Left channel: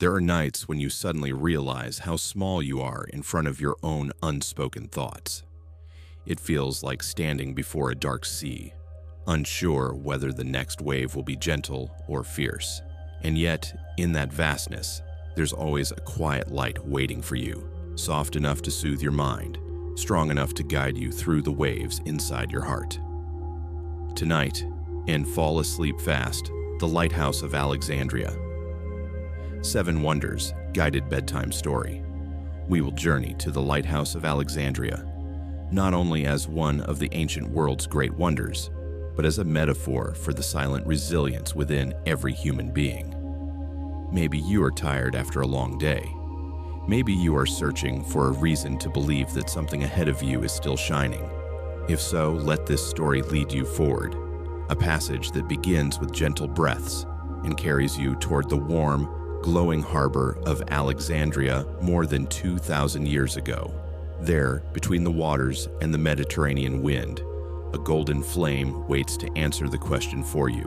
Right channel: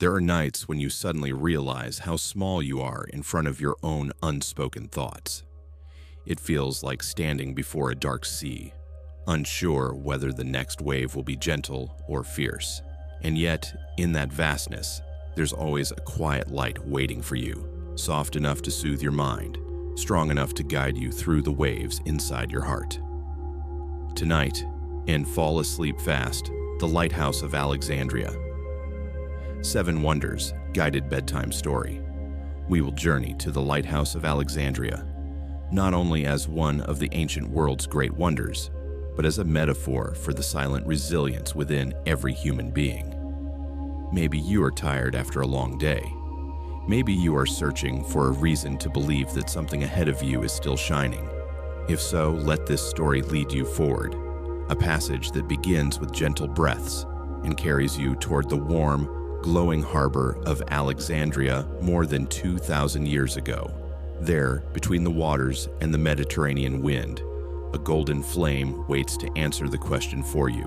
There are nights when you suddenly realize how small you are in front of your own unspoken thoughts. It feels like standing before a dark sea, unsure whether the next wave will be gentle or fierce. And yet, in that vastness, there's always a quiet light waiting for you, soft enough to soothe your mind, strong enough to guide you through the waves inside your heart. Tonight, in Fall Asleep Fast, the Lighthouse of Alexandria. 7 Wonders Guided Bedtime Story. We will journey to the Lighthouse of Alexandria, not only as one of the ancient world's great wonders, but as a metaphor for the silent resilience within every human being. Maybe you are tired after a long day. Maybe you are searching for a reason to believe that something ahead of you is still shining. If so, let this story lead you forward, a passage that begins with gentle breaths and carries you toward the warm, glowing harbor of Alexandria more than 2,000 years ago. There, between the waters and the Mediterranean wind, a golden flame waits to answer the question for you.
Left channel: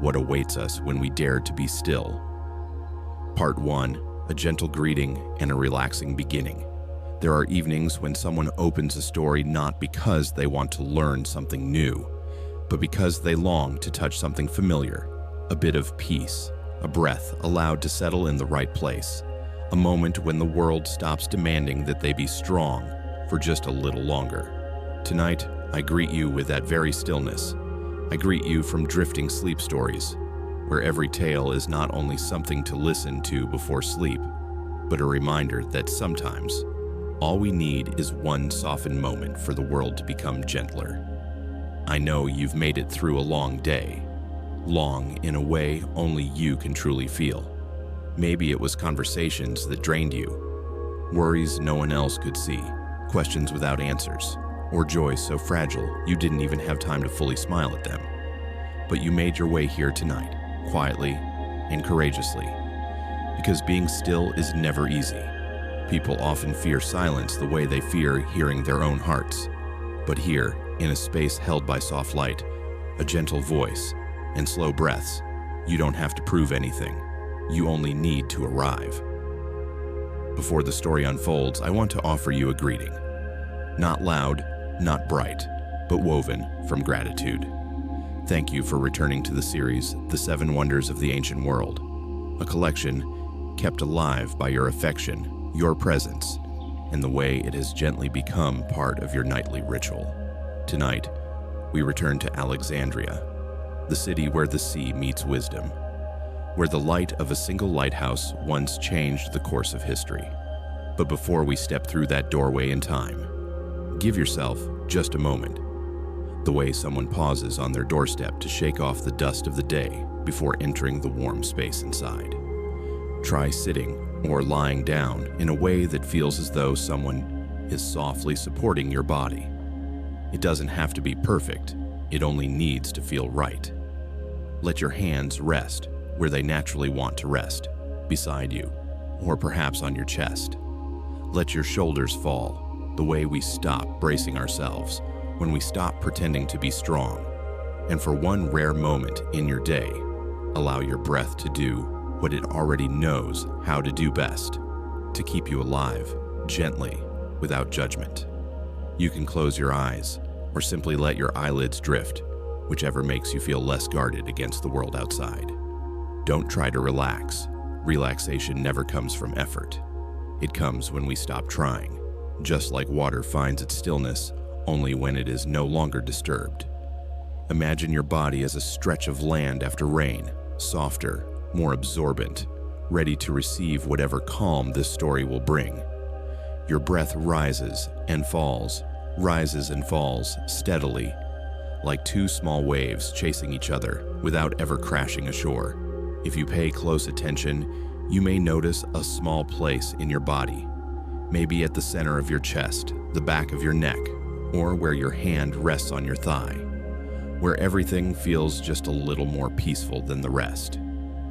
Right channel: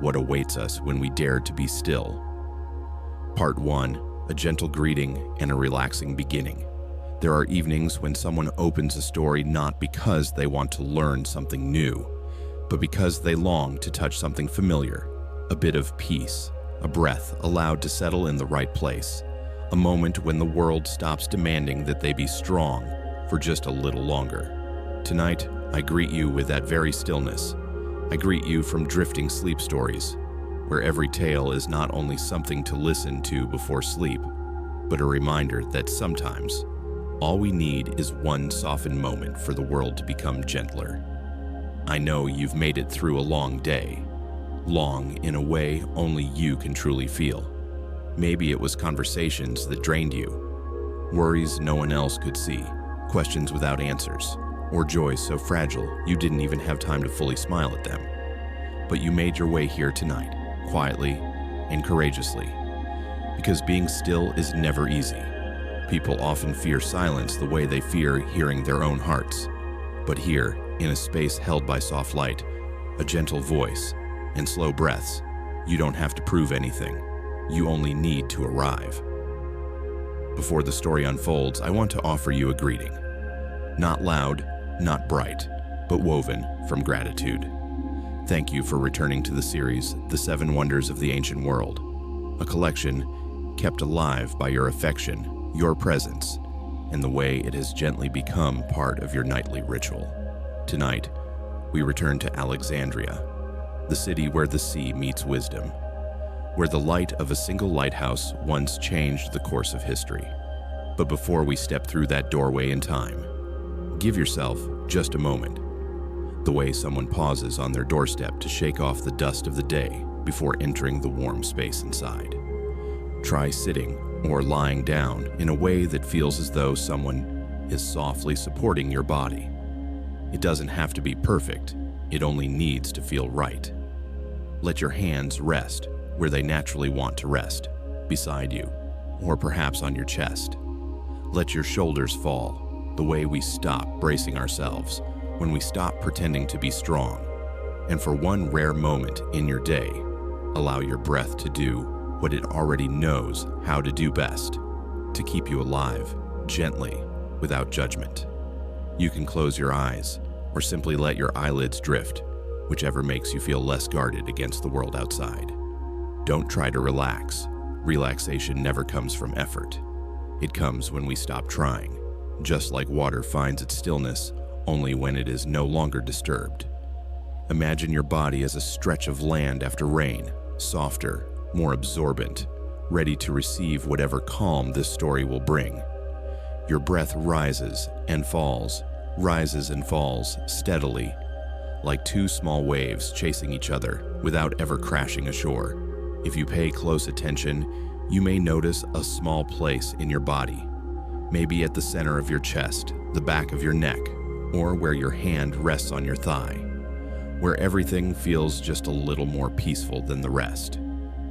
What awaits us when we dare to be still? Part 1, a gentle greeting and a relaxing beginning. There are evenings when someone opens a story not because they want to learn something new, but because they long to touch something familiar, a bit of peace, a breath allowed to settle in the right place, a moment when the world stops demanding that they be strong for just a little longer. Tonight, I greet you with that very stillness. I greet you from Drifting Sleep Stories, where every tale is not only something to listen to before sleep, but a reminder that sometimes all we need is one softened moment for the world to become gentler. I know you've made it through a long day, long in a way only you can truly feel. Maybe it was conversations that drained you, worries no one else could see, questions without answers, or joys so fragile you didn't even have time to fully smile at them. But you made your way here tonight, quietly and courageously, because being still is never easy. People often fear silence the way they fear hearing their own hearts. But here, in a space held by soft light, a gentle voice, and slow breaths, you don't have to prove anything. You only need to arrive. Before the story unfolds, I want to offer you a greeting. Not loud, not bright, but woven from gratitude. Thank you for returning to the series, The 7 Wonders of the Ancient World, a collection kept alive by your affection, your presence, and the way it has gently become part of your nightly ritual. Tonight, we return to Alexandria, the city where the sea meets wisdom, where the light of a single lighthouse once changed the course of history. But before we step through that doorway in time, give yourself just a moment, the way someone pauses on their doorstep to shake off the dust of the day before entering the warm space inside. Try sitting or lying down in a way that feels as though someone is softly supporting your body. It doesn't have to be perfect. It only needs to feel right. Let your hands rest where they naturally want to rest, beside you, or perhaps on your chest. Let your shoulders fall, the way we stop bracing ourselves, when we stop pretending to be strong. And for one rare moment in your day, allow your breath to do what it already knows how to do best, to keep you alive, gently, without judgment. You can close your eyes, or simply let your eyelids drift, whichever makes you feel less guarded against the world outside. Don't try to relax. Relaxation never comes from effort. It comes when we stop trying, just like water finds its stillness only when it is no longer disturbed. Imagine your body as a stretch of land after rain, softer, more absorbent, ready to receive whatever calm this story will bring. Your breath rises and falls steadily, like 2 small waves chasing each other without ever crashing ashore. If you pay close attention, you may notice a small place in your body, maybe at the center of your chest, the back of your neck, or where your hand rests on your thigh, where everything feels just a little more peaceful than the rest.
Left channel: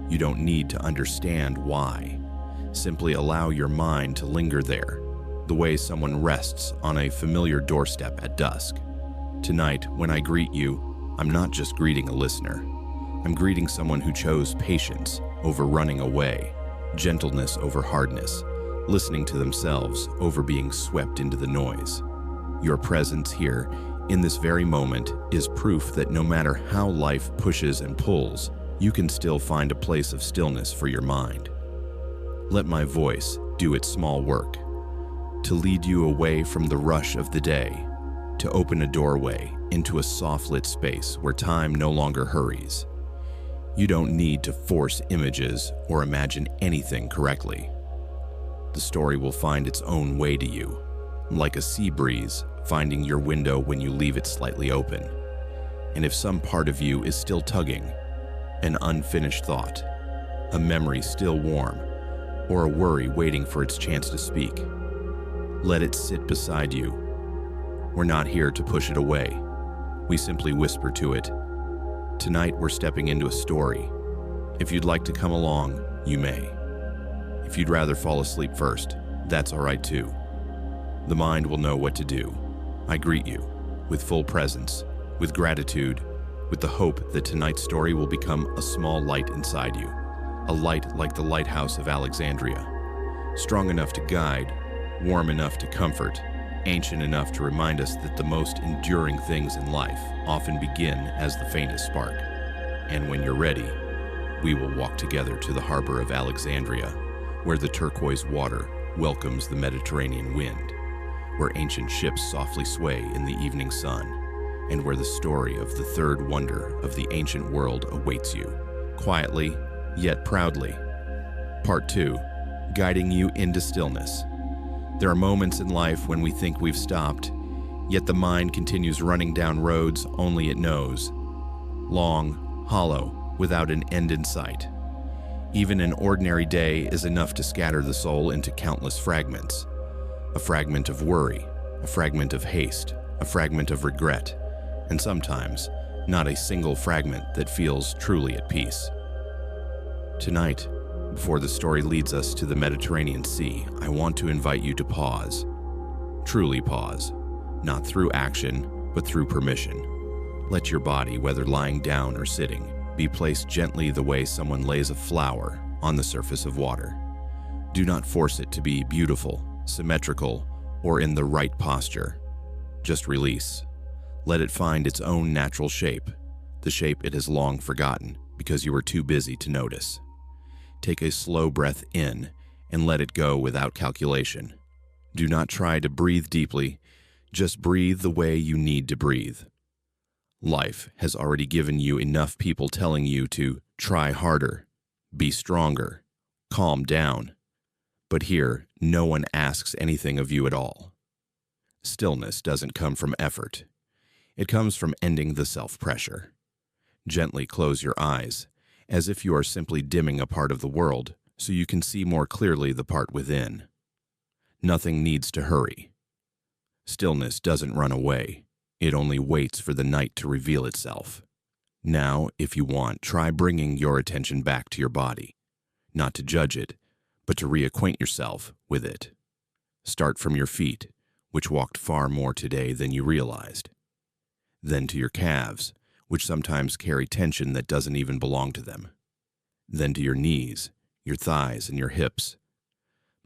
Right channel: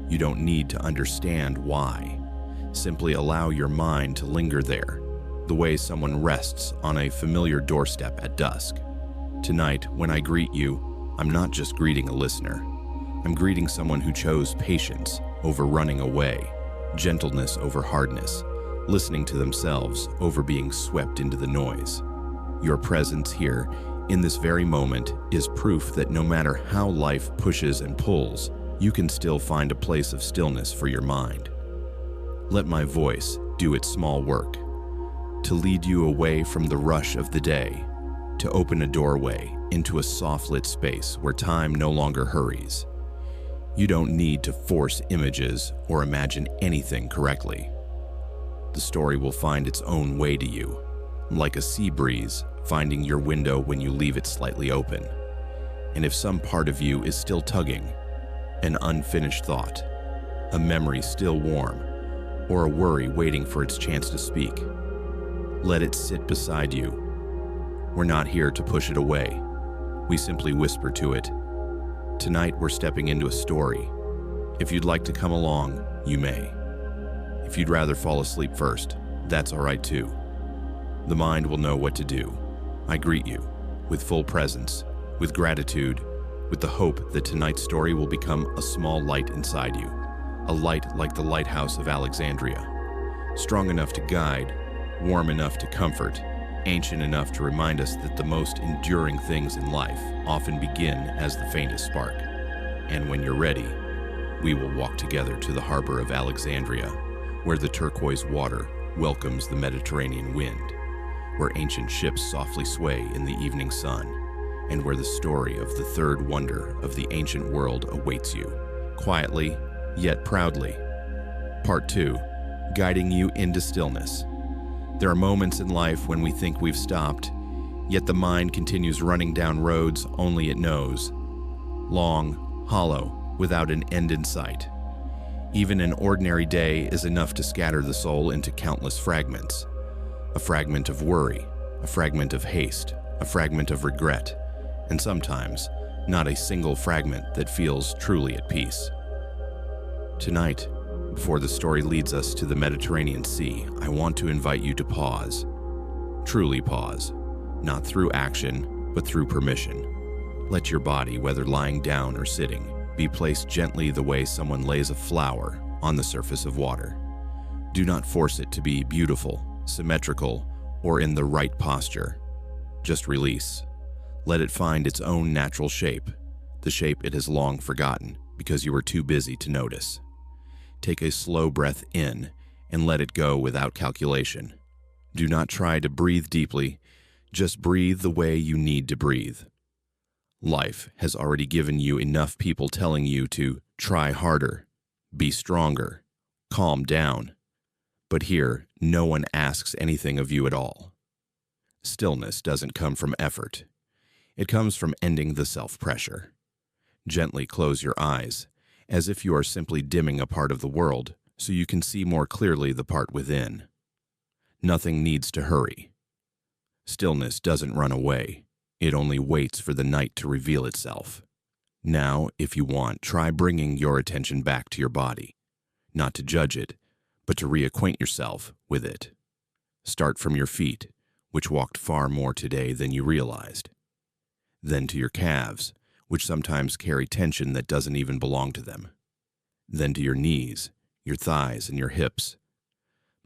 You don't need to understand why. Simply allow your mind to linger there, the way someone rests on a familiar doorstep at dusk. Tonight, when I greet you, I'm not just greeting a listener. I'm greeting someone who chose patience over running away, gentleness over hardness, listening to themselves over being swept into the noise. Your presence here, in this very moment, is proof that no matter how life pushes and pulls, you can still find a place of stillness for your mind. Let my voice do its small work, to lead you away from the rush of the day, to open a doorway into a soft-lit space where time no longer hurries. You don't need to force images or imagine anything correctly. The story will find its own way to you, like a sea breeze finding your window when you leave it slightly open. And if some part of you is still tugging, an unfinished thought, a memory still warm, or a worry waiting for its chance to speak, let it sit beside you. We're not here to push it away. We simply whisper to it. Tonight we're stepping into a story. If you'd like to come along, you may. If you'd rather fall asleep first, that's all right too. The mind will know what to do. I greet you with full presence, with gratitude, with the hope that tonight's story will become a small light inside you, a light like the Lighthouse of Alexandria, strong enough to guide, warm enough to comfort, ancient enough to remind us that the most enduring things in life often begin as the faintest spark. And when you're ready, we will walk together to the harbor of Alexandria, where the turquoise water welcomes the Mediterranean wind, where ancient ships softly sway in the evening sun, and where the story of the third wonder of the ancient world awaits you, quietly yet proudly. Part 2, guiding you into stillness. There are moments in life when we think we've stopped, yet the mind continues running down roads only it knows, long, hollow, without an end in sight. Even an ordinary day is enough to scatter the soul into countless fragments. A fragment of worry, a fragment of haste, a fragment of regret, and sometimes not a single fragment that feels truly at peace. Tonight, before the story leads us to the Mediterranean Sea, I want to invite you to pause. Truly pause, not through action, but through permission. Let your body, whether lying down or sitting, be placed gently the way someone lays a flower on the surface of water. Do not force it to be beautiful, symmetrical, or in the right posture. Just release. Let it find its own natural shape, the shape it has long forgotten because you were too busy to notice. Take a slow breath in and let it go without calculation. Do not try to breathe deeply, just breathe the way you need to breathe. Life has already given you enough people telling you to try harder, be stronger, calm down. But here, no one asks anything of you at all. Stillness doesn't come from effort. It comes from ending the self-pressure. Gently close your eyes, as if you are simply dimming a part of the world so you can see more clearly the part within. Nothing needs to hurry. Stillness doesn't run away. It only waits for the night to reveal itself. Now, if you want, try bringing your attention back to your body, not to judge it, but to reacquaint yourself with it. Start from your feet, which walked far more today than you realized. Then to your calves, which sometimes carry tension that doesn't even belong to them. Then to your knees, your thighs, and your hips,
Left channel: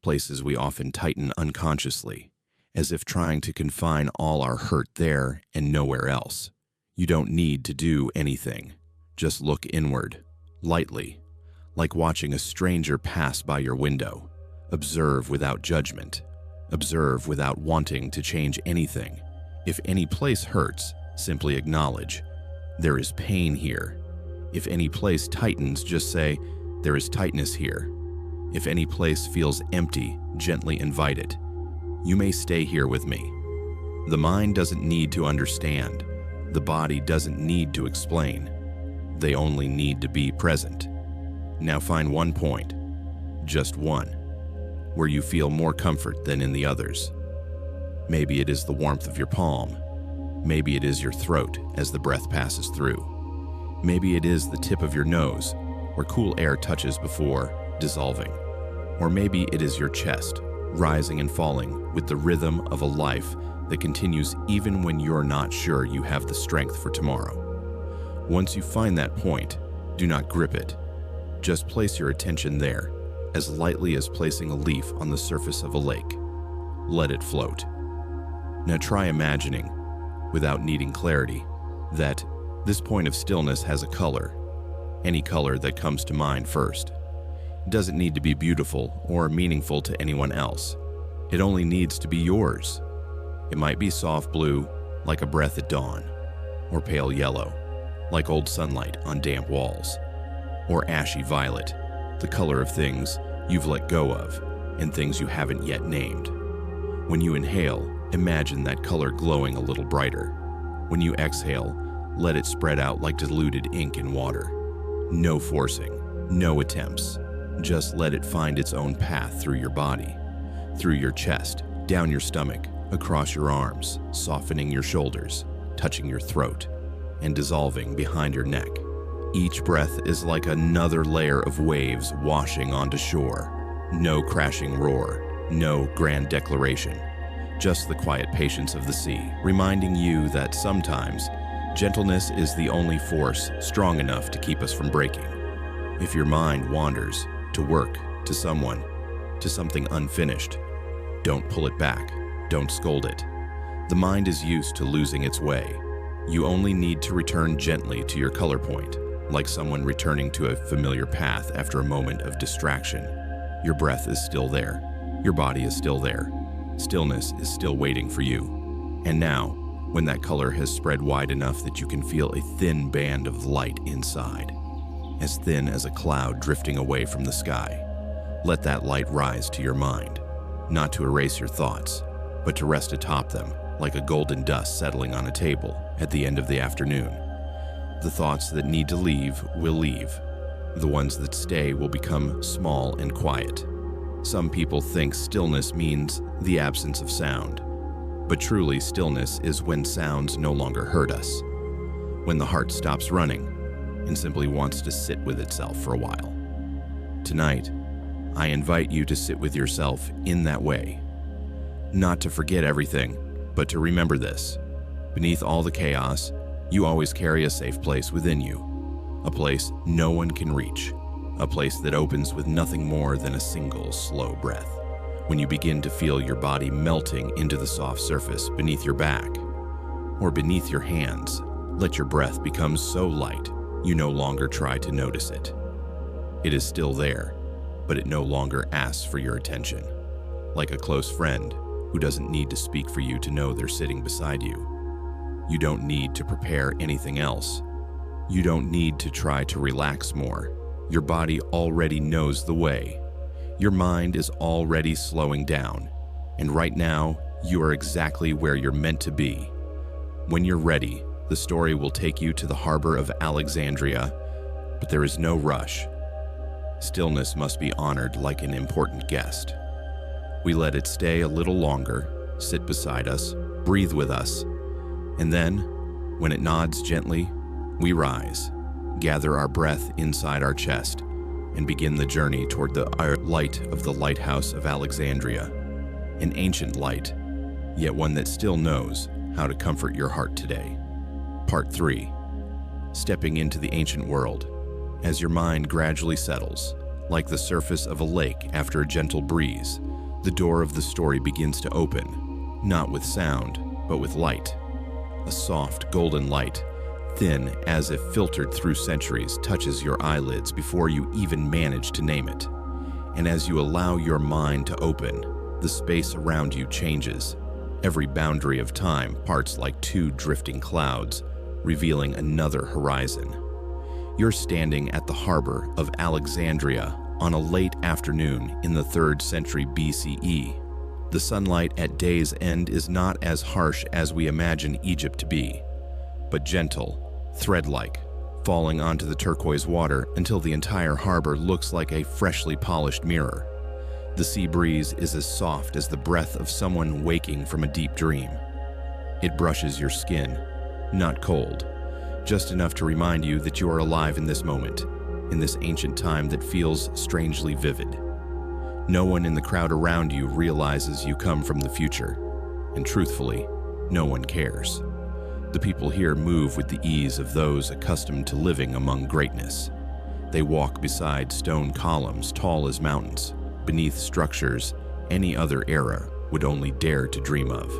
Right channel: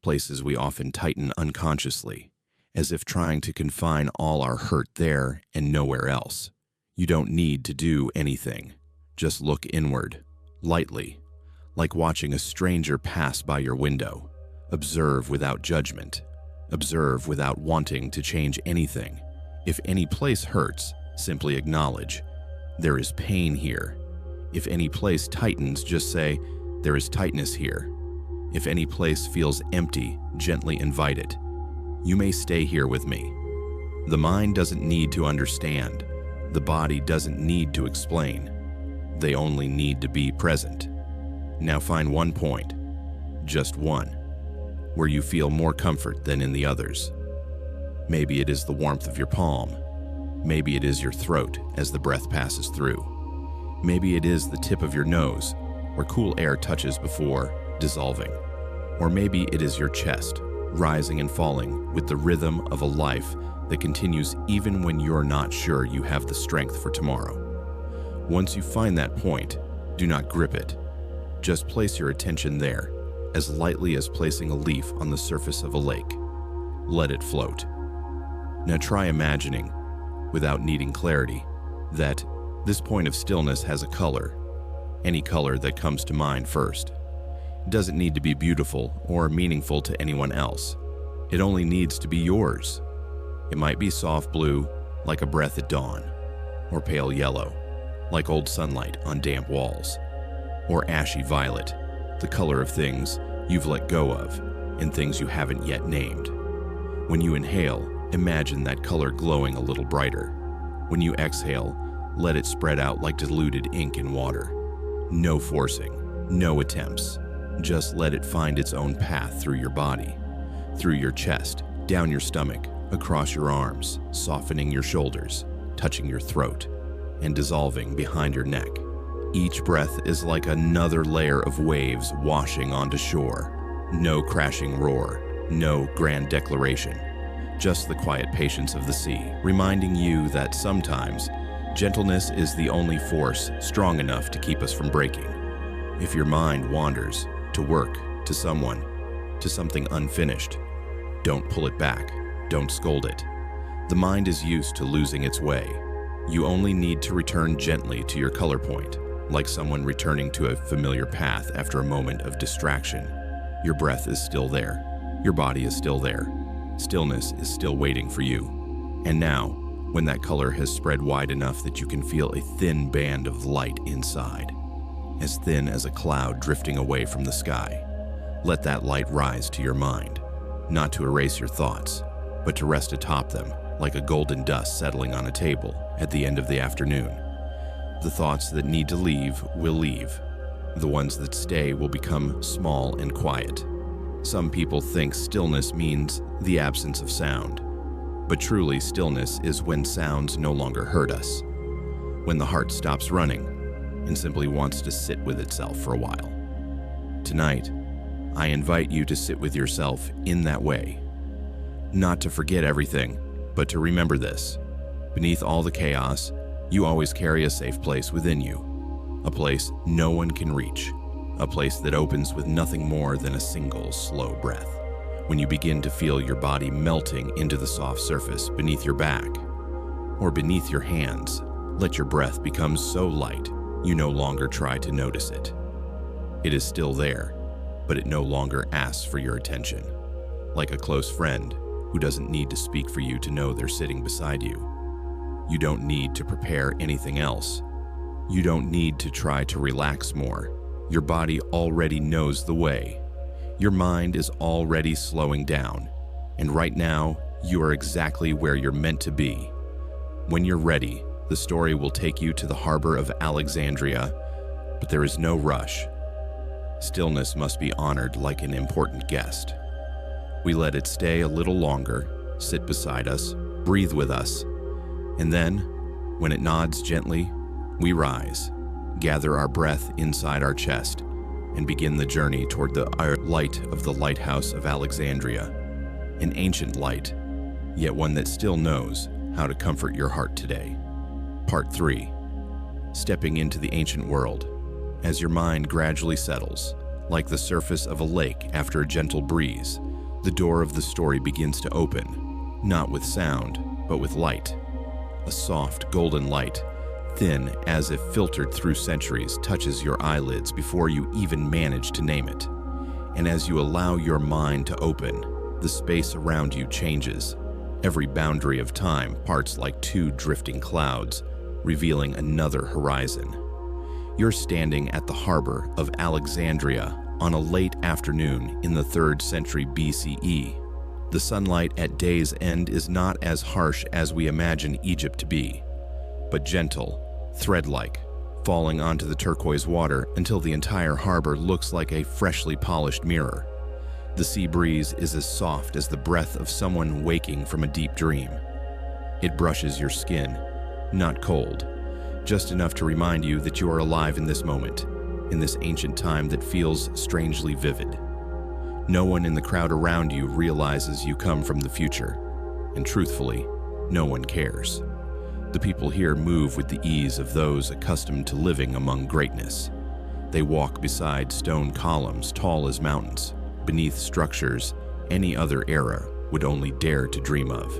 places we often tighten unconsciously, as if trying to confine all our hurt there and nowhere else. You don't need to do anything. Just look inward, lightly, like watching a stranger pass by your window. Observe without judgment. Observe without wanting to change anything. If any place hurts, simply acknowledge, there is pain here. If any place tightens, just say, there is tightness here. If any place feels empty, gently invite it. You may stay here with me. The mind doesn't need to understand. The body doesn't need to explain. They only need to be present. Now find one point, just one, where you feel more comfort than in the others. Maybe it is the warmth of your palm. Maybe it is your throat as the breath passes through. Maybe it is the tip of your nose, where cool air touches before dissolving. Or maybe it is your chest, rising and falling with the rhythm of a life that continues even when you're not sure you have the strength for tomorrow. Once you find that point, do not grip it. Just place your attention there, as lightly as placing a leaf on the surface of a lake. Let it float. Now try imagining, without needing clarity, that this point of stillness has a color, any color that comes to mind first. It doesn't need to be beautiful or meaningful to anyone else. It only needs to be yours. It might be soft blue, like a breath at dawn, or pale yellow, like old sunlight on damp walls, or ashy violet, the color of things you've let go of and things you haven't yet named. When you inhale, imagine that color glowing a little brighter. When you exhale, let it spread out like diluted ink in water. No forcing, no attempts. Just let it find its own path through your body, through your chest, down your stomach, across your arms, softening your shoulders, touching your throat, and dissolving behind your neck. Each breath is like another layer of waves washing onto shore. No crashing roar, no grand declaration, just the quiet patience of the sea, reminding you that sometimes gentleness is the only force strong enough to keep us from breaking. If your mind wanders to work, to someone, to something unfinished, don't pull it back, don't scold it. The mind is used to losing its way. You only need to return gently to your color point, like someone returning to a familiar path after a moment of distraction. Your breath is still there. Your body is still there. Stillness is still waiting for you. And now, when that color has spread wide enough that you can feel a thin band of light inside, as thin as a cloud drifting away from the sky, let that light rise to your mind, not to erase your thoughts, but to rest atop them like a golden dust settling on a table at the end of the afternoon. The thoughts that need to leave will leave. The ones that stay will become small and quiet. Some people think stillness means the absence of sound, but truly stillness is when sounds no longer hurt us, when the heart stops running and simply wants to sit with itself for a while. Tonight, I invite you to sit with yourself in that way. Not to forget everything, but to remember this. Beneath all the chaos, you always carry a safe place within you, a place no one can reach, a place that opens with nothing more than a single slow breath. When you begin to feel your body melting into the soft surface beneath your back or beneath your hands, let your breath become so light you no longer try to notice it. It is still there, but it no longer asks for your attention. Like a close friend who doesn't need to speak for you to know they're sitting beside you. You don't need to prepare anything else. You don't need to try to relax more. Your body already knows the way. Your mind is already slowing down, and right now, you are exactly where you're meant to be. When you're ready, the story will take you to the harbor of Alexandria, but there is no rush. Stillness must be honored like an important guest. We let it stay a little longer, sit beside us, breathe with us, and then, when it nods gently, we rise, gather our breath inside our chest, and begin the journey toward the light of the Lighthouse of Alexandria, an ancient light, yet one that still knows how to comfort your heart today. Part 3. Stepping into the ancient world. As your mind gradually settles, like the surface of a lake after a gentle breeze, the door of the story begins to open, not with sound, but with light. A soft, golden light, thin as if filtered through centuries, touches your eyelids before you even manage to name it. And as you allow your mind to open, the space around you changes. Every boundary of time parts like two drifting clouds, revealing another horizon. You're standing at the harbor of Alexandria on a late afternoon in the 3rd century BCE. The sunlight at day's end is not as harsh as we imagine Egypt to be, but gentle, thread-like, falling onto the turquoise water until the entire harbor looks like a freshly polished mirror. The sea breeze is as soft as the breath of someone waking from a deep dream. It brushes your skin, not cold, just enough to remind you that you are alive in this moment, in this ancient time that feels strangely vivid. No one in the crowd around you realizes you come from the future, and truthfully, no one cares. The people here move with the ease of those accustomed to living among greatness. They walk beside stone columns tall as mountains, beneath structures any other era would only dare to dream of.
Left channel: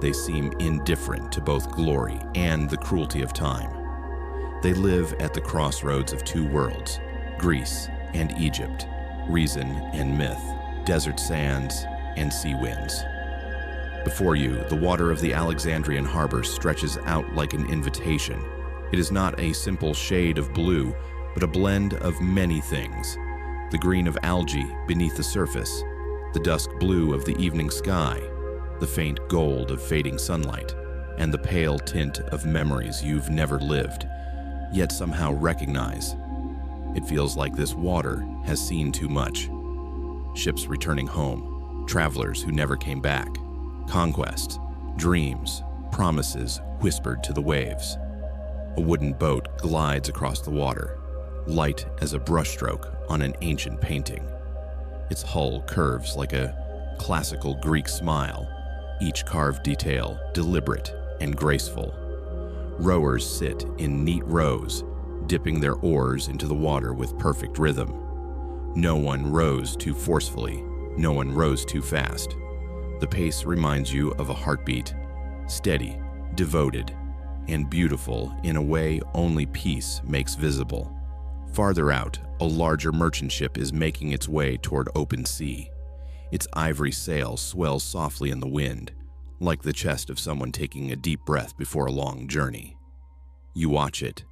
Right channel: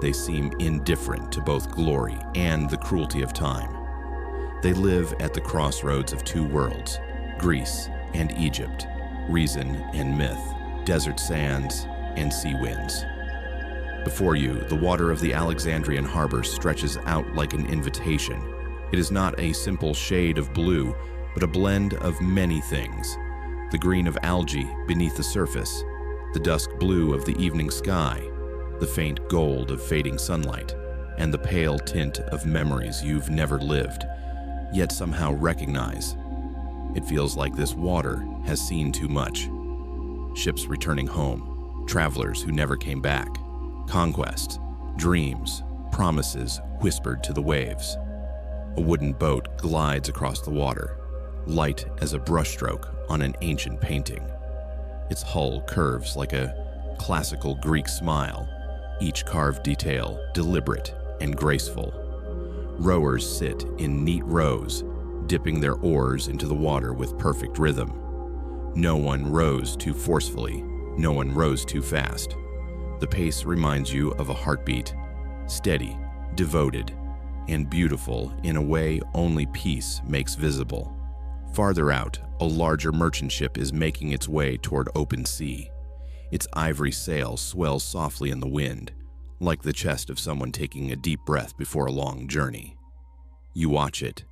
They seem indifferent to both glory and the cruelty of time. They live at the crossroads of two worlds, Greece and Egypt, reason and myth, desert sands and sea winds. Before you, the water of the Alexandrian harbor stretches out like an invitation. It is not a simple shade of blue, but a blend of many things. The green of algae beneath the surface, the dusk blue of the evening sky, the faint gold of fading sunlight, and the pale tint of memories you've never lived, yet somehow recognize. It feels like this water has seen too much. Ships returning home, travelers who never came back, conquests, dreams, promises whispered to the waves. A wooden boat glides across the water, light as a brushstroke on an ancient painting. Its hull curves like a classical Greek smile, each carved detail deliberate and graceful. Rowers sit in neat rows, dipping their oars into the water with perfect rhythm. No one rows too forcefully, no one rows too fast. The pace reminds you of a heartbeat, steady, devoted, and beautiful in a way only peace makes visible. Farther out, a larger merchant ship is making its way toward open sea. Its ivory sail swells softly in the wind, like the chest of someone taking a deep breath before a long journey. You watch it,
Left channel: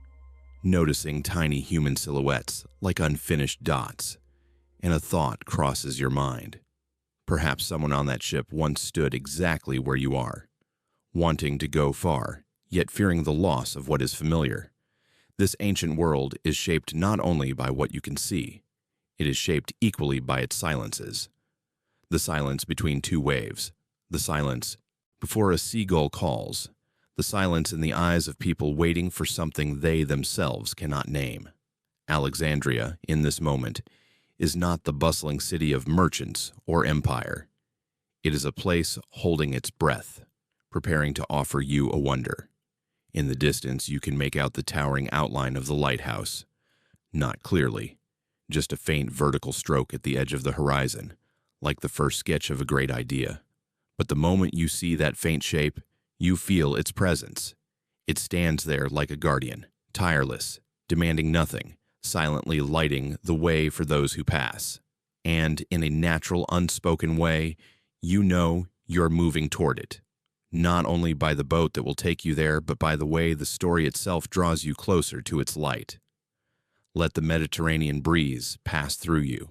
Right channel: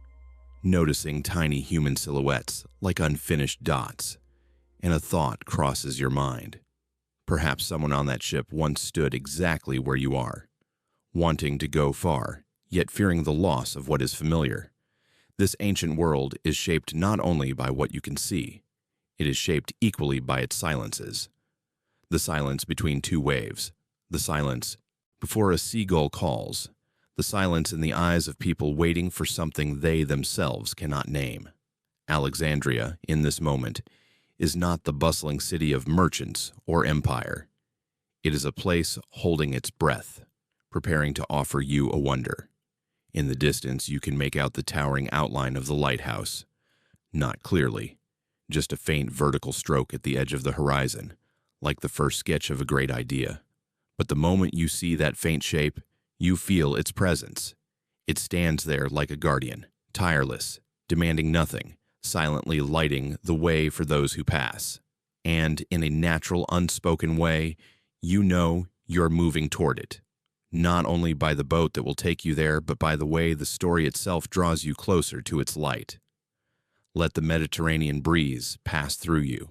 noticing tiny human silhouettes like unfinished dots, and a thought crosses your mind. Perhaps someone on that ship once stood exactly where you are, wanting to go far, yet fearing the loss of what is familiar. This ancient world is shaped not only by what you can see, it is shaped equally by its silences. The silence between two waves, the silence before a seagull calls, the silence in the eyes of people waiting for something they themselves cannot name. Alexandria, in this moment, is not the bustling city of merchants or empire. It is a place holding its breath, preparing to offer you a wonder. In the distance, you can make out the towering outline of the lighthouse. Not clearly, just a faint vertical stroke at the edge of the horizon, like the first sketch of a great idea. But the moment you see that faint shape, you feel its presence. It stands there like a guardian, tireless, demanding nothing, silently lighting the way for those who pass. And in a natural, unspoken way, you know you're moving toward it. Not only by the boat that will take you there, but by the way the story itself draws you closer to its light. Let the Mediterranean breeze pass through you.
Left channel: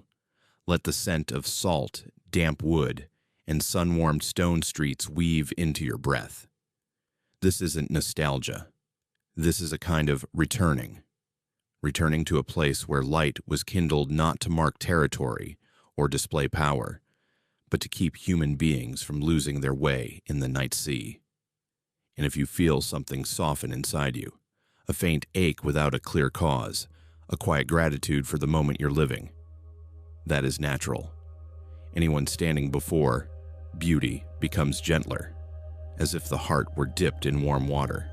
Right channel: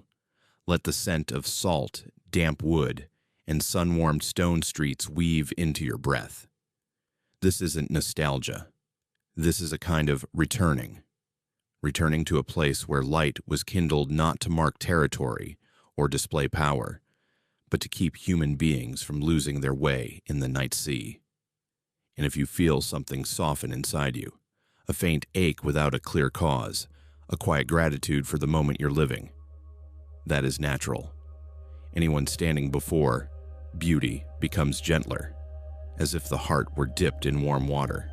Let the scent of salt, damp wood, and sun-warmed stone streets weave into your breath. This isn't nostalgia. This is a kind of returning to a place where light was kindled not to mark territory or display power, but to keep human beings from losing their way in the night sea. And if you feel something soften inside you, a faint ache without a clear cause, a quiet gratitude for the moment you're living, that is natural. Anyone standing before beauty becomes gentler, as if the heart were dipped in warm water.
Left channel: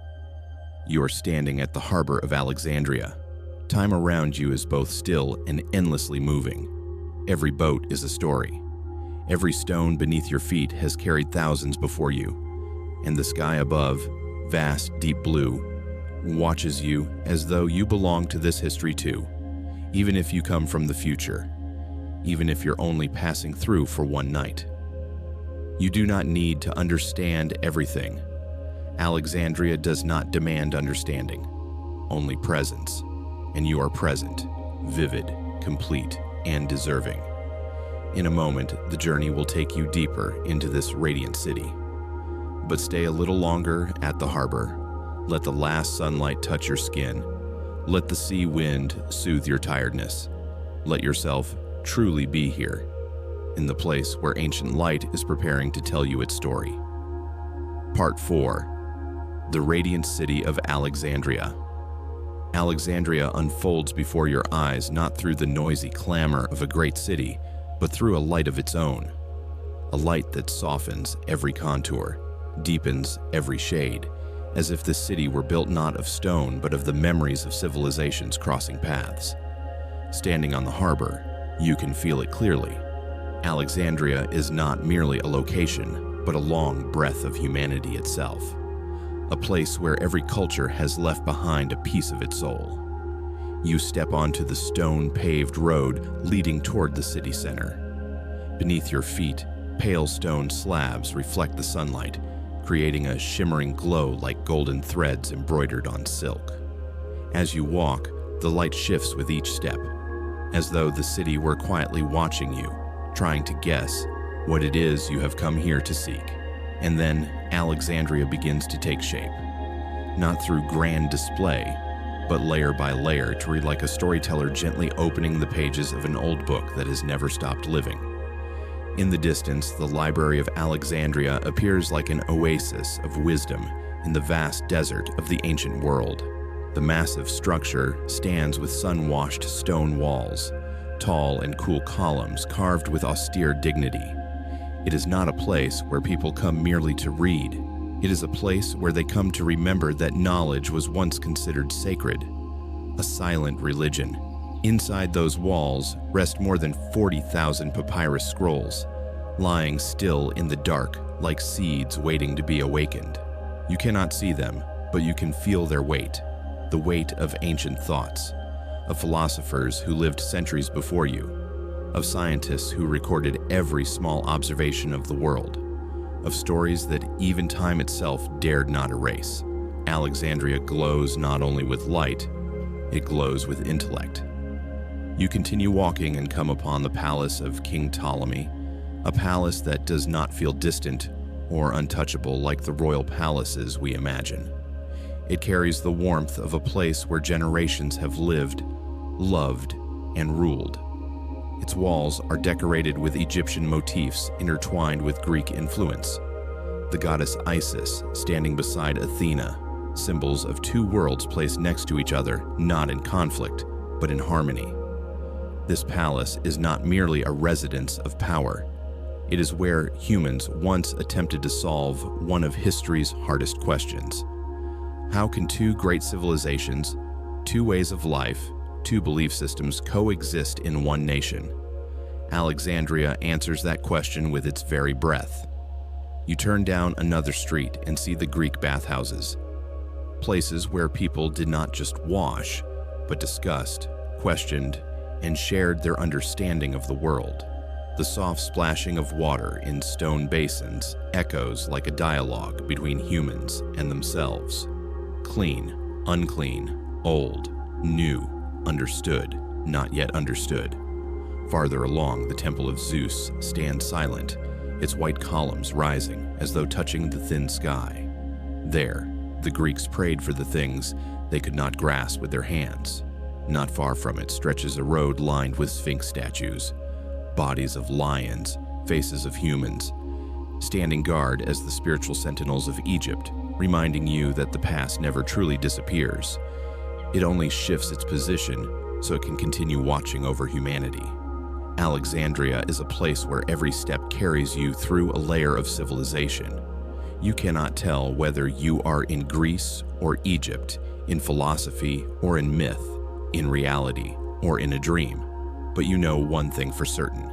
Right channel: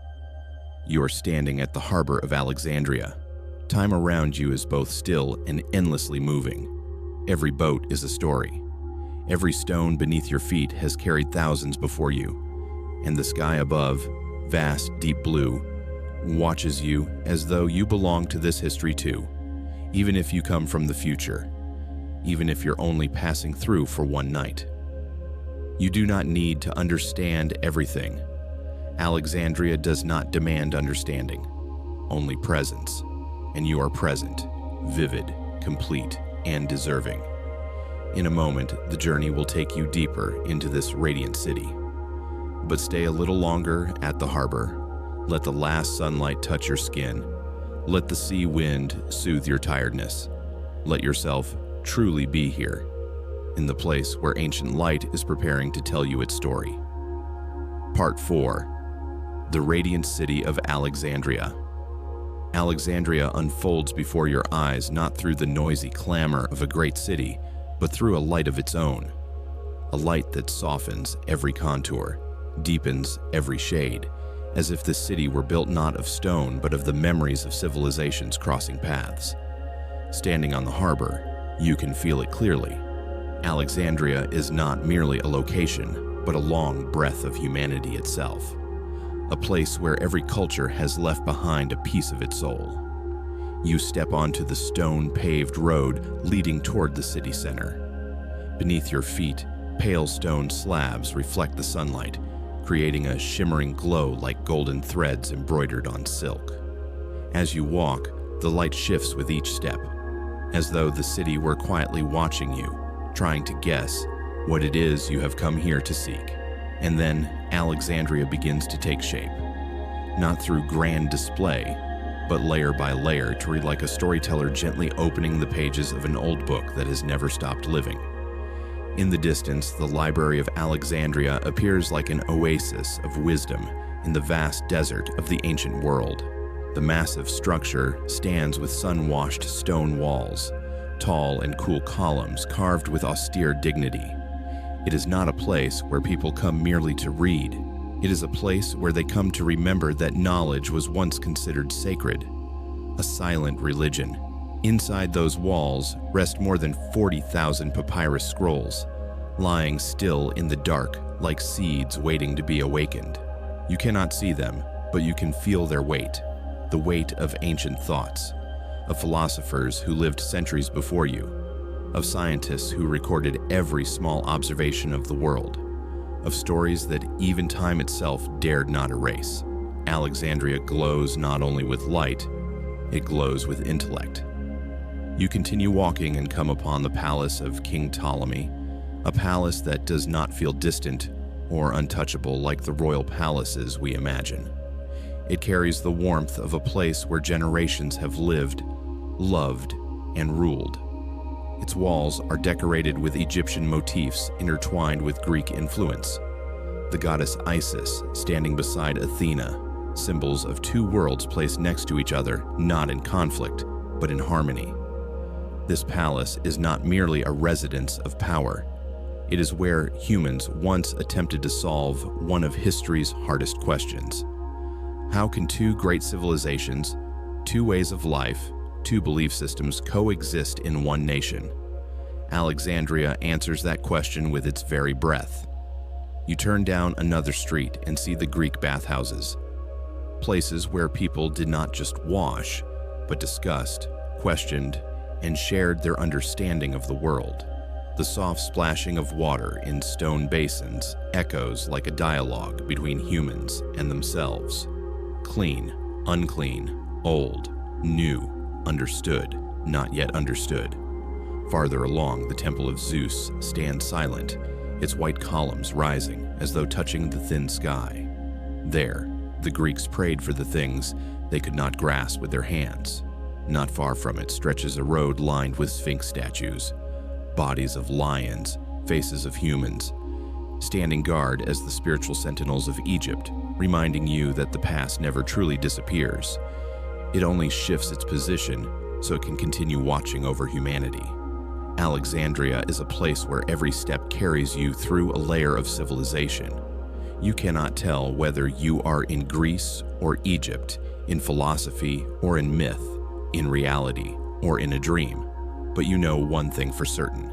You are standing at the harbor of Alexandria. Time around you is both still and endlessly moving. Every boat is a story. Every stone beneath your feet has carried thousands before you, and the sky above, vast, deep blue, watches you as though you belong to this history too, even if you come from the future, even if you're only passing through for one night. You do not need to understand everything. Alexandria does not demand understanding, only presence, and you are present, vivid, complete, and deserving. In a moment, the journey will take you deeper into this radiant city. But stay a little longer at the harbor. Let the last sunlight touch your skin. Let the sea wind soothe your tiredness. Let yourself truly be here, in the place where ancient light is preparing to tell you its story. Part 4. The Radiant City of Alexandria. Alexandria unfolds before your eyes not through the noisy clamor of a great city, but through a light of its own, a light that softens every contour, deepens every shade, as if the city were built not of stone but of the memories of civilizations crossing paths. Standing on the harbor, you can feel it clearly. Alexandria is not merely a location, but a long breath of humanity itself. A place where every culture has left behind a piece of its soul. You step onto the stone-paved road leading toward the city center. Beneath your feet, pale stone slabs reflect the sunlight, creating a shimmering glow like golden threads embroidered on silk. As you walk, the light shifts with each step, as though the city were quietly watching you, trying to guess what it is you have come here to seek. And then Alexandria begins to take shape, not through grand display, but layer by layer to read like a storyteller gently opening the pages of an old book that has never stopped living. In the distance, the Library of Alexandria appears like an oasis of wisdom in the vast desert of the ancient world. The massive structure stands with sun-washed stone walls, tall and cool columns carved with austere dignity. It is not a place where people come merely to read. It is a place where they come to remember that knowledge was once considered sacred, a silent religion. Inside those walls rest more than 40,000 papyrus scrolls, lying still in the dark like seeds waiting to be awakened. You cannot see them, but you can feel their weight, the weight of ancient thoughts, of philosophers who lived centuries before you, of scientists who recorded every small observation of the world, of stories that even time itself dared not erase. Alexandria glows not only with light, it glows with intellect. You continue walking and come upon the palace of King Ptolemy, a palace that does not feel distant or untouchable like the royal palaces we imagine. It carries the warmth of a place where generations have lived, loved, and ruled. Its walls are decorated with Egyptian motifs intertwined with Greek influence. The goddess Isis standing beside Athena, symbols of two worlds placed next to each other, not in conflict, but in harmony. This palace is not merely a residence of power. It is where humans once attempted to solve one of history's hardest questions. How can two great civilizations, two ways of life, two belief systems coexist in one nation? Alexandria answers that question with its very breath. You turn down another street and see the Greek bathhouses, places where people did not just wash, but discussed, questioned, and shared their understanding of the world. The soft splashing of water in stone basins echoes like a dialogue between humans and themselves. Clean, unclean, old, new, understood, not yet understood. Farther along, the temple of Zeus stands silent, its white columns rising as though touching the thin sky. There, the Greeks prayed for the things they could not grasp with their hands. Not far from it stretches a road lined with sphinx statues, bodies of lions, faces of humans, standing guard as the spiritual sentinels of Egypt, reminding you that the past never truly disappears. It only shifts its position so it can continue watching over humanity. Alexandria is a place where every step carries you through a layer of civilization. You cannot tell whether you are in Greece or Egypt, in philosophy or in myth, in reality or in a dream. But you know one thing for certain.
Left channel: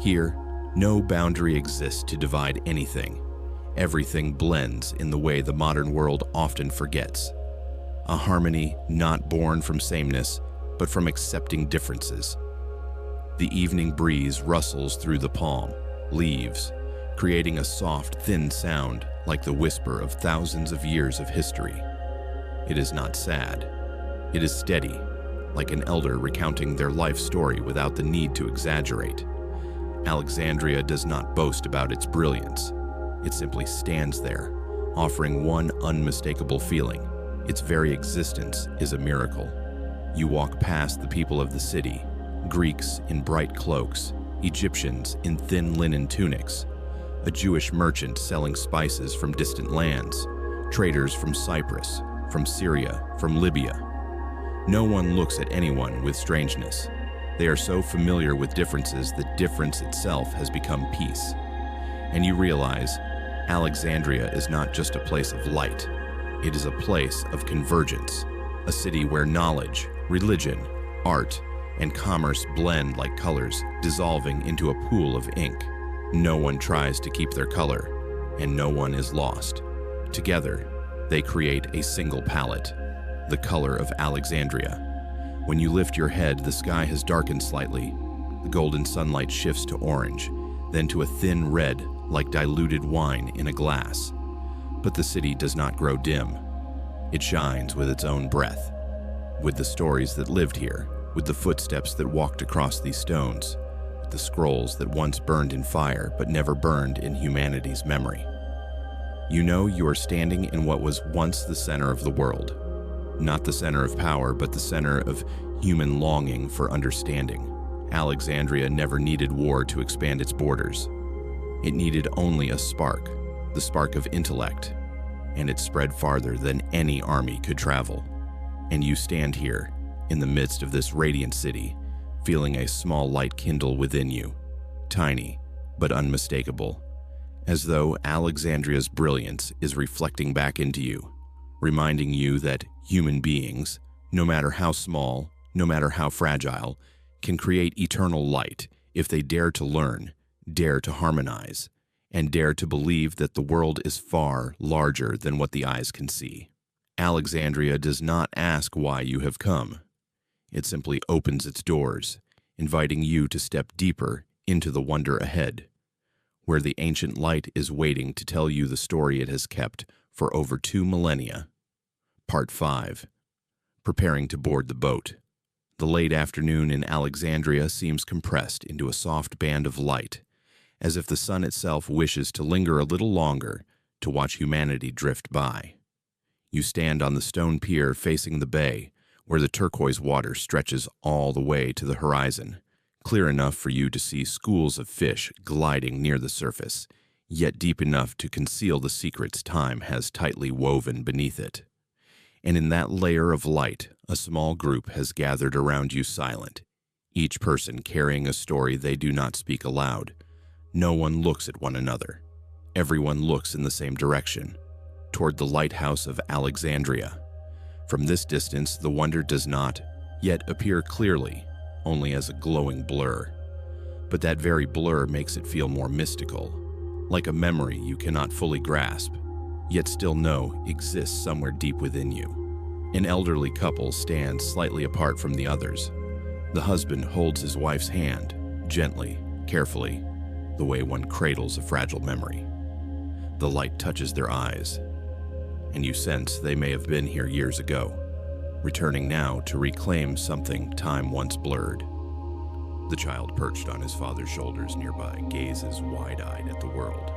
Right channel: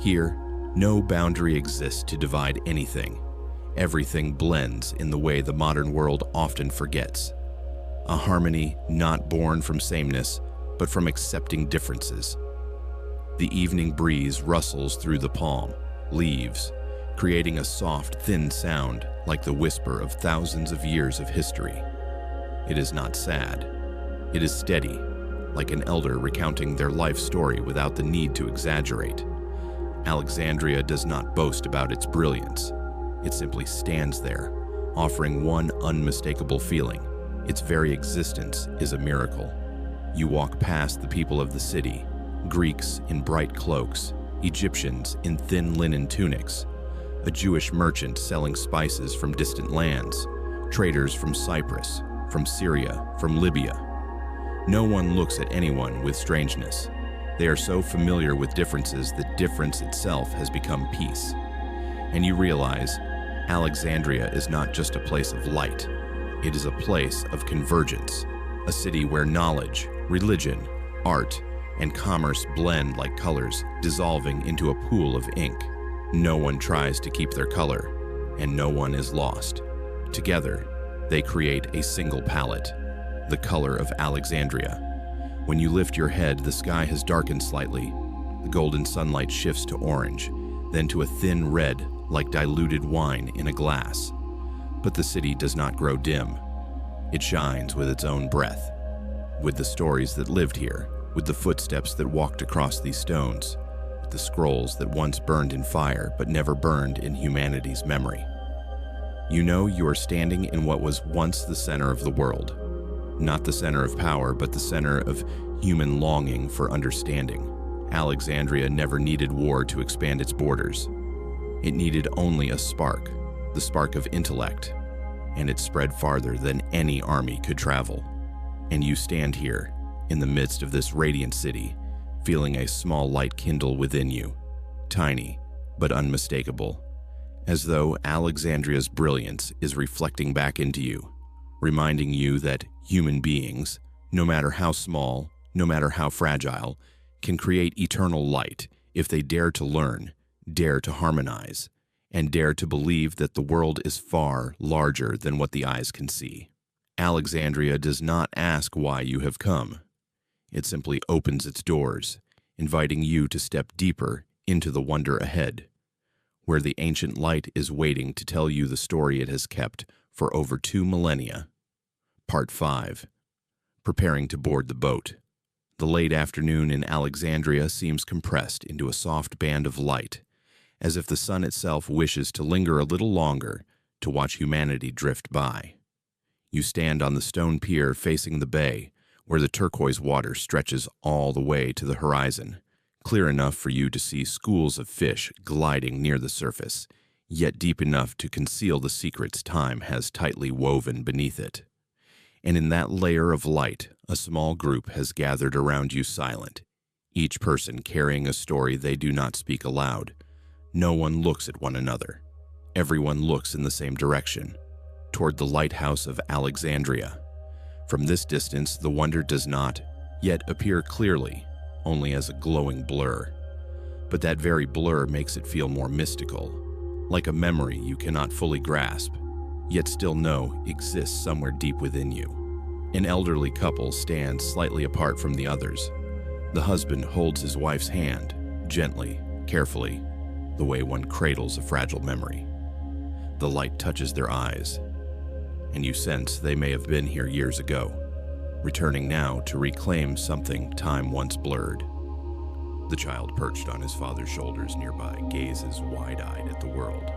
Here, no boundary exists to divide anything. Everything blends in the way the modern world often forgets. A harmony not born from sameness, but from accepting differences. The evening breeze rustles through the palm leaves, creating a soft, thin sound like the whisper of thousands of years of history. It is not sad. It is steady, like an elder recounting their life story without the need to exaggerate. Alexandria does not boast about its brilliance. It simply stands there, offering one unmistakable feeling. Its very existence is a miracle. You walk past the people of the city, Greeks in bright cloaks, Egyptians in thin linen tunics, a Jewish merchant selling spices from distant lands, traders from Cyprus, from Syria, from Libya. No one looks at anyone with strangeness. They are so familiar with differences that difference itself has become peace. And you realize Alexandria is not just a place of light. It is a place of convergence, a city where knowledge, religion, art, and commerce blend like colors, dissolving into a pool of ink. No one tries to keep their color, and no one is lost. Together, they create a single palette, the color of Alexandria. When you lift your head, the sky has darkened slightly. The golden sunlight shifts to orange, then to a thin red, like diluted wine in a glass. But the city does not grow dim. It shines with its own breath, with the stories that lived here, with the footsteps that walked across these stones, with the scrolls that once burned in fire but never burned in humanity's memory. You know you are standing in what was once the center of the world. Not the center of power, but the center of human longing for understanding. Alexandria never needed war to expand its borders. It needed only a spark, the spark of intellect, and it spread farther than any army could travel. And you stand here, in the midst of this radiant city, feeling a small light kindle within you, tiny but unmistakable, as though Alexandria's brilliance is reflecting back into you, reminding you that human beings, no matter how small, no matter how fragile, can create eternal light if they dare to learn, dare to harmonize, and dare to believe that the world is far larger than what the eyes can see. Alexandria does not ask why you have come. It simply opens its doors, inviting you to step deeper into the wonder ahead, where the ancient light is waiting to tell you the story it has kept for over 2 millennia. Part 5. Preparing to board the boat. The late afternoon in Alexandria seems compressed into a soft band of light, as if the sun itself wishes to linger a little longer to watch humanity drift by. You stand on the stone pier facing the bay, where the turquoise water stretches all the way to the horizon, clear enough for you to see schools of fish gliding near the surface, yet deep enough to conceal the secrets time has tightly woven beneath it. And in that layer of light, a small group has gathered around you silent, each person carrying a story they do not speak aloud. No one looks at one another. Everyone looks in the same direction, toward the Lighthouse of Alexandria. From this distance, the wonder does not yet appear clearly, only as a glowing blur. But that very blur makes it feel more mystical, like a memory you cannot fully grasp, yet still know exists somewhere deep within you. An elderly couple stands slightly apart from the others. The husband holds his wife's hand, gently, carefully, the way one cradles a fragile memory. The light touches their eyes, and you sense they may have been here years ago, returning now to reclaim something time once blurred. The child perched on his father's shoulders nearby gazes wide-eyed at the world,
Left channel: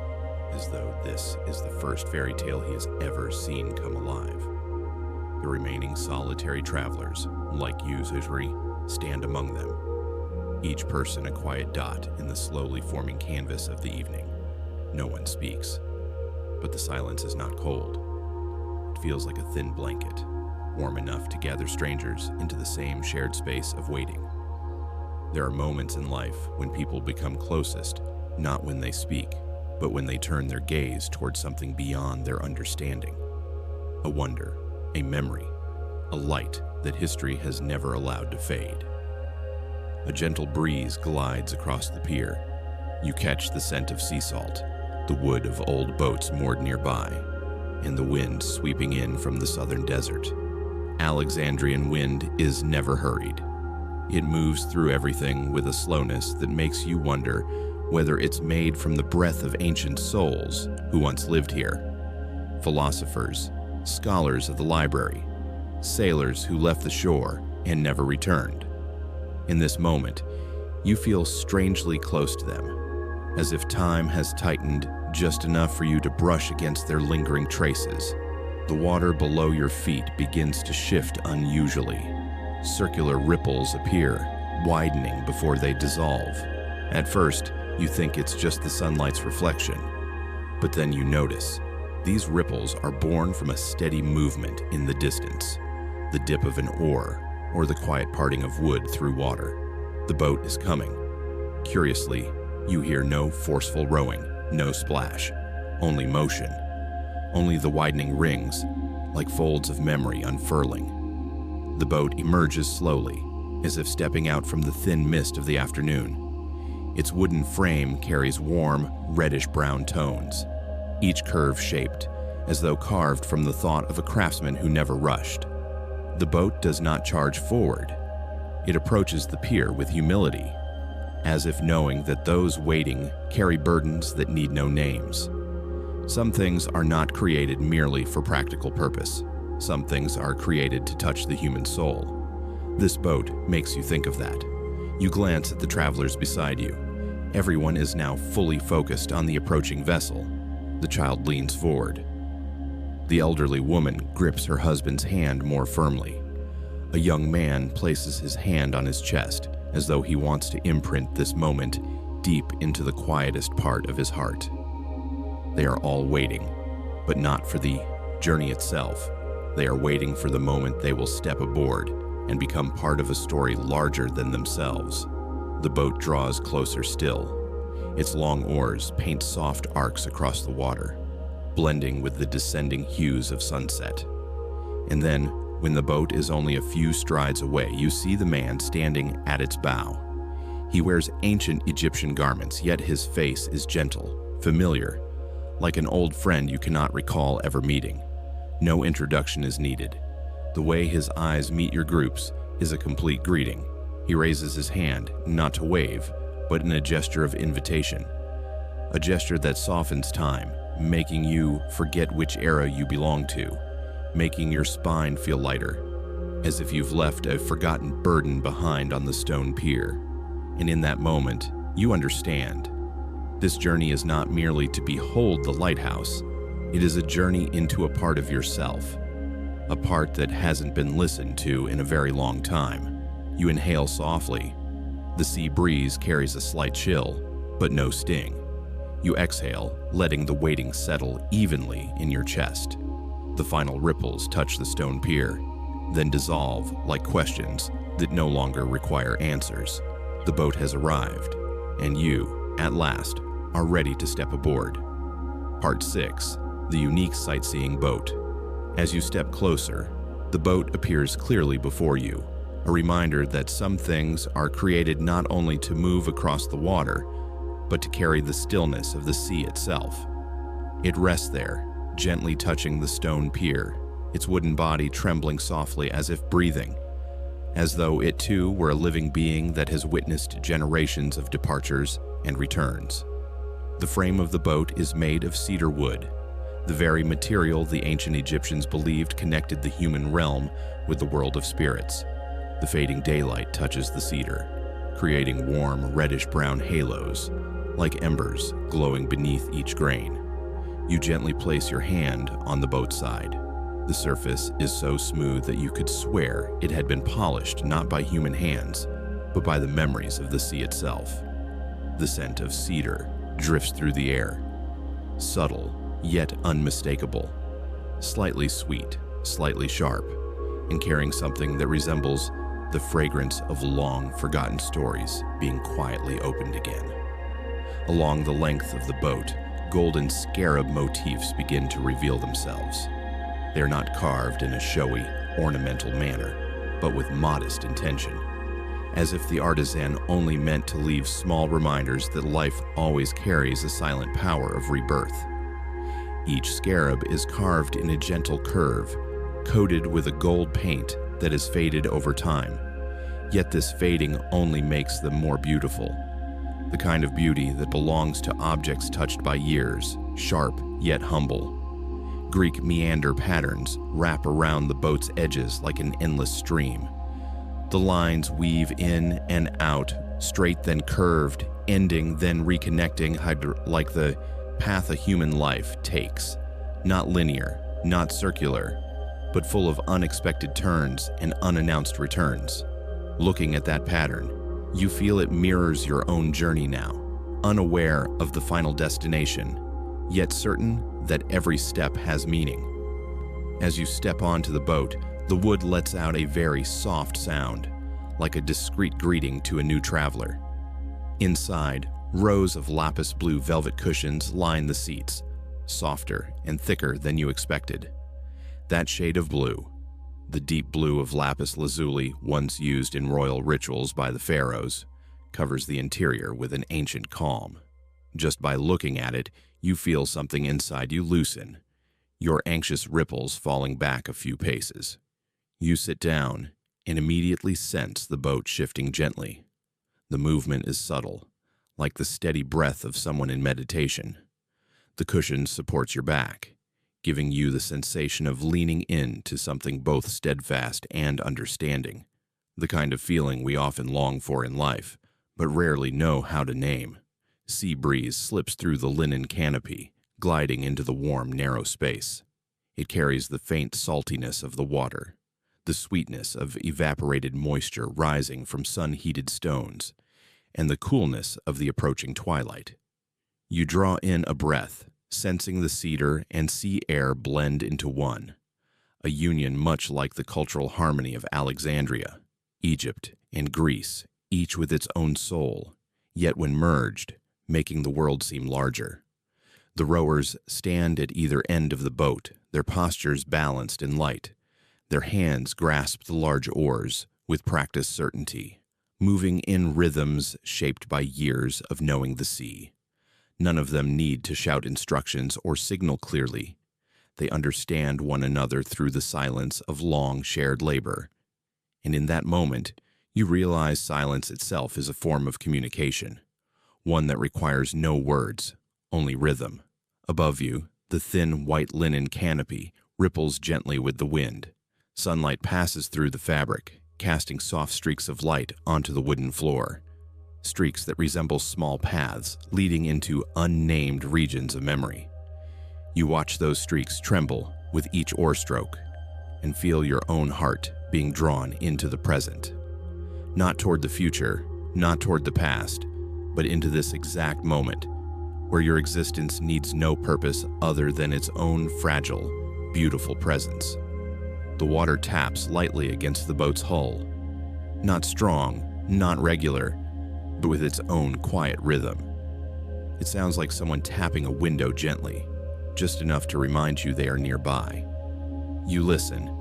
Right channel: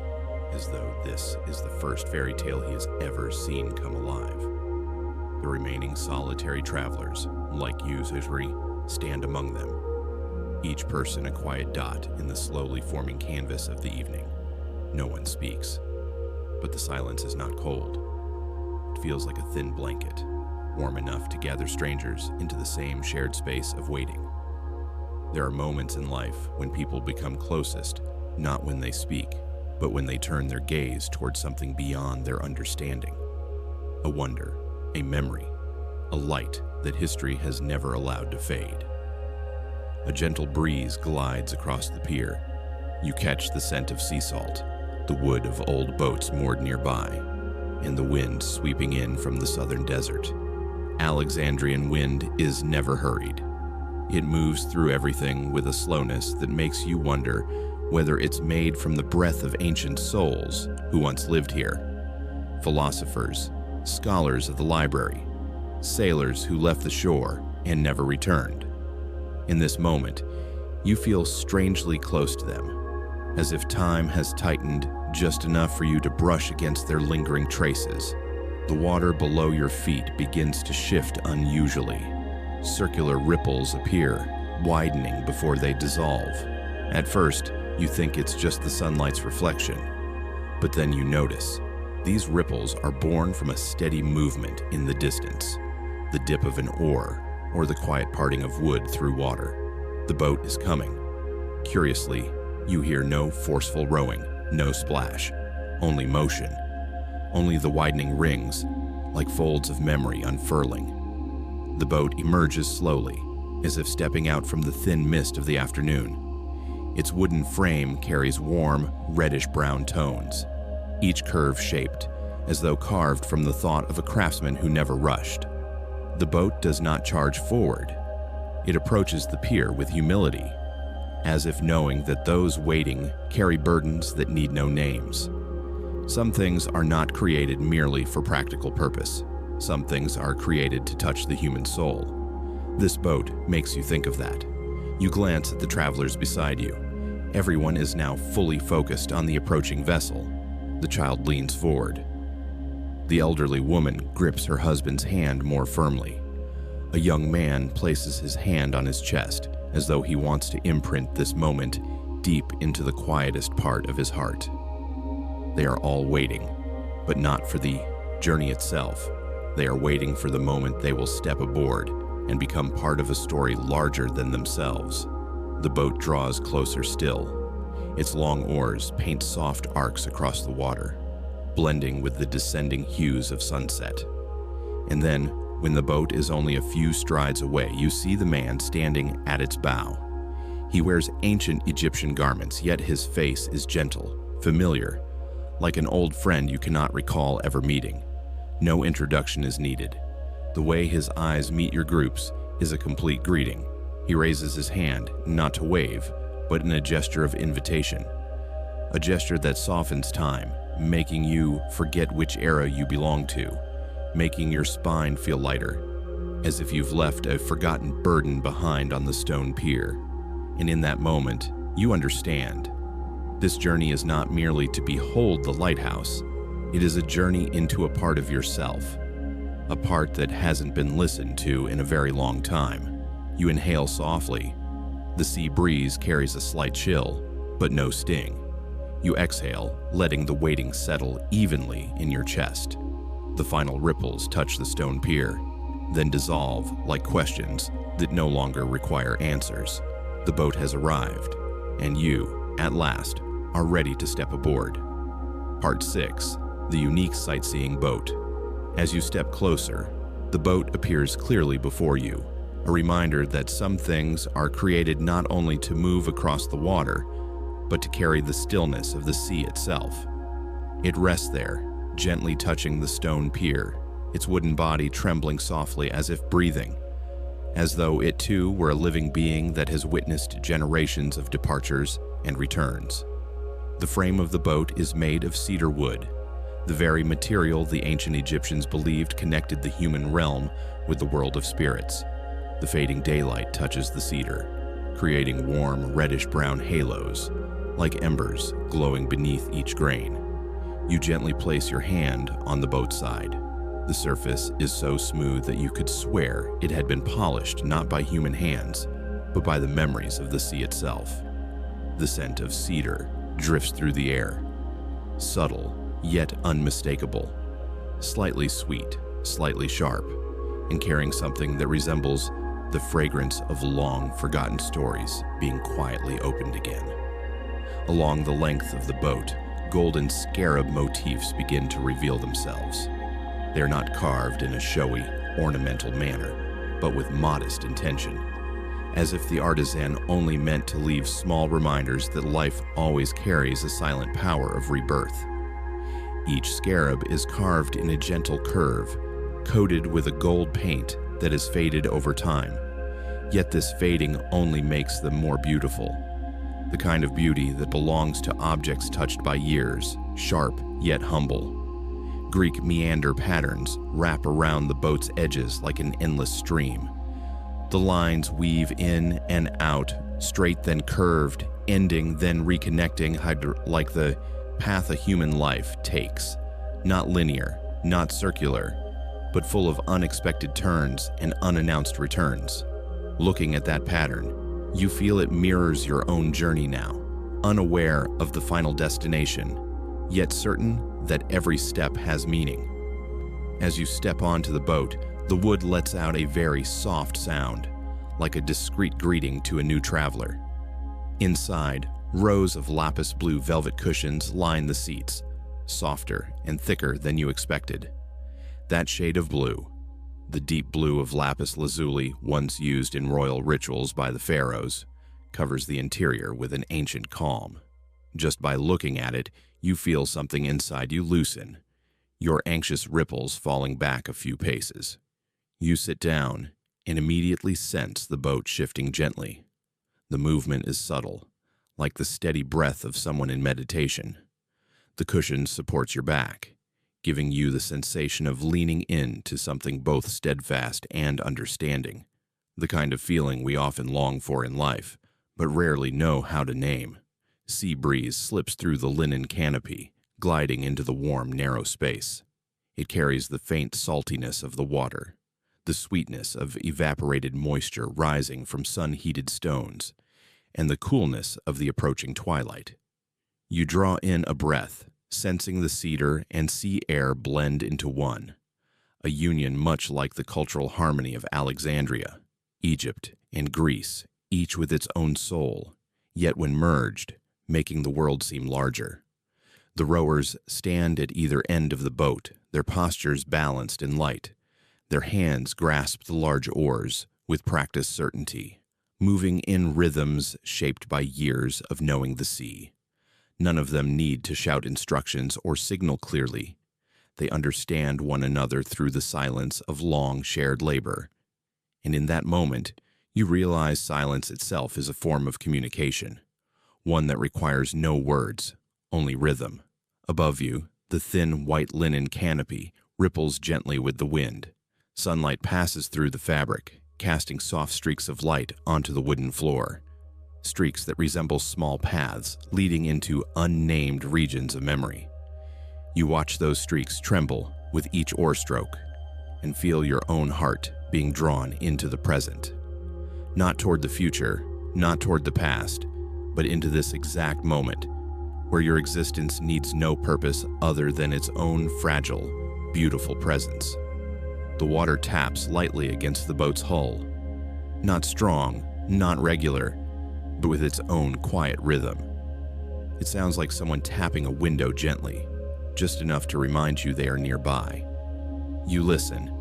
as though this is the first fairy tale he has ever seen come alive. The remaining solitary travelers, like usury, stand among them, each person a quiet dot in the slowly forming canvas of the evening. No one speaks, but the silence is not cold. It feels like a thin blanket, warm enough to gather strangers into the same shared space of waiting. There are moments in life when people become closest, not when they speak, but when they turn their gaze towards something beyond their understanding. A wonder, a memory, a light that history has never allowed to fade. A gentle breeze glides across the pier. You catch the scent of sea salt, the wood of old boats moored nearby, and the wind sweeping in from the southern desert. Alexandrian wind is never hurried. It moves through everything with a slowness that makes you wonder whether it's made from the breath of ancient souls who once lived here. Philosophers, scholars of the library, sailors who left the shore and never returned. In this moment, you feel strangely close to them, as if time has tightened just enough for you to brush against their lingering traces. The water below your feet begins to shift unusually. Circular ripples appear, widening before they dissolve. At first, you think it's just the sunlight's reflection, but then you notice these ripples are born from a steady movement in the distance, the dip of an oar or the quiet parting of wood through water. The boat is coming. Curiously, you hear no forceful rowing, no splash, only motion, only the widening rings, like folds of memory unfurling. The boat emerges slowly, as if stepping out from the thin mist of the afternoon. Its wooden frame carries warm, reddish-brown tones, each curve shaped, as though carved from the thought of a craftsman who never rushed. The boat does not charge forward. It approaches the pier with humility, as if knowing that those waiting carry burdens that need no names. Some things are not created merely for practical purpose. Some things are created to touch the human soul. This boat makes you think of that. You glance at the travelers beside you. Everyone is now fully focused on the approaching vessel. The child leans forward. The elderly woman grips her husband's hand more firmly. A young man places his hand on his chest, as though he wants to imprint this moment deep into the quietest part of his heart. They are all waiting, but not for the journey itself. They are waiting for the moment they will step aboard and become part of a story larger than themselves. The boat draws closer still. Its long oars paint soft arcs across the water, blending with the descending hues of sunset. And then, when the boat is only a few strides away, you see the man standing at its bow. He wears ancient Egyptian garments, yet his face is gentle, familiar, like an old friend you cannot recall ever meeting. No introduction is needed. The way his eyes meet your groups is a complete greeting. He raises his hand, not to wave, but in a gesture of invitation. A gesture that softens time, making you forget which era you belong to, making your spine feel lighter, as if you've left a forgotten burden behind on the stone pier. And in that moment, you understand. This journey is not merely to behold the lighthouse. It is a journey into a part of yourself, a part that hasn't been listened to in a very long time. You inhale softly. The sea breeze carries a slight chill, but no sting. You exhale, letting the waiting settle evenly in your chest. The final ripples touch the stone pier, then dissolve like questions that no longer require answers. The boat has arrived, and you, at last, are ready to step aboard. Part 6. The unique sightseeing boat. As you step closer, the boat appears clearly before you, a reminder that some things are created not only to move across the water, but to carry the stillness of the sea itself. It rests there, gently touching the stone pier, its wooden body trembling softly as if breathing, as though it too were a living being that has witnessed generations of departures and returns. The frame of the boat is made of cedar wood, the very material the ancient Egyptians believed connected the human realm with the world of spirits. The fading daylight touches the cedar, creating warm, reddish-brown halos, like embers glowing beneath each grain. You gently place your hand on the boat side. The surface is so smooth that you could swear it had been polished not by human hands, but by the memories of the sea itself. The scent of cedar drifts through the air, subtle yet unmistakable, slightly sweet, slightly sharp, and carrying something that resembles the fragrance of long-forgotten stories being quietly opened again. Along the length of the boat, golden scarab motifs begin to reveal themselves. They are not carved in a showy, ornamental manner, but with modest intention, as if the artisan only meant to leave small reminders that life always carries a silent power of rebirth. Each scarab is carved in a gentle curve, coated with a gold paint that has faded over time. Yet this fading only makes them more beautiful. The kind of beauty that belongs to objects touched by years, sharp yet humble. Greek meander patterns wrap around the boat's edges like an endless stream. The lines weave in and out, straight then curved, ending then reconnecting like the path a human life takes. Not linear, not circular, but full of unexpected turns and unannounced returns. Looking at that pattern, you feel it mirrors your own journey now, unaware of the final destination, yet certain that every step has meaning. As you step onto the boat, the wood lets out a very soft sound, like a discreet greeting to a new traveler. Inside, rows of lapis blue velvet cushions line the seats, softer and thicker than you expected. That shade of blue, The deep blue of lapis lazuli, once used in royal rituals by the pharaohs, covers the interior with an ancient calm. Just by looking at it, you feel something inside you loosen, your anxious ripples falling back a few paces. You sit down and immediately sense the boat shifting gently. The movement is subtle, like the steady breath of someone in meditation. The cushion supports your back, giving you the sensation of leaning into something both steadfast and understanding, the kind of feeling we often long for in life, but rarely know how to name. Sea breeze slips through the linen canopy, gliding into the warm, narrow space. It carries the faint saltiness of the water, the sweetness of evaporated moisture rising from sun-heated stones, and the coolness of the approaching twilight. You draw in a breath, sensing the cedar and sea air blend into one, a union much like the cultural harmony of Alexandria, Egypt, and Greece, each with its own soul, yet when merged, making the world seem larger. The rowers stand at either end of the boat, their postures balanced and light. Their hands grasp the large oars with practiced certainty, moving in rhythms shaped by years of knowing the sea. None of them need to shout instructions or signal clearly. They understand one another through the silence of long shared labor. And in that moment, you realize silence itself is a form of communication, one that requires no words, only rhythm. Above you, the thin white linen canopy ripples gently with the wind. Sunlight passes through the fabric, casting soft streaks of light onto the wooden floor, streaks that resemble small paths leading into unnamed regions of memory. You watch those streaks tremble with each oar stroke and feel your own heart being drawn into the present. Not toward the future, not toward the past, but into this exact moment where your existence needs no purpose other than its own fragile, beautiful presence. The water taps lightly against the boat's hull, not strong, not regular, but with its own quiet rhythm. It sounds like someone tapping a window gently, just enough to remind you they are nearby. You listen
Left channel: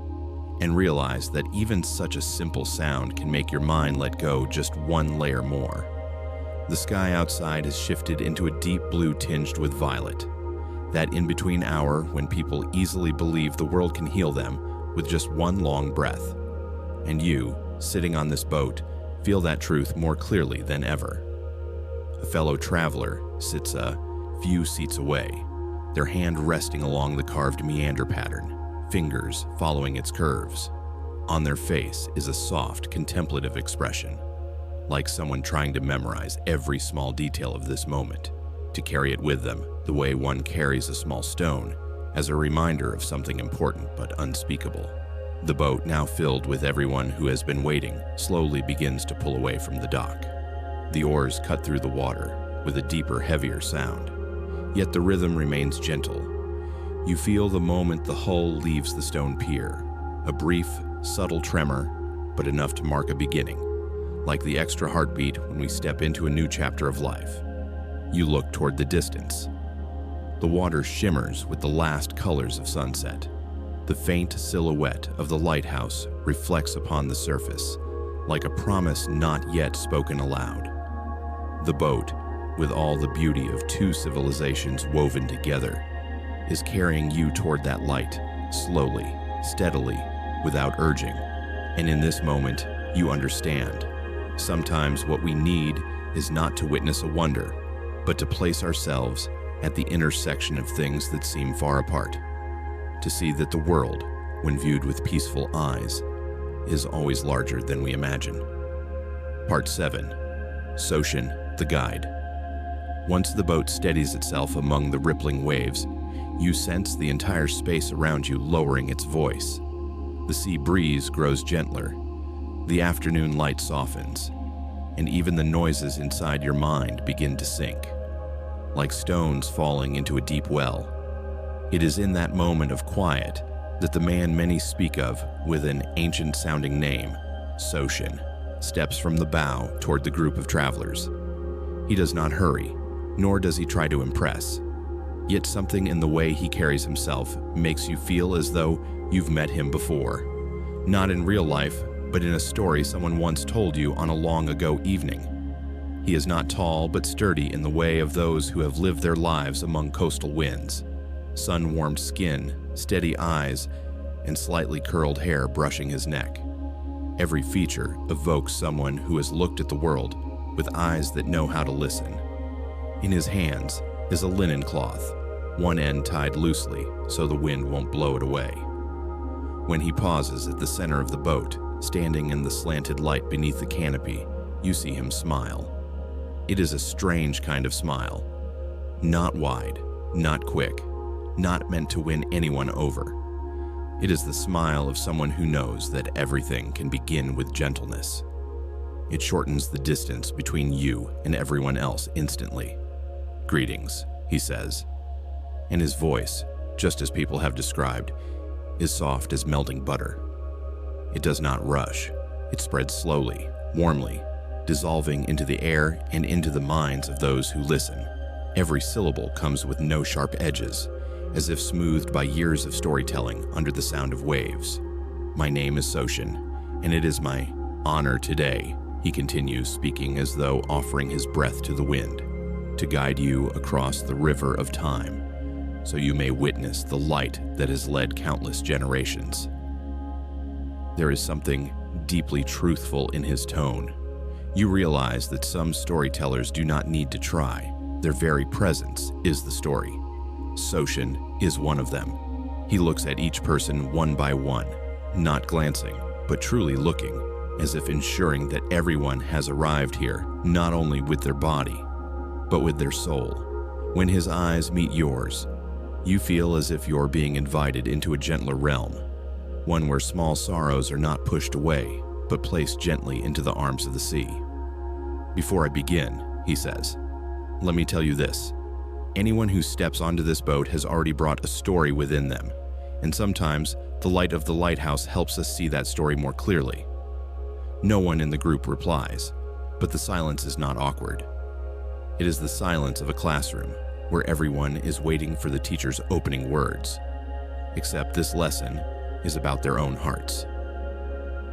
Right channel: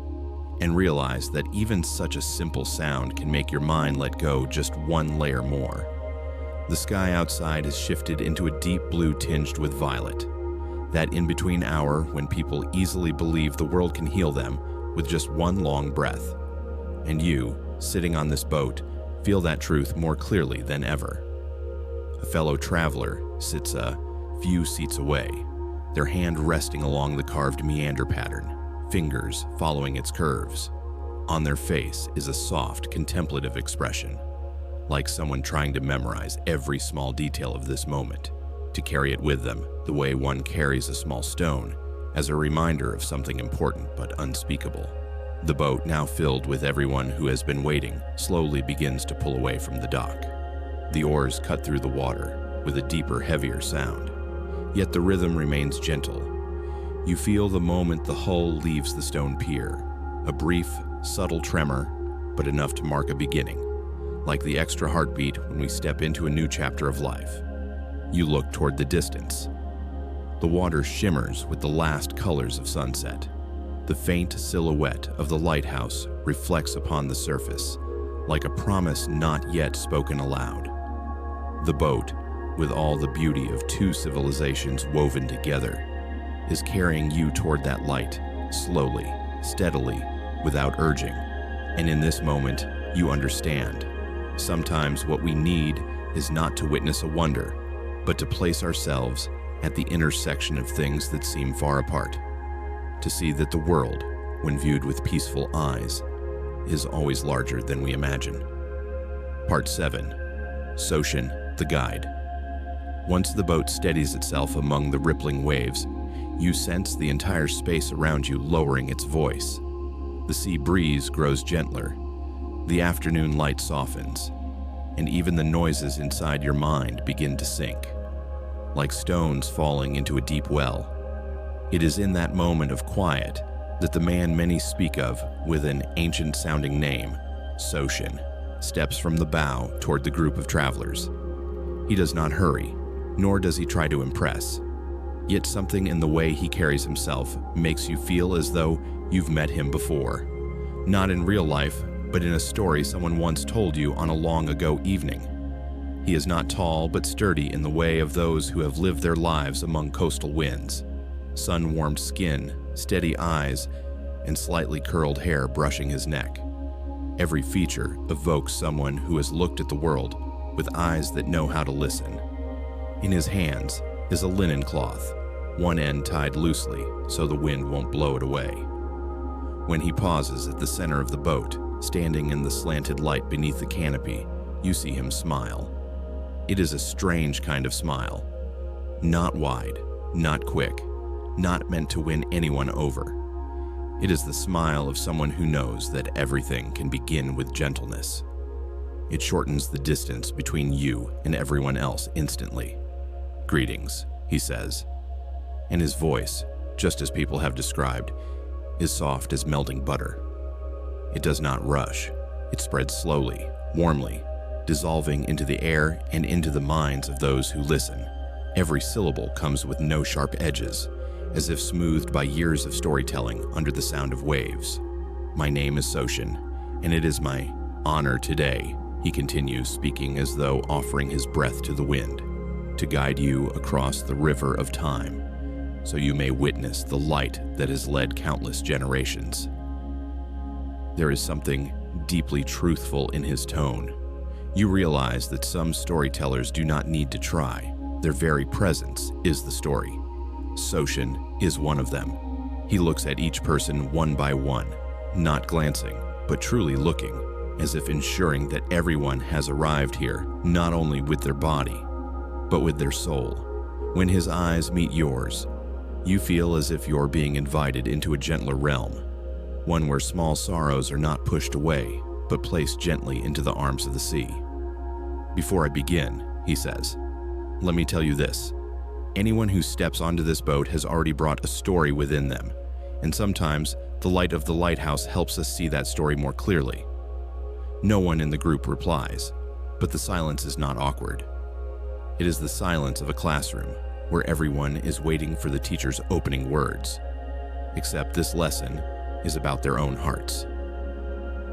and realize that even such a simple sound can make your mind let go just one layer more. The sky outside has shifted into a deep blue tinged with violet, that in-between hour when people easily believe the world can heal them with just one long breath. And you, sitting on this boat, feel that truth more clearly than ever. A fellow traveler sits a few seats away, their hand resting along the carved meander pattern, fingers following its curves. On their face is a soft, contemplative expression, like someone trying to memorize every small detail of this moment, to carry it with them the way one carries a small stone, as a reminder of something important but unspeakable. The boat, now filled with everyone who has been waiting, slowly begins to pull away from the dock. The oars cut through the water with a deeper, heavier sound, yet the rhythm remains gentle. You feel the moment the hull leaves the stone pier, a brief, subtle tremor, but enough to mark a beginning, like the extra heartbeat when we step into a new chapter of life. You look toward the distance. The water shimmers with the last colors of sunset. The faint silhouette of the lighthouse reflects upon the surface, like a promise not yet spoken aloud. The boat, with all the beauty of two civilizations woven together, is carrying you toward that light, slowly, steadily, without urging. And in this moment, you understand. Sometimes what we need is not to witness a wonder, but to place ourselves at the intersection of things that seem far apart, to see that the world, when viewed with peaceful eyes, is always larger than we imagine. Part 7. Soshin, the Guide. Once the boat steadies itself among the rippling waves, you sense the entire space around you lowering its voice. The sea breeze grows gentler, the afternoon light softens, and even the noises inside your mind begin to sink, like stones falling into a deep well. It is in that moment of quiet that the man many speak of with an ancient-sounding name, Soshin, steps from the bow toward the group of travelers. He does not hurry, nor does he try to impress. Yet something in the way he carries himself makes you feel as though you've met him before. Not in real life, but in a story someone once told you on a long ago evening. He is not tall but sturdy in the way of those who have lived their lives among coastal winds. Sun-warmed skin, steady eyes, and slightly curled hair brushing his neck. Every feature evokes someone who has looked at the world with eyes that know how to listen. In his hands is a linen cloth, one end tied loosely so the wind won't blow it away. When he pauses at the center of the boat, standing in the slanted light beneath the canopy, you see him smile. It is a strange kind of smile. Not wide, not quick, not meant to win anyone over. It is the smile of someone who knows that everything can begin with gentleness. It shortens the distance between you and everyone else instantly. "Greetings," he says. And his voice, just as people have described, is soft as melting butter. It does not rush. It spreads slowly, warmly, dissolving into the air and into the minds of those who listen. Every syllable comes with no sharp edges, as if smoothed by years of storytelling under the sound of waves. "My name is Soshin, and it is my honor today," he continues, speaking as though offering his breath to the wind, "to guide you across the river of time, so you may witness the light that has led countless generations." There is something deeply truthful in his tone. You realize that some storytellers do not need to try. Their very presence is the story. Soshin is one of them. He looks at each person one by one, not glancing, but truly looking, as if ensuring that everyone has arrived here not only with their body, but with their soul. When his eyes meet yours, you feel as if you're being invited into a gentler realm, one where small sorrows are not pushed away, but placed gently into the arms of the sea. "Before I begin," he says, "let me tell you this. Anyone who steps onto this boat has already brought a story within them, and sometimes the light of the lighthouse helps us see that story more clearly." No one in the group replies, but the silence is not awkward. It is the silence of a classroom, where everyone is waiting for the teacher's opening words. Except this lesson is about their own hearts.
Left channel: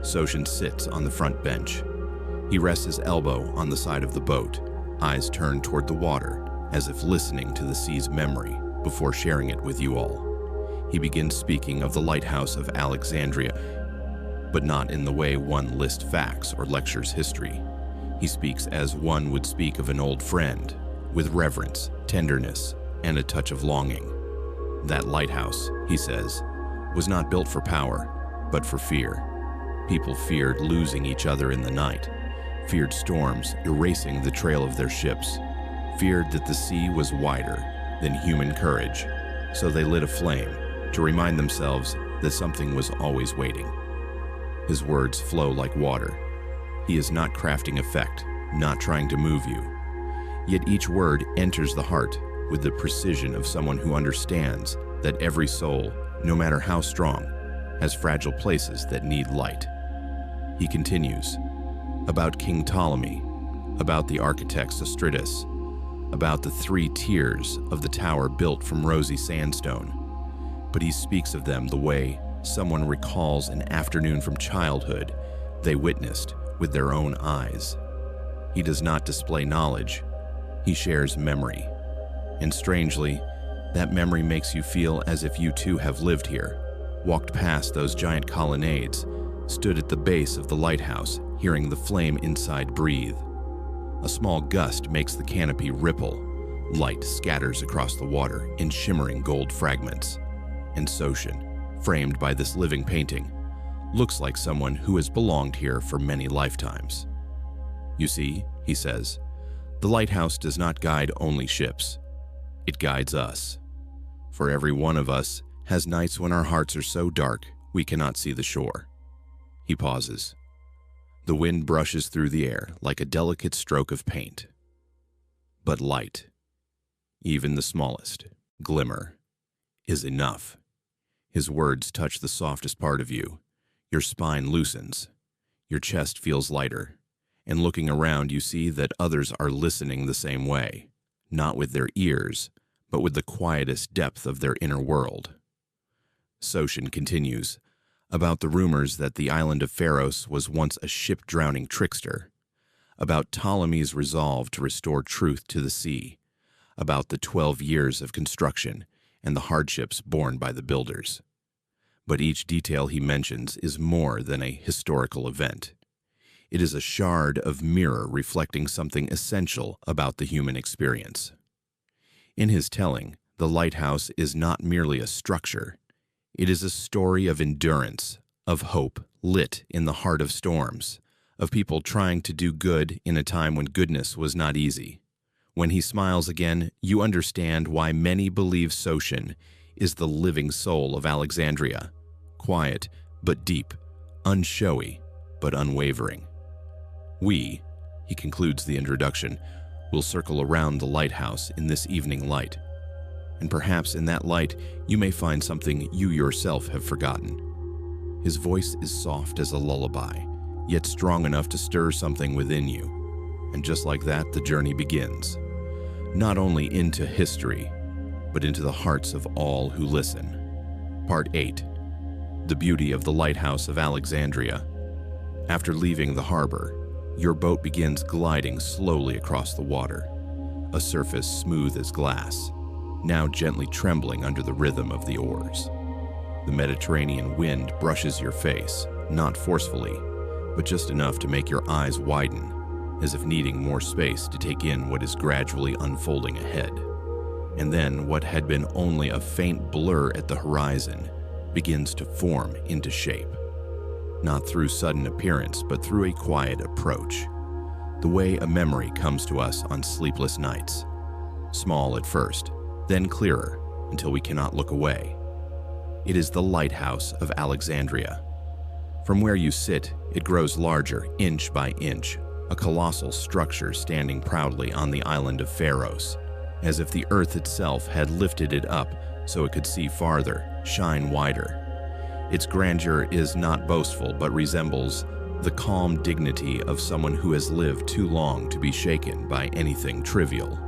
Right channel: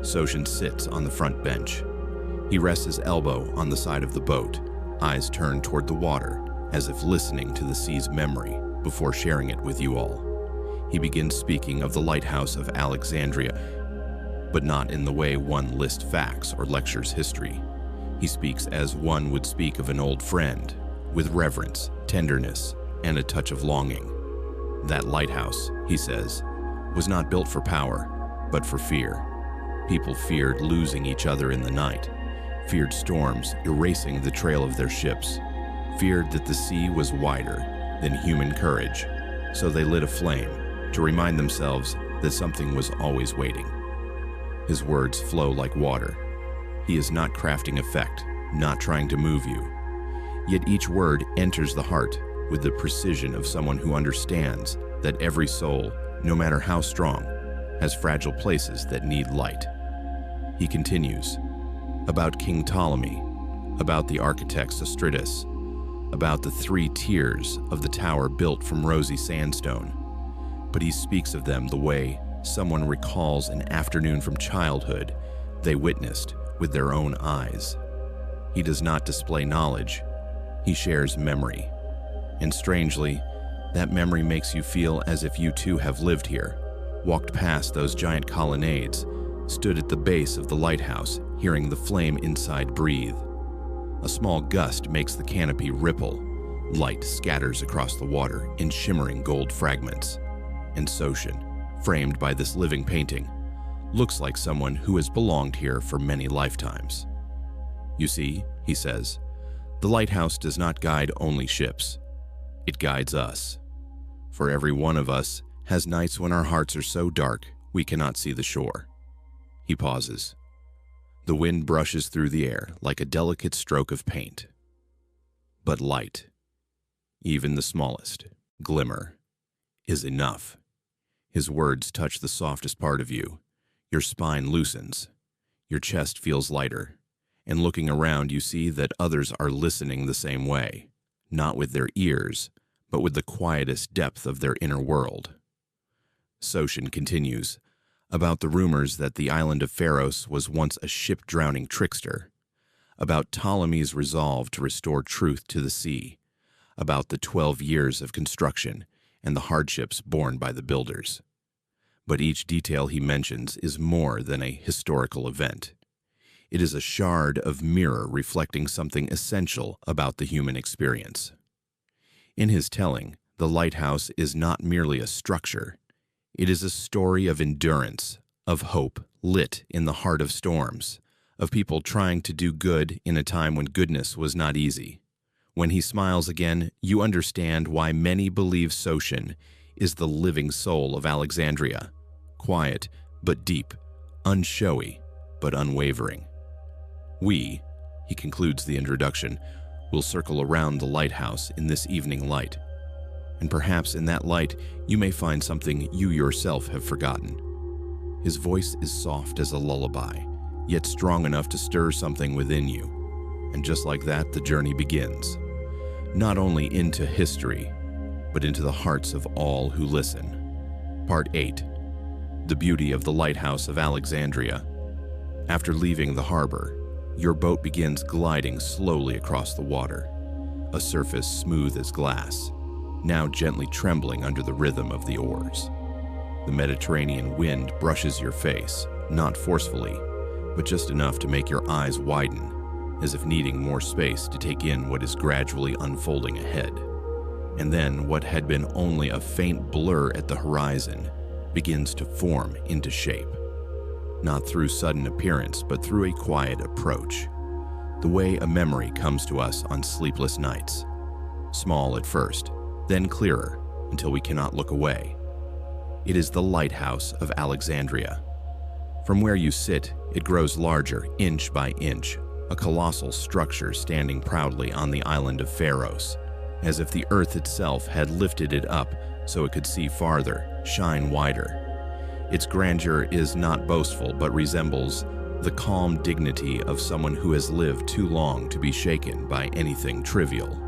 Soshin sits on the front bench. He rests his elbow on the side of the boat, eyes turned toward the water, as if listening to the sea's memory before sharing it with you all. He begins speaking of the Lighthouse of Alexandria, but not in the way one lists facts or lectures history. He speaks as one would speak of an old friend, with reverence, tenderness, and a touch of longing. That lighthouse, he says, was not built for power, but for fear. People feared losing each other in the night, feared storms erasing the trail of their ships, feared that the sea was wider than human courage, so they lit a flame to remind themselves that something was always waiting. His words flow like water. He is not crafting effect, not trying to move you. Yet each word enters the heart with the precision of someone who understands that every soul, no matter how strong, has fragile places that need light. He continues, about King Ptolemy, about the architect Sostritus, about the 3 tiers of the tower built from rosy sandstone. But he speaks of them the way someone recalls an afternoon from childhood they witnessed with their own eyes. He does not display knowledge, he shares memory. And strangely, that memory makes you feel as if you too have lived here, walked past those giant colonnades, stood at the base of the lighthouse, hearing the flame inside breathe. A small gust makes the canopy ripple. Light scatters across the water in shimmering gold fragments. And Soshin, framed by this living painting, looks like someone who has belonged here for many lifetimes. "You see," he says, "the lighthouse does not guide only ships. It guides us. For every one of us has nights when our hearts are so dark we cannot see the shore." He pauses. The wind brushes through the air like a delicate stroke of paint. But light, even the smallest glimmer, is enough. His words touch the softest part of you. Your spine loosens. Your chest feels lighter. And looking around, you see that others are listening the same way, not with their ears, but with the quietest depth of their inner world. Soshin continues, about the rumors that the island of Pharos was once a ship-drowning trickster, about Ptolemy's resolve to restore truth to the sea, about the 12 years of construction and the hardships borne by the builders. But each detail he mentions is more than a historical event. It is a shard of mirror reflecting something essential about the human experience. In his telling, the lighthouse is not merely a structure. It is a story of endurance, of hope lit in the heart of storms, of people trying to do good in a time when goodness was not easy. When he smiles again, you understand why many believe Sotion is the living soul of Alexandria, quiet but deep, unshowy but unwavering. We, he concludes the introduction, will circle around the lighthouse in this evening light. And perhaps in that light, you may find something you yourself have forgotten. His voice is soft as a lullaby, yet strong enough to stir something within you. And just like that, the journey begins. Not only into history, but into the hearts of all who listen. Part 8. The Beauty of the Lighthouse of Alexandria. After leaving the harbor, your boat begins gliding slowly across the water, a surface smooth as glass, now gently trembling under the rhythm of the oars. The Mediterranean wind brushes your face, not forcefully, but just enough to make your eyes widen, as if needing more space to take in what is gradually unfolding ahead. And then what had been only a faint blur at the horizon begins to form into shape. Not through sudden appearance, but through a quiet approach. The way a memory comes to us on sleepless nights. Small at first, then clearer until we cannot look away. It is the Lighthouse of Alexandria. From where you sit, it grows larger inch by inch, a colossal structure standing proudly on the island of Pharos, as if the earth itself had lifted it up so it could see farther, shine wider. Its grandeur is not boastful, but resembles the calm dignity of someone who has lived too long to be shaken by anything trivial.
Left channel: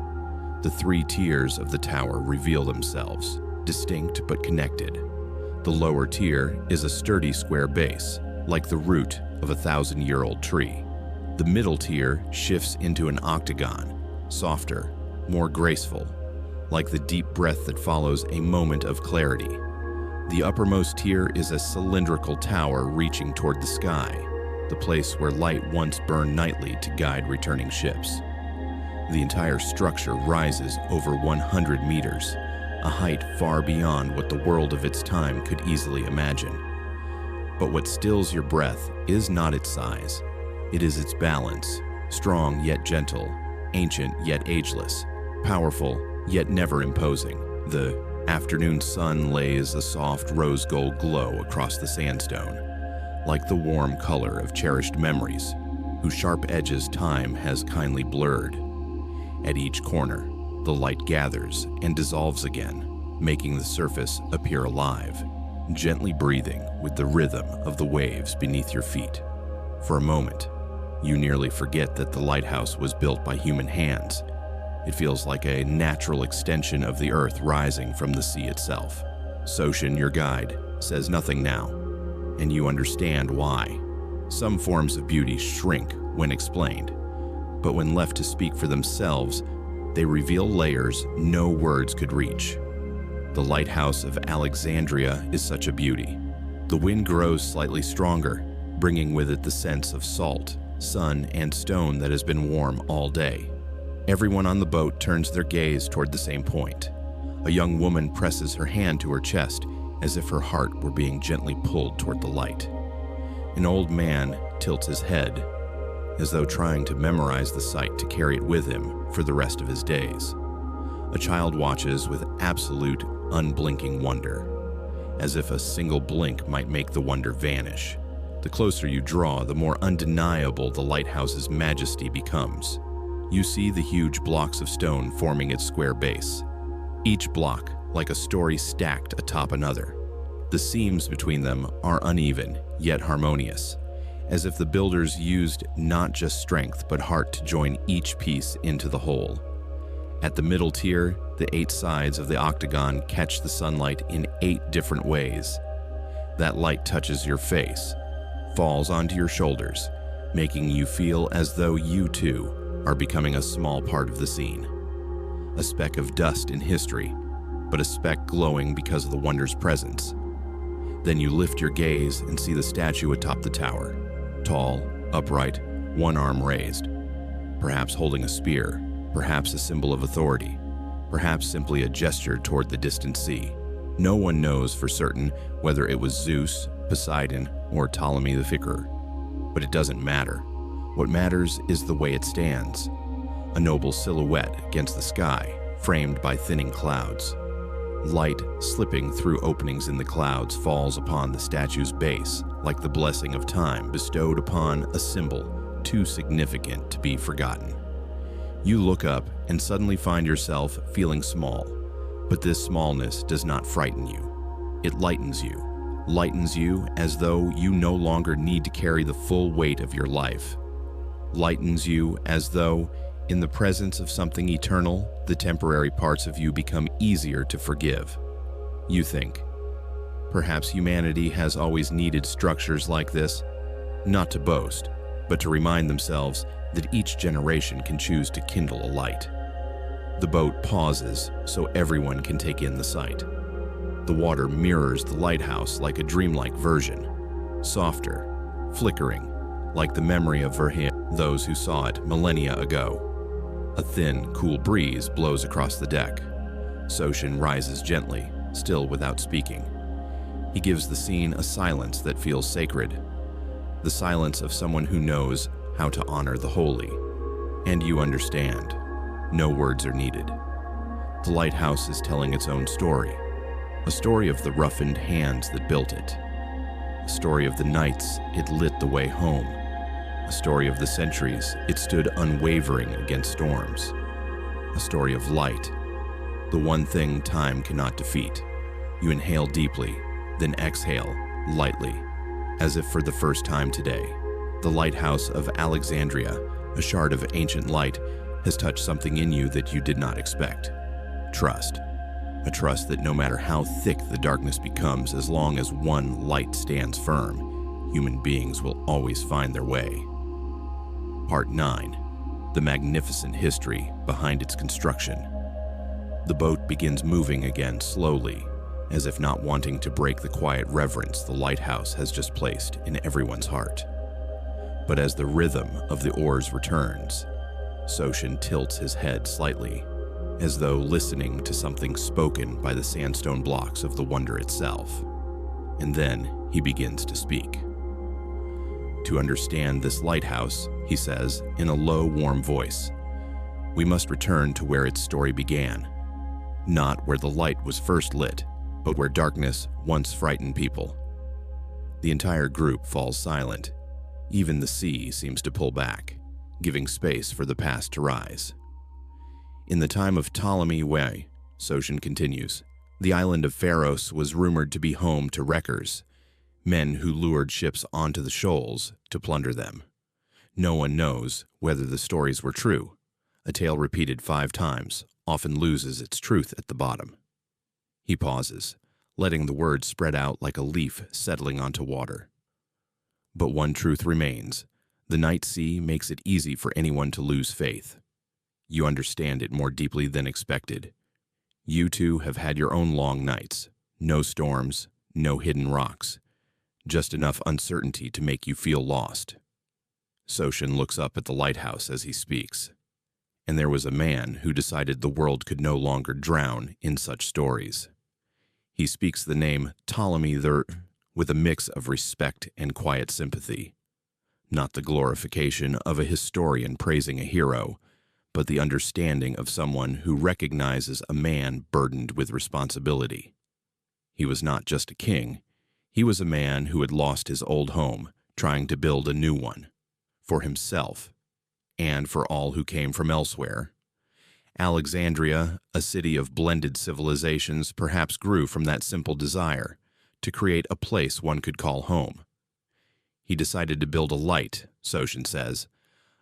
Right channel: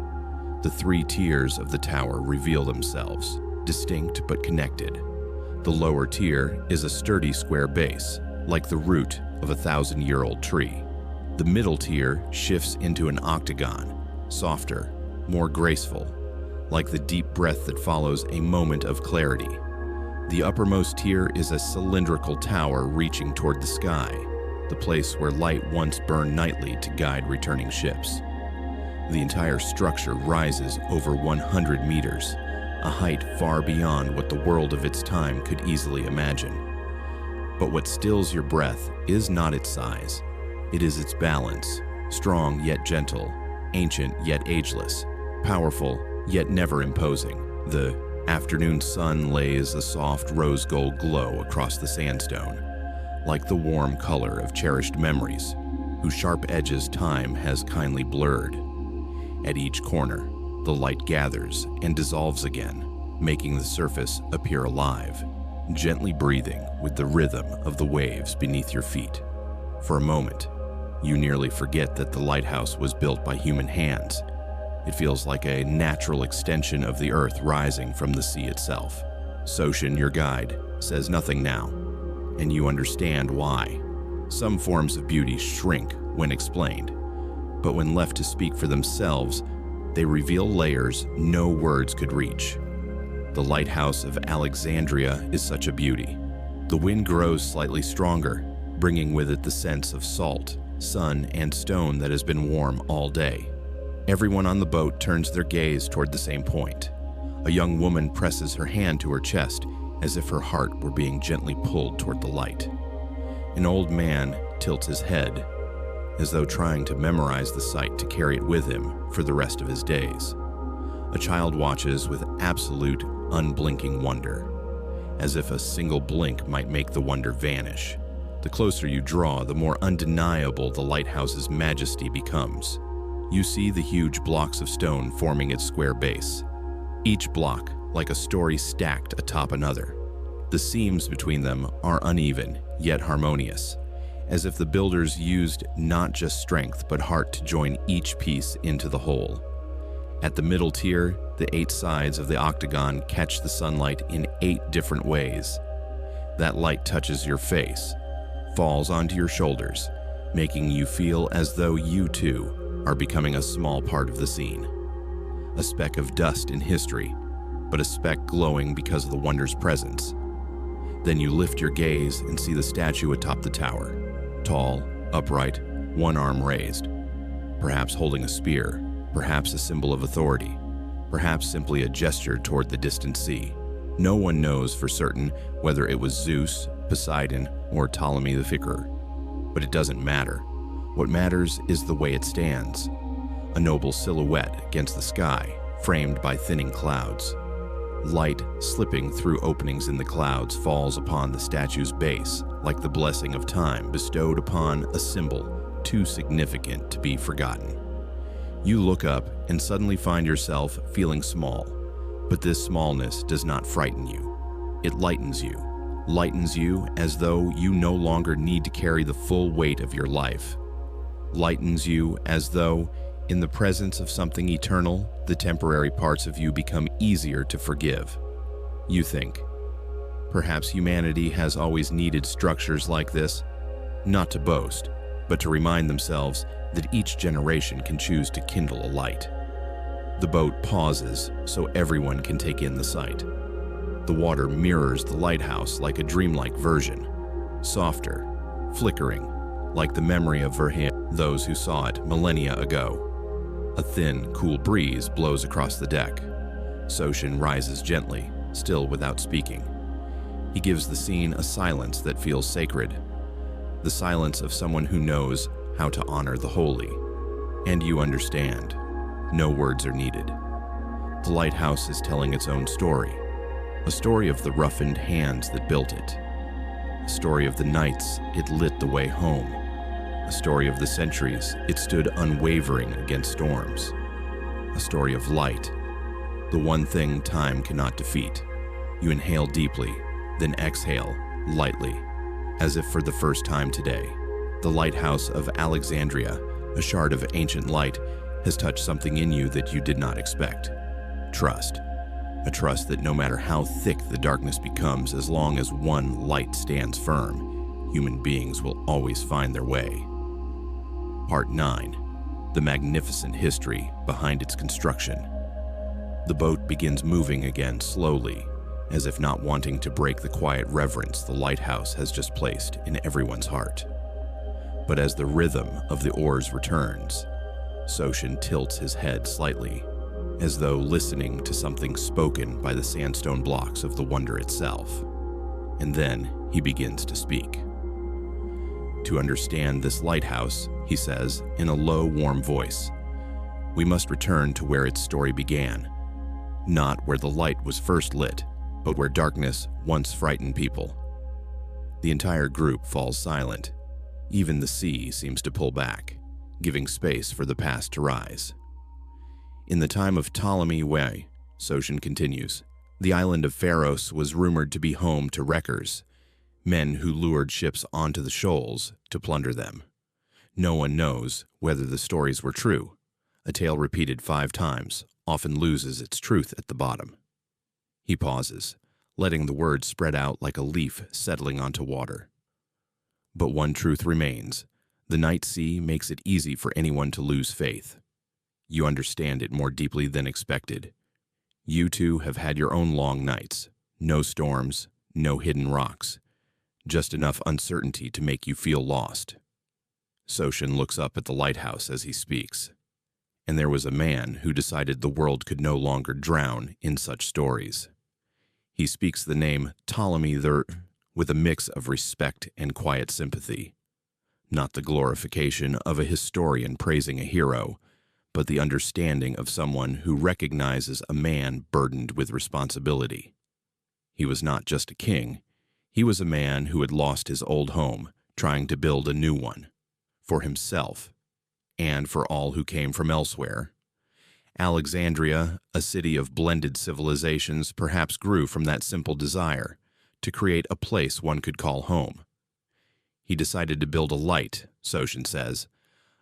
The 3 tiers of the tower reveal themselves, distinct but connected. The lower tier is a sturdy square base, like the root of a 1,000-year-old tree. The middle tier shifts into an octagon, softer, more graceful, like the deep breath that follows a moment of clarity. The uppermost tier is a cylindrical tower reaching toward the sky, the place where light once burned nightly to guide returning ships. The entire structure rises over 100 meters, a height far beyond what the world of its time could easily imagine. But what stills your breath is not its size. It is its balance, strong yet gentle, ancient yet ageless, powerful yet never imposing. The afternoon sun lays a soft rose gold glow across the sandstone, like the warm color of cherished memories, whose sharp edges time has kindly blurred. At each corner, the light gathers and dissolves again, making the surface appear alive, gently breathing with the rhythm of the waves beneath your feet. For a moment, you nearly forget that the lighthouse was built by human hands. It feels like a natural extension of the earth rising from the sea itself. Sotion, your guide, says nothing now, and you understand why. Some forms of beauty shrink when explained, but when left to speak for themselves, they reveal layers no words could reach. The Lighthouse of Alexandria is such a beauty. The wind grows slightly stronger, bringing with it the sense of salt, sun, and stone that has been warm all day. Everyone on the boat turns their gaze toward the same point. A young woman presses her hand to her chest as if her heart were being gently pulled toward the light. An old man tilts his head, as though trying to memorize the sight to carry it with him for the rest of his days. A child watches with absolute, unblinking wonder, as if a single blink might make the wonder vanish. The closer you draw, the more undeniable the lighthouse's majesty becomes. You see the huge blocks of stone forming its square base, each block like a story stacked atop another. The seams between them are uneven, yet harmonious, as if the builders used not just strength but heart to join each piece into the whole. At the middle tier, the 8 sides of the octagon catch the sunlight in 8 different ways. That light touches your face, falls onto your shoulders, making you feel as though you too are becoming a small part of the scene. A speck of dust in history, but a speck glowing because of the wonder's presence. Then you lift your gaze and see the statue atop the tower, tall, upright, one arm raised, perhaps holding a spear, perhaps a symbol of authority, perhaps simply a gesture toward the distant sea. No one knows for certain whether it was Zeus, Poseidon, or Ptolemy the Fictor, but it doesn't matter. What matters is the way it stands, a noble silhouette against the sky, framed by thinning clouds. Light slipping through openings in the clouds falls upon the statue's base like the blessing of time bestowed upon a symbol too significant to be forgotten. You look up and suddenly find yourself feeling small, but this smallness does not frighten you. It lightens you as though you no longer need to carry the full weight of your life. Lightens you as though, in the presence of something eternal, the temporary parts of you become easier to forgive. You think, perhaps humanity has always needed structures like this, not to boast, but to remind themselves that each generation can choose to kindle a light. The boat pauses so everyone can take in the sight. The water mirrors the lighthouse like a dreamlike version, softer, flickering, like the memory of those who saw it millennia ago. A thin, cool breeze blows across the deck. Soshin rises gently, still without speaking. He gives the scene a silence that feels sacred, the silence of someone who knows how to honor the holy. And you understand. No words are needed. The lighthouse is telling its own story, a story of the roughened hands that built it, a story of the nights it lit the way home, a story of the centuries it stood unwavering against storms, a story of light, the one thing time cannot defeat. You inhale deeply, then exhale lightly, as if for the first time today. The Lighthouse of Alexandria, a shard of ancient light, has touched something in you that you did not expect. Trust. A trust that no matter how thick the darkness becomes, as long as one light stands firm, human beings will always find their way. Part 9. The magnificent history behind its construction. The boat begins moving again slowly, as if not wanting to break the quiet reverence the lighthouse has just placed in everyone's heart. But as the rhythm of the oars returns, Soshin tilts his head slightly, as though listening to something spoken by the sandstone blocks of the wonder itself. And then he begins to speak. To understand this lighthouse, he says in a low, warm voice, we must return to where its story began, not where the light was first lit, but where darkness once frightened people. The entire group falls silent. Even the sea seems to pull back, giving space for the past to rise. In the time of Ptolemy I, Soshin continues, the island of Pharos was rumored to be home to wreckers, men who lured ships onto the shoals to plunder them. No one knows whether the stories were true. A tale repeated 5 times often loses its truth at the bottom. He pauses, letting the words spread out like a leaf settling onto water. But one truth remains. The night sea makes it easy for anyone to lose faith. You understand it more deeply than expected. You too have had your own long nights. No storms, no hidden rocks. Just enough uncertainty to make you feel lost. Soshin looks up at the lighthouse as he speaks. And there was a man who decided the world could no longer drown in such stories. He speaks the name Ptolemy with a mix of respect and quiet sympathy. Not the glorification of a historian praising a hero, but the understanding of someone who recognizes a man burdened with responsibility. He was not just a king. He was a man who had lost his old home, trying to build a new one, for himself, and for all who came from elsewhere. Alexandria, a city of blended civilizations, perhaps grew from that simple desire to create a place one could call home. He decided to build a light, Soshin says,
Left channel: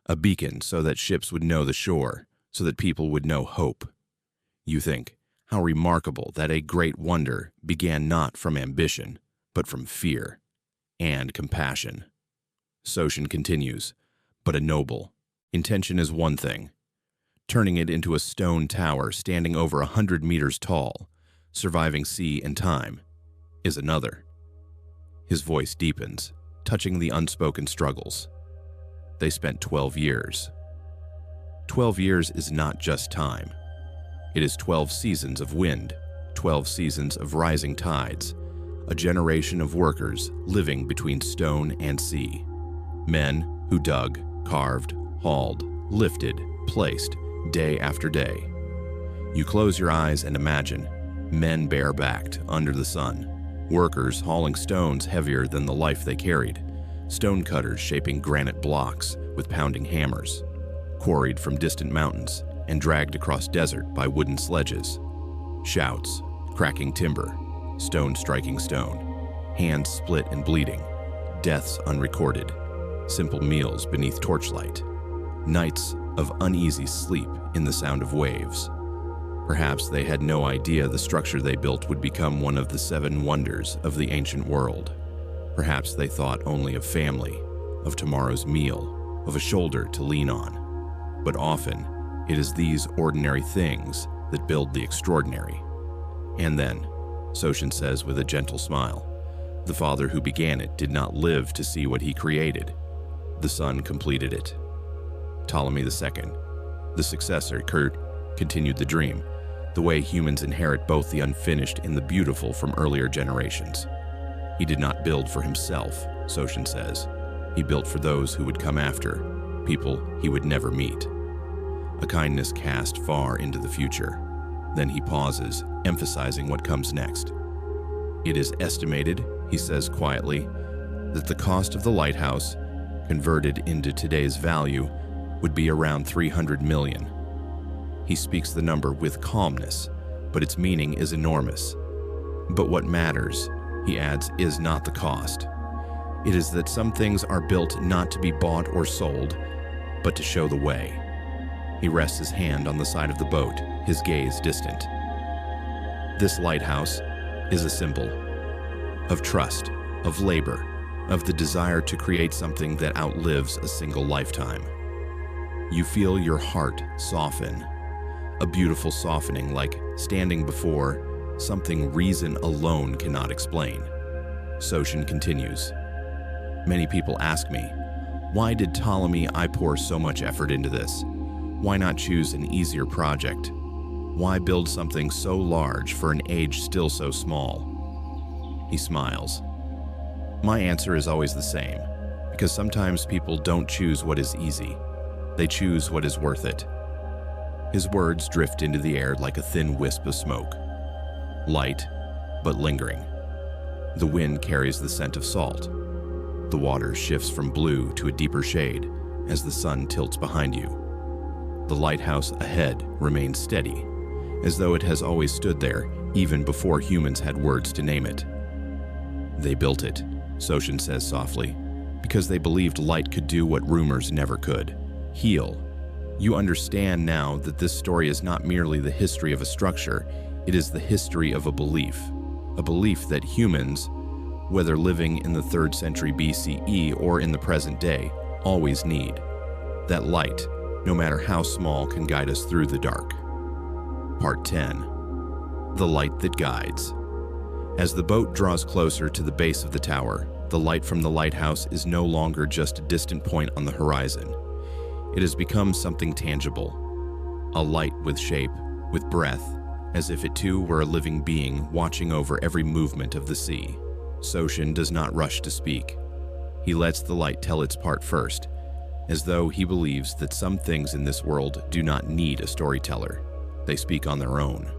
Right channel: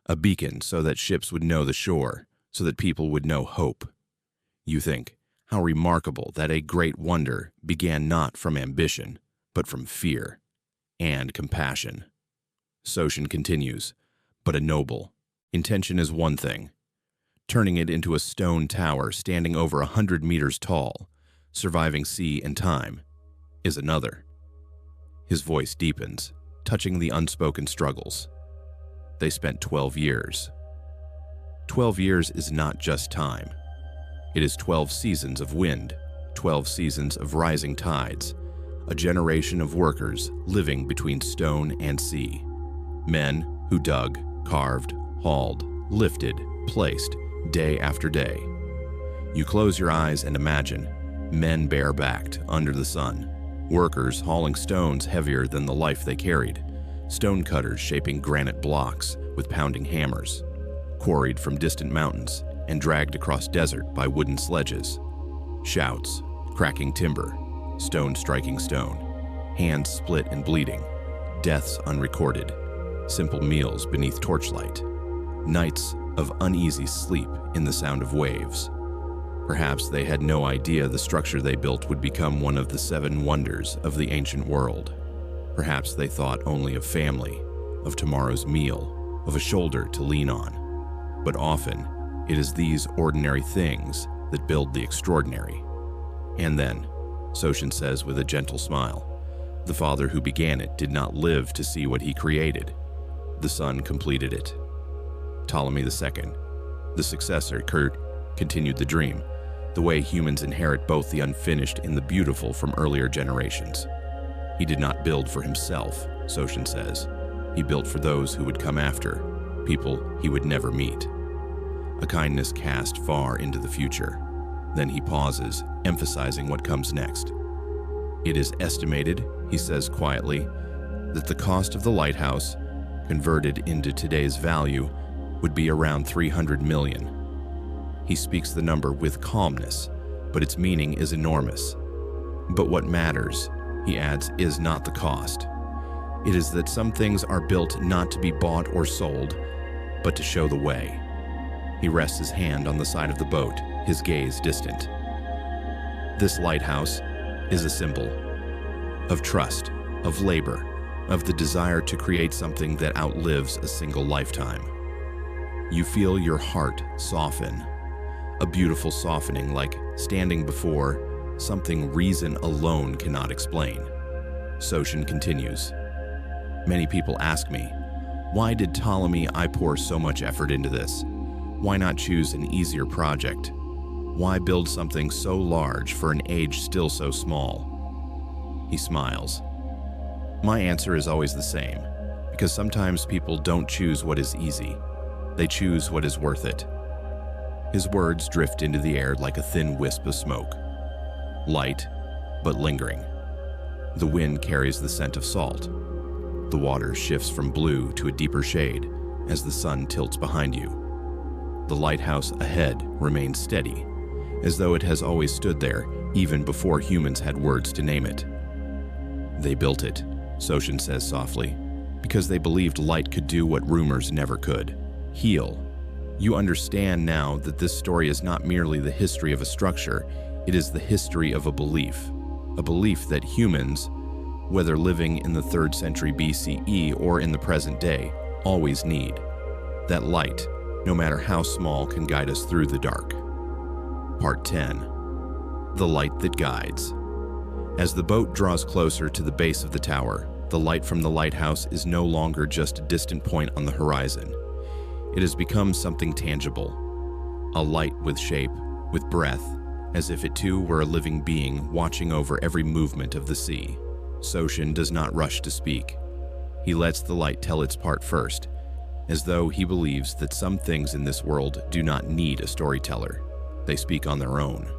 a beacon so that ships would know the shore, so that people would know hope. You think, how remarkable that a great wonder began not from ambition, but from fear and compassion. Soshin continues, but a noble. Intention is one thing. Turning it into a stone tower standing over 100 meters tall, surviving sea and time, is another. His voice deepens, touching the unspoken struggles. They spent 12 years. 12 years is not just time. It is 12 seasons of wind, 12 seasons of rising tides, a generation of workers living between stone and sea. Men who dug, carved, hauled, lifted, placed, day after day. You close your eyes and imagine men bare-backed under the sun, workers hauling stones heavier than the life they carried, stone cutters shaping granite blocks with pounding hammers, quarried from distant mountains and dragged across desert by wooden sledges. Shouts, cracking timber, stone striking stone, hands split and bleeding, deaths unrecorded, simple meals beneath torchlight, nights of uneasy sleep in the sound of waves. Perhaps they had no idea the structure they built would become one of the 7 wonders of the ancient world. Perhaps they thought only of family, of tomorrow's meal, of a shoulder to lean on. But often, it is these ordinary things that build the extraordinary. And then, Soshin says with a gentle smile, the father who began it did not live to see what he created. The son completed it. Ptolemy II, the successor, continued the dream, the way humans inherit both the unfinished and the beautiful from earlier generations. He did not build for himself, Soshin says. He built for those who would come after, people he would never meet. A kindness cast far into the future. Then he pauses, emphasizing what comes next. It is estimated, he says quietly, that the cost of the lighthouse, converted into today's value, would be around 300 million. He speaks the number with calmness, but its meaning is enormous. But what matters, he adds, is not the cost. It is that some things are built not to be bought or sold, but to show the way. He rests his hand on the side of the boat, his gaze distant. This lighthouse is a symbol of trust, of labor, of the desire to create something that outlives a single lifetime. You feel your heart soften, a beautiful softening like standing before something reason alone cannot explain. Soshin continues. Many people ask me, why did Ptolemy I pour so much effort into this? Why not choose an easier project? Why build something so large for an age still so small? He smiles. My answer is always the same, because sometimes people don't choose what is easy. They choose what is worth it. His words drift into the air like a thin wisp of smoke. Light, but lingering. The wind carries the scent of salt. The water shifts from blue to a deeper shade as the sun tilts behind you. The lighthouse ahead remains steady, as though it has always stood there, even before humans had words to name it. They built it, Soshin says softly, because they believed light could do what rumors never could. Heal. You understand now that this story is not merely the history of a structure, it is the history of a belief that humans, whether living in the 3rd century BCE or in the present day, always need. That light, no matter how small, can guide us through the dark. Part 10. The Light That Guides. As the boat draws closer to the base of the tower, the light from the lighthouse is no longer just a distant point on the horizon. It has become something tangible. A light with shape, with breath, as if it too were a living being watching over every movement of the sea. Soshin does not rush to speak. He lets the light tell its part first, as though he believes that some things in this world do not need a storyteller. They speak on their own.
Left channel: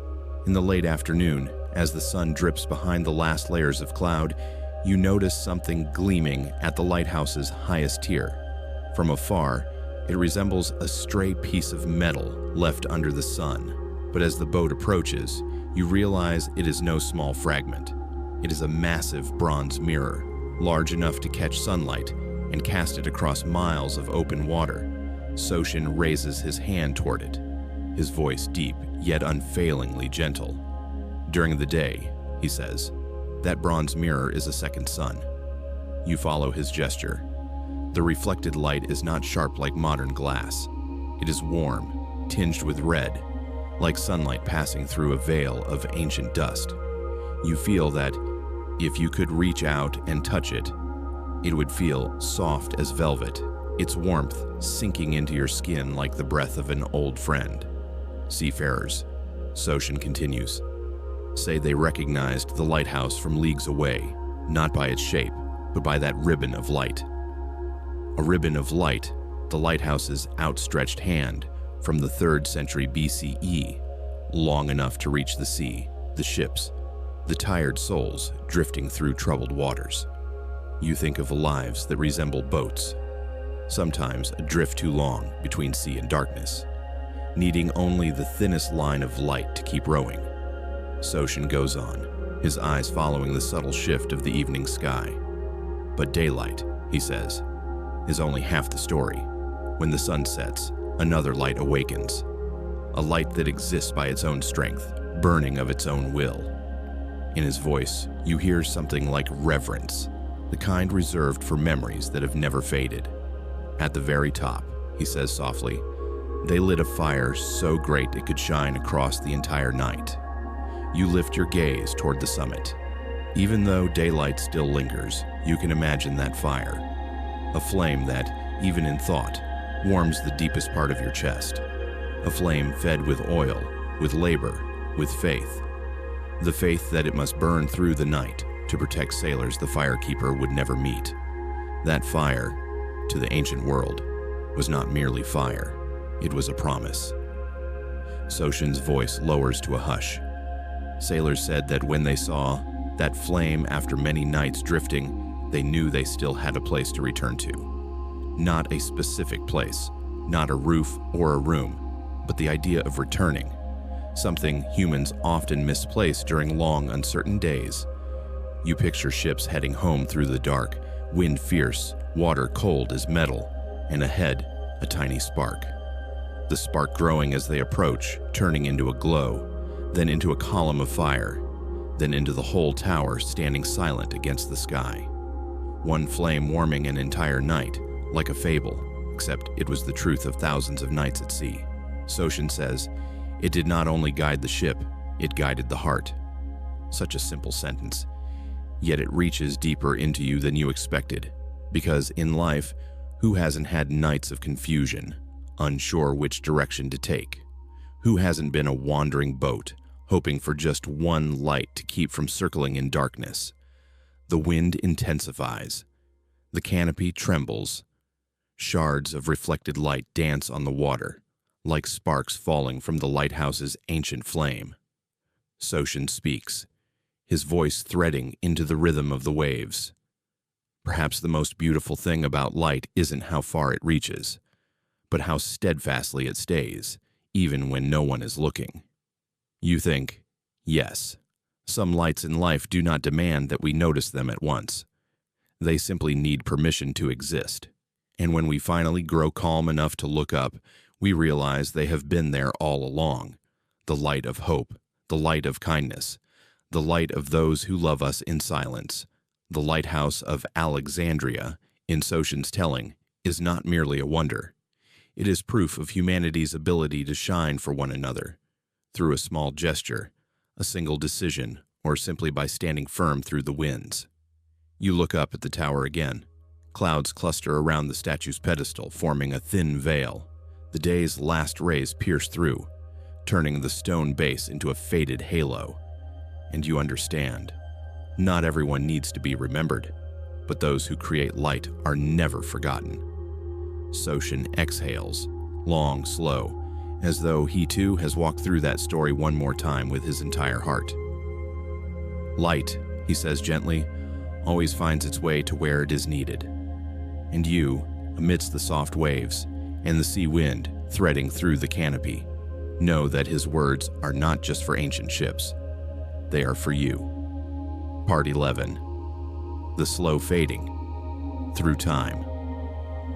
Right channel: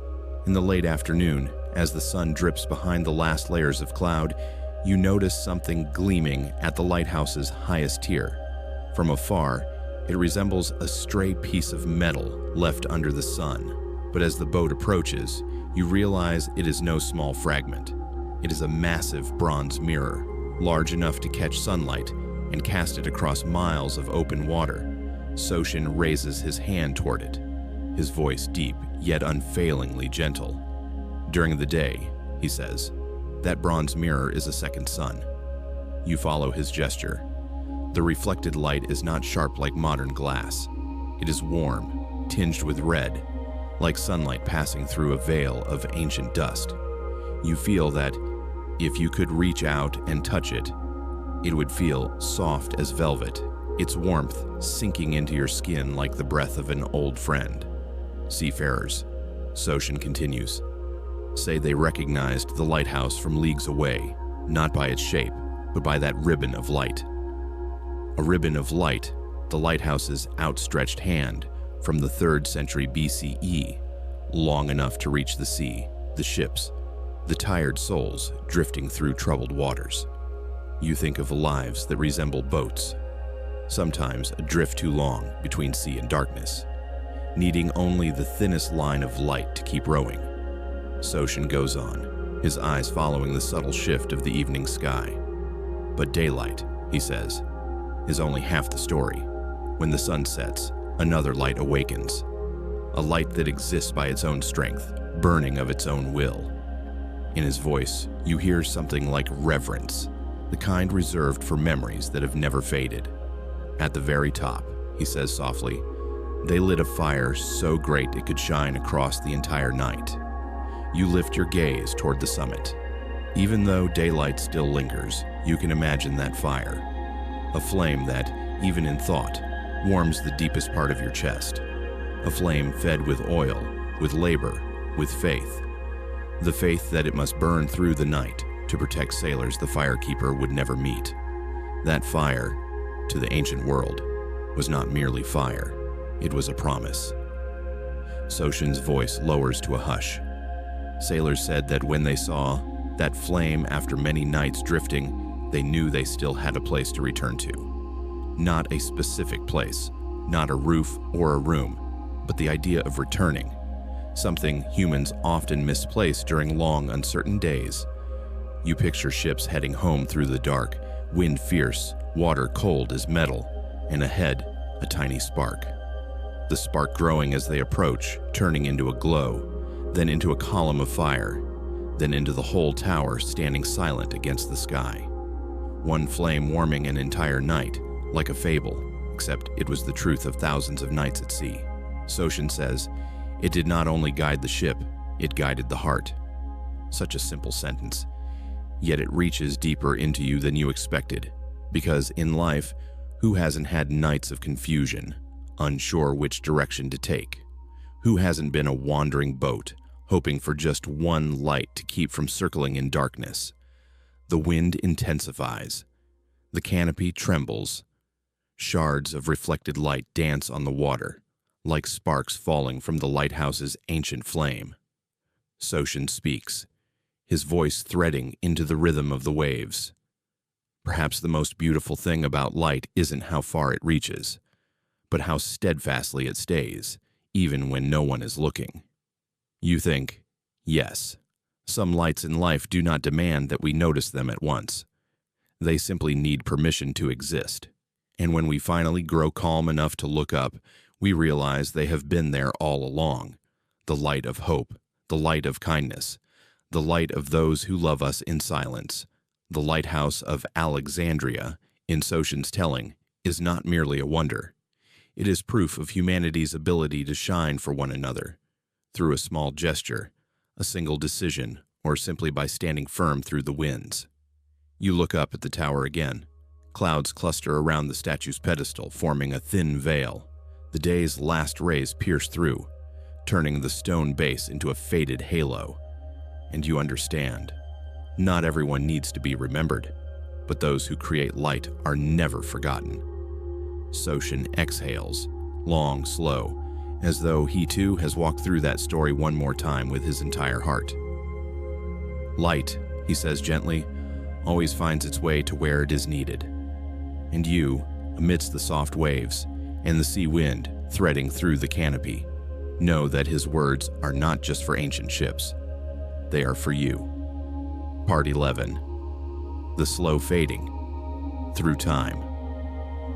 In the late afternoon, as the sun drips behind the last layers of cloud, you notice something gleaming at the lighthouse's highest tier. From afar, it resembles a stray piece of metal left under the sun. But as the boat approaches, you realize it is no small fragment. It is a massive bronze mirror, large enough to catch sunlight and cast it across miles of open water. Soshin raises his hand toward it, his voice deep yet unfailingly gentle. During the day, he says, That bronze mirror is a second sun. You follow his gesture. The reflected light is not sharp like modern glass. It is warm, tinged with red, like sunlight passing through a veil of ancient dust. You feel that if you could reach out and touch it, it would feel soft as velvet, its warmth sinking into your skin like the breath of an old friend. Seafarers, Soshin continues, say they recognized the lighthouse from leagues away, not by its shape, but by that ribbon of light. A ribbon of light, the lighthouse's outstretched hand from the 3rd century BCE, long enough to reach the sea, the ships, the tired souls drifting through troubled waters. You think of lives that resemble boats, sometimes adrift too long between sea and darkness, needing only the thinnest line of light to keep rowing. Soshin goes on, his eyes following the subtle shift of the evening sky. But daylight, he says, is only half the story. When the sun sets, another light awakens. A light that exists by its own strength, burning of its own will. In his voice, you hear something like reverence, the kind reserved for memories that have never faded. At the very top, he says softly, they lit a fire so great it could shine across the entire night. You lift your gaze toward the summit. Even though daylight still lingers, you can imagine that fire. A flame that, even in thought, warms the deepest part of your chest. A flame fed with oil, with labor, with faith. The faith that it must burn through the night to protect sailors the firekeeper would never meet. That fire, to the ancient world, was not merely fire. It was a promise. Soshin's voice lowers to a hush. Sailors said that when they saw that flame after many nights drifting, they knew they still had a place to return to. Not a specific place, not a roof or a room, but the idea of returning, something humans often misplace during long, uncertain days. You picture ships heading home through the dark, wind fierce, water cold as metal, and ahead, a tiny spark. The spark growing as they approach, turning into a glow, then into a column of fire, then into the whole tower standing silent against the sky. One flame warming an entire night, like a fable, except it was the truth of thousands of nights at sea. Soshin says, it did not only guide the ship, it guided the heart. Such a simple sentence, yet it reaches deeper into you than you expected, because in life, who hasn't had nights of confusion, unsure which direction to take? Who hasn't been a wandering boat, hoping for just one light to keep from circling in darkness? The wind intensifies. The canopy trembles. Shards of reflected light dance on the water, like sparks falling from the lighthouse's ancient flame. Soshin speaks, his voice threading into the rhythm of the waves. Perhaps the most beautiful thing about light isn't how far it reaches, but how steadfastly it stays, even when no one is looking. You think, yes, some lights in life do not demand that we notice them at once. They simply need permission to exist. And when we finally grow calm enough to look up, we realize they have been there all along. The light of hope, the light of kindness, the light of those who love us in silence. The Lighthouse of Alexandria, in Soshin's telling, is not merely a wonder. It is proof of humanity's ability to shine for one another, through a small gesture, a single decision, or simply by standing firm through the winds. You look up at the tower again. Clouds cluster around the statue's pedestal, forming a thin veil. The day's last rays pierce through, turning the stone base into a faded halo. And you understand. Not everyone needs to be remembered, but those who create light are never forgotten. Soshin exhales, long, slow, as though he too has walked through that story one more time with his entire heart. Light, he says gently, always finds its way to where it is needed. And you, amidst the soft waves and the sea wind threading through the canopy, know that his words are not just for ancient ships. They are for you. Part 11. The slow fading through time.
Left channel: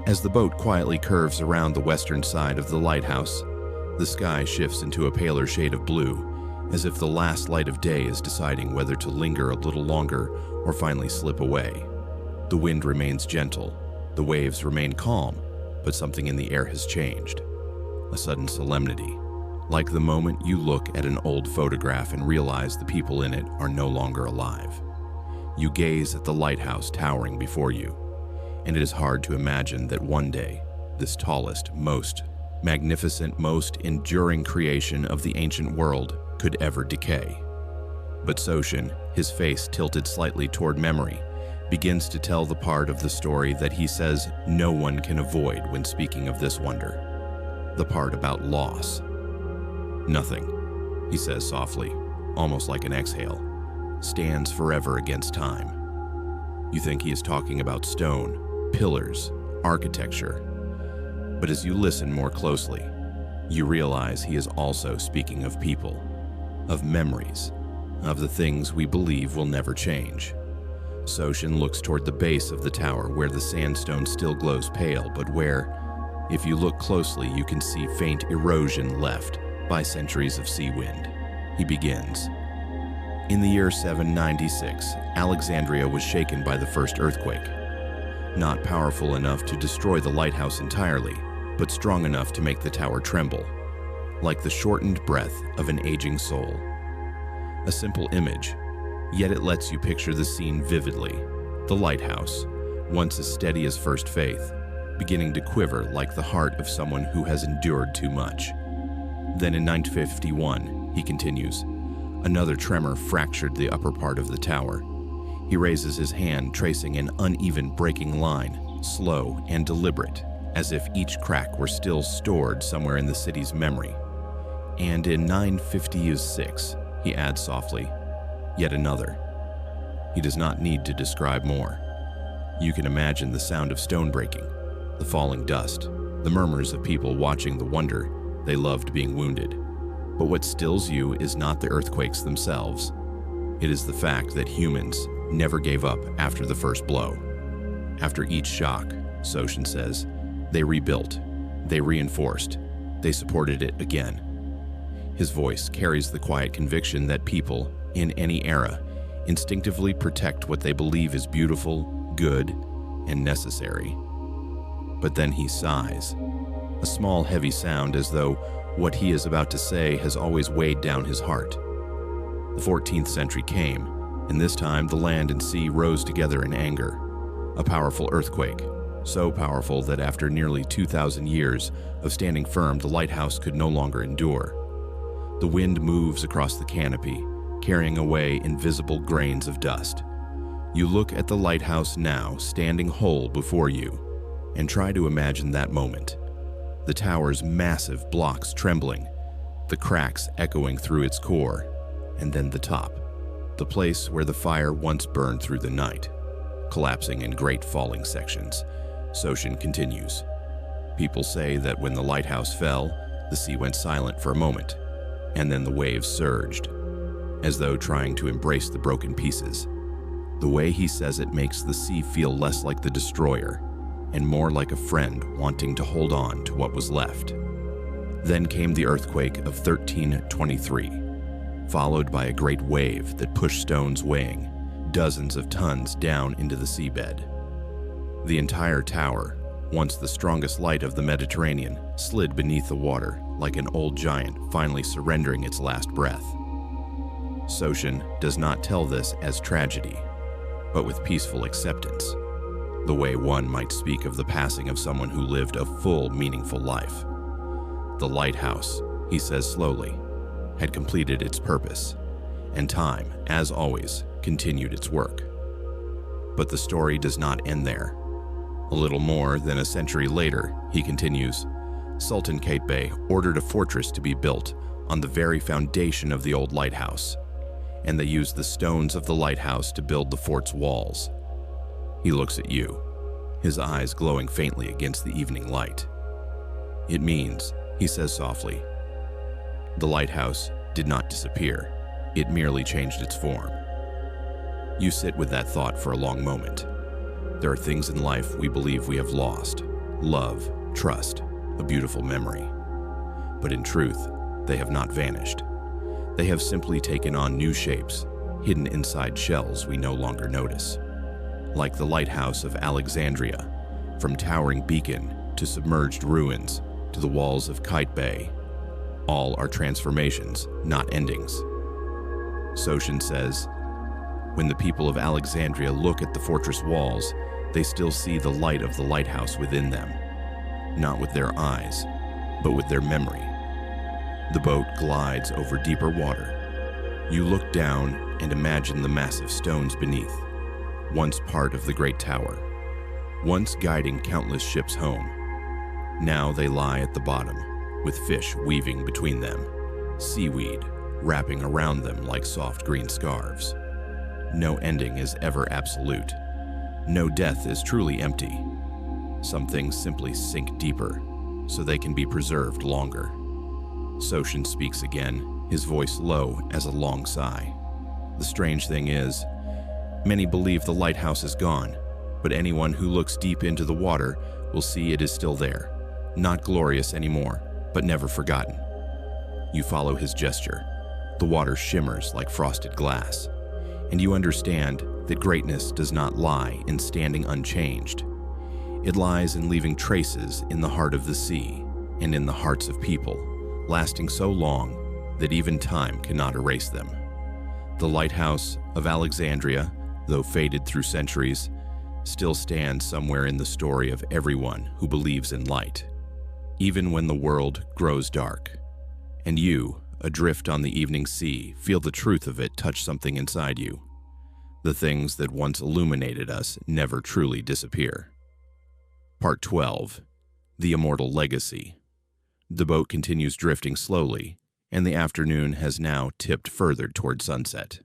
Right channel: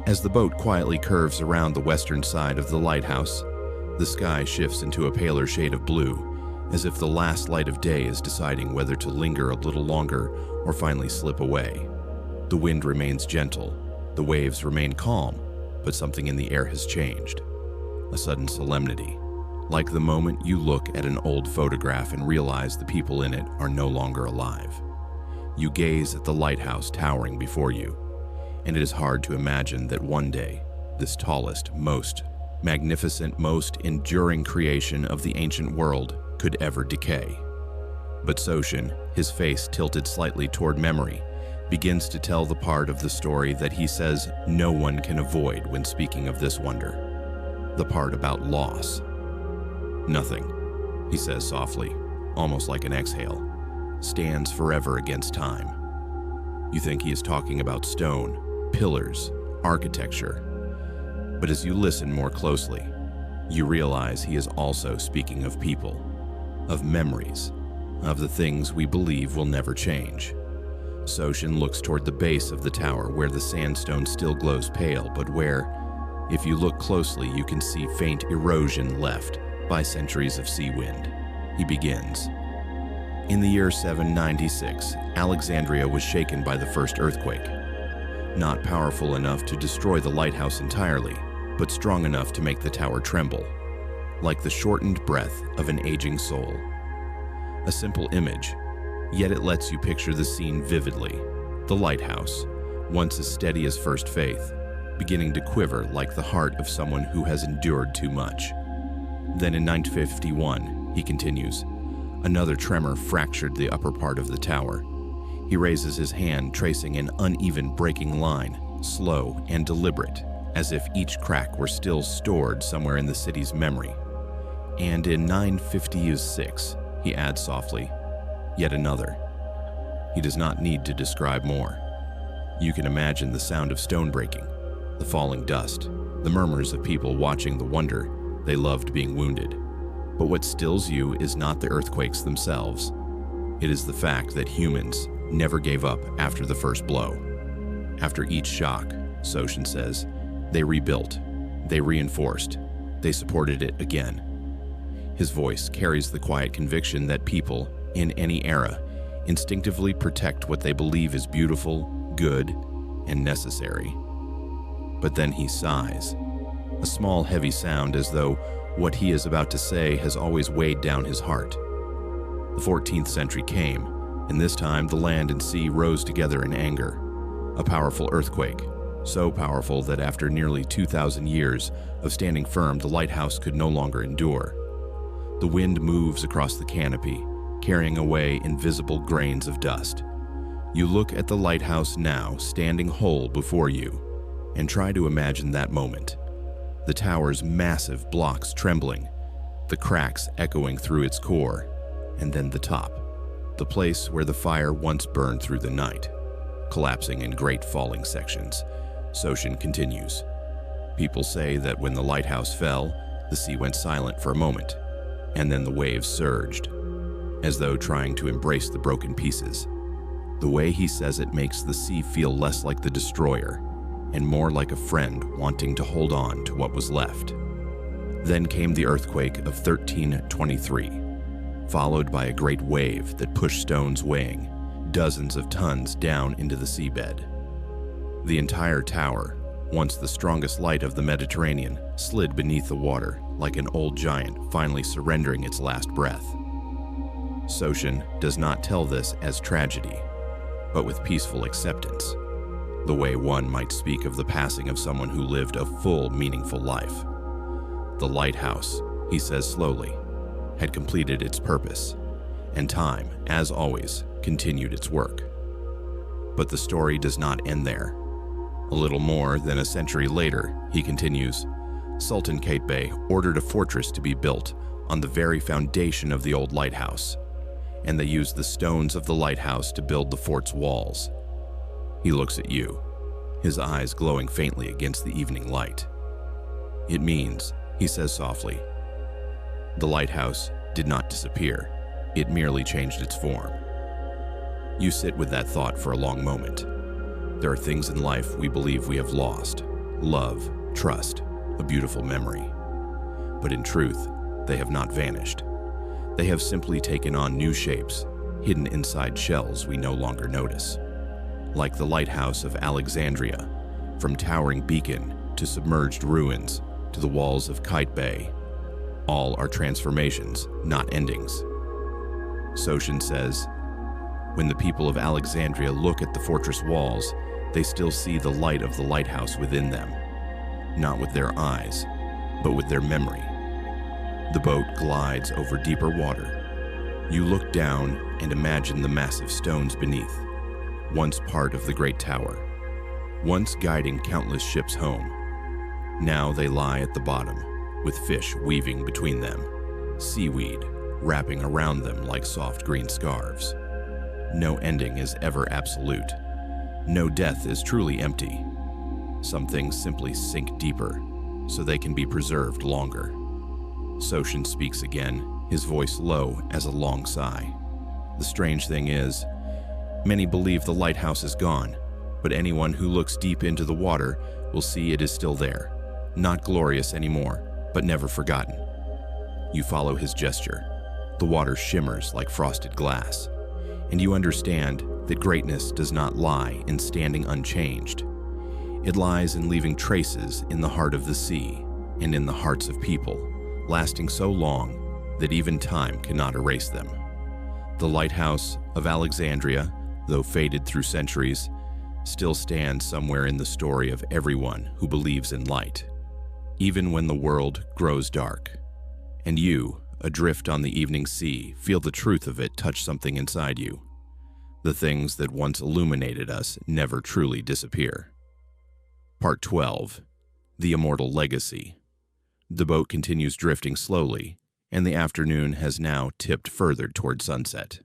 As the boat quietly curves around the western side of the lighthouse, the sky shifts into a paler shade of blue, as if the last light of day is deciding whether to linger a little longer or finally slip away. The wind remains gentle, the waves remain calm, but something in the air has changed. A sudden solemnity, like the moment you look at an old photograph and realize the people in it are no longer alive. You gaze at the lighthouse towering before you, and it is hard to imagine that one day, this tallest, most magnificent, most enduring creation of the ancient world could ever decay. But Soshin, his face tilted slightly toward memory, begins to tell the part of the story that he says no one can avoid when speaking of this wonder. The part about loss. Nothing, he says softly, almost like an exhale, stands forever against time. You think he is talking about stone, pillars, architecture. But as you listen more closely, you realize he is also speaking of people, of memories, of the things we believe will never change. Soshin looks toward the base of the tower where the sandstone still glows pale, but where, if you look closely, you can see faint erosion left by centuries of sea wind. He begins. In the year 796, Alexandria was shaken by the first earthquake. Not powerful enough to destroy the lighthouse entirely, but strong enough to make the tower tremble, like the shortened breath of an aging soul. A simple image, yet it lets you picture the scene vividly. The lighthouse, once as steady as first faith, beginning to quiver like the heart of someone who has endured too much. Then in 951, he continues, another tremor fractured the upper part of the tower. He raises his hand, tracing an uneven breaking line, slow and deliberate, as if each crack were still stored somewhere in the city's memory. And in 956, he adds softly, yet another. He does not need to describe more. You can imagine the sound of stone breaking, the falling dust, the murmurs of people watching the wonder they loved being wounded. But what stills you is not the earthquakes themselves. It is the fact that humans never gave up after the first blow. After each shock, Soshin says, they rebuilt, they reinforced, they supported it again. His voice carries the quiet conviction that people, in any era, instinctively protect what they believe is beautiful, good, and necessary. But then he sighs, a small heavy sound as though what he is about to say has always weighed down his heart. The 14th century came, and this time the land and sea rose together in anger. A powerful earthquake, so powerful that after nearly 2,000 years of standing firm, the lighthouse could no longer endure. The wind moves across the canopy, carrying away invisible grains of dust. You look at the lighthouse now, standing whole before you, and try to imagine that moment. The tower's massive blocks trembling, the cracks echoing through its core, and then the top, the place where the fire once burned through the night, collapsing in great falling sections. Soshin continues. People say that when the lighthouse fell, the sea went silent for a moment, and then the waves surged, as though trying to embrace the broken pieces. The way he says it makes the sea feel less like the destroyer, and more like a friend wanting to hold on to what was left. Then came the earthquake of 1323, followed by a great wave that pushed stones weighing dozens of tons down into the seabed. The entire tower, once the strongest light of the Mediterranean, slid beneath the water like an old giant finally surrendering its last breath. Soshin does not tell this as tragedy, but with peaceful acceptance, the way one might speak of the passing of someone who lived a full, meaningful life. The lighthouse, he says slowly, had completed its purpose, and time, as always, continued its work. But the story does not end there. A little more than a century later, he continues, Sultan Qaitbay ordered a fortress to be built on the very foundation of the old lighthouse, and they used the stones of the lighthouse to build the fort's walls. He looks at you, his eyes glowing faintly against the evening light. It means, he says softly, the lighthouse did not disappear, it merely changed its form. You sit with that thought for a long moment. There are things in life we believe we have lost: love, trust, a beautiful memory. But in truth, they have not vanished. They have simply taken on new shapes, hidden inside shells we no longer notice. Like the Lighthouse of Alexandria, from towering beacon to submerged ruins to the walls of Kite Bay, all are transformations, not endings. Soshin says, when the people of Alexandria look at the fortress walls, they still see the light of the lighthouse within them, not with their eyes, but with their memory. The boat glides over deeper water. You look down and imagine the massive stones beneath, once part of the great tower, once guiding countless ships home. Now they lie at the bottom, with fish weaving between them, seaweed wrapping around them like soft green scarves. No ending is ever absolute. No death is truly empty. Some things simply sink deeper, so they can be preserved longer. Soshin speaks again, his voice low as a long sigh. The strange thing is, many believe the lighthouse is gone, but anyone who looks deep into the water will see it is still there, not glorious anymore, but never forgotten. You follow his gesture. The water shimmers like frosted glass, and you understand that greatness does not lie in standing unchanged. It lies in leaving traces in the heart of the sea and in the hearts of people, lasting so long that even time cannot erase them. The Lighthouse of Alexandria, though faded through centuries, still stands somewhere in the story of everyone who believes in light, even when the world grows dark. And you, adrift on the evening sea, feel the truth of it touch something inside you. The things that once illuminated us never truly disappear. Part 12. The Immortal Legacy. The boat continues drifting slowly, and the afternoon has now tipped further toward sunset.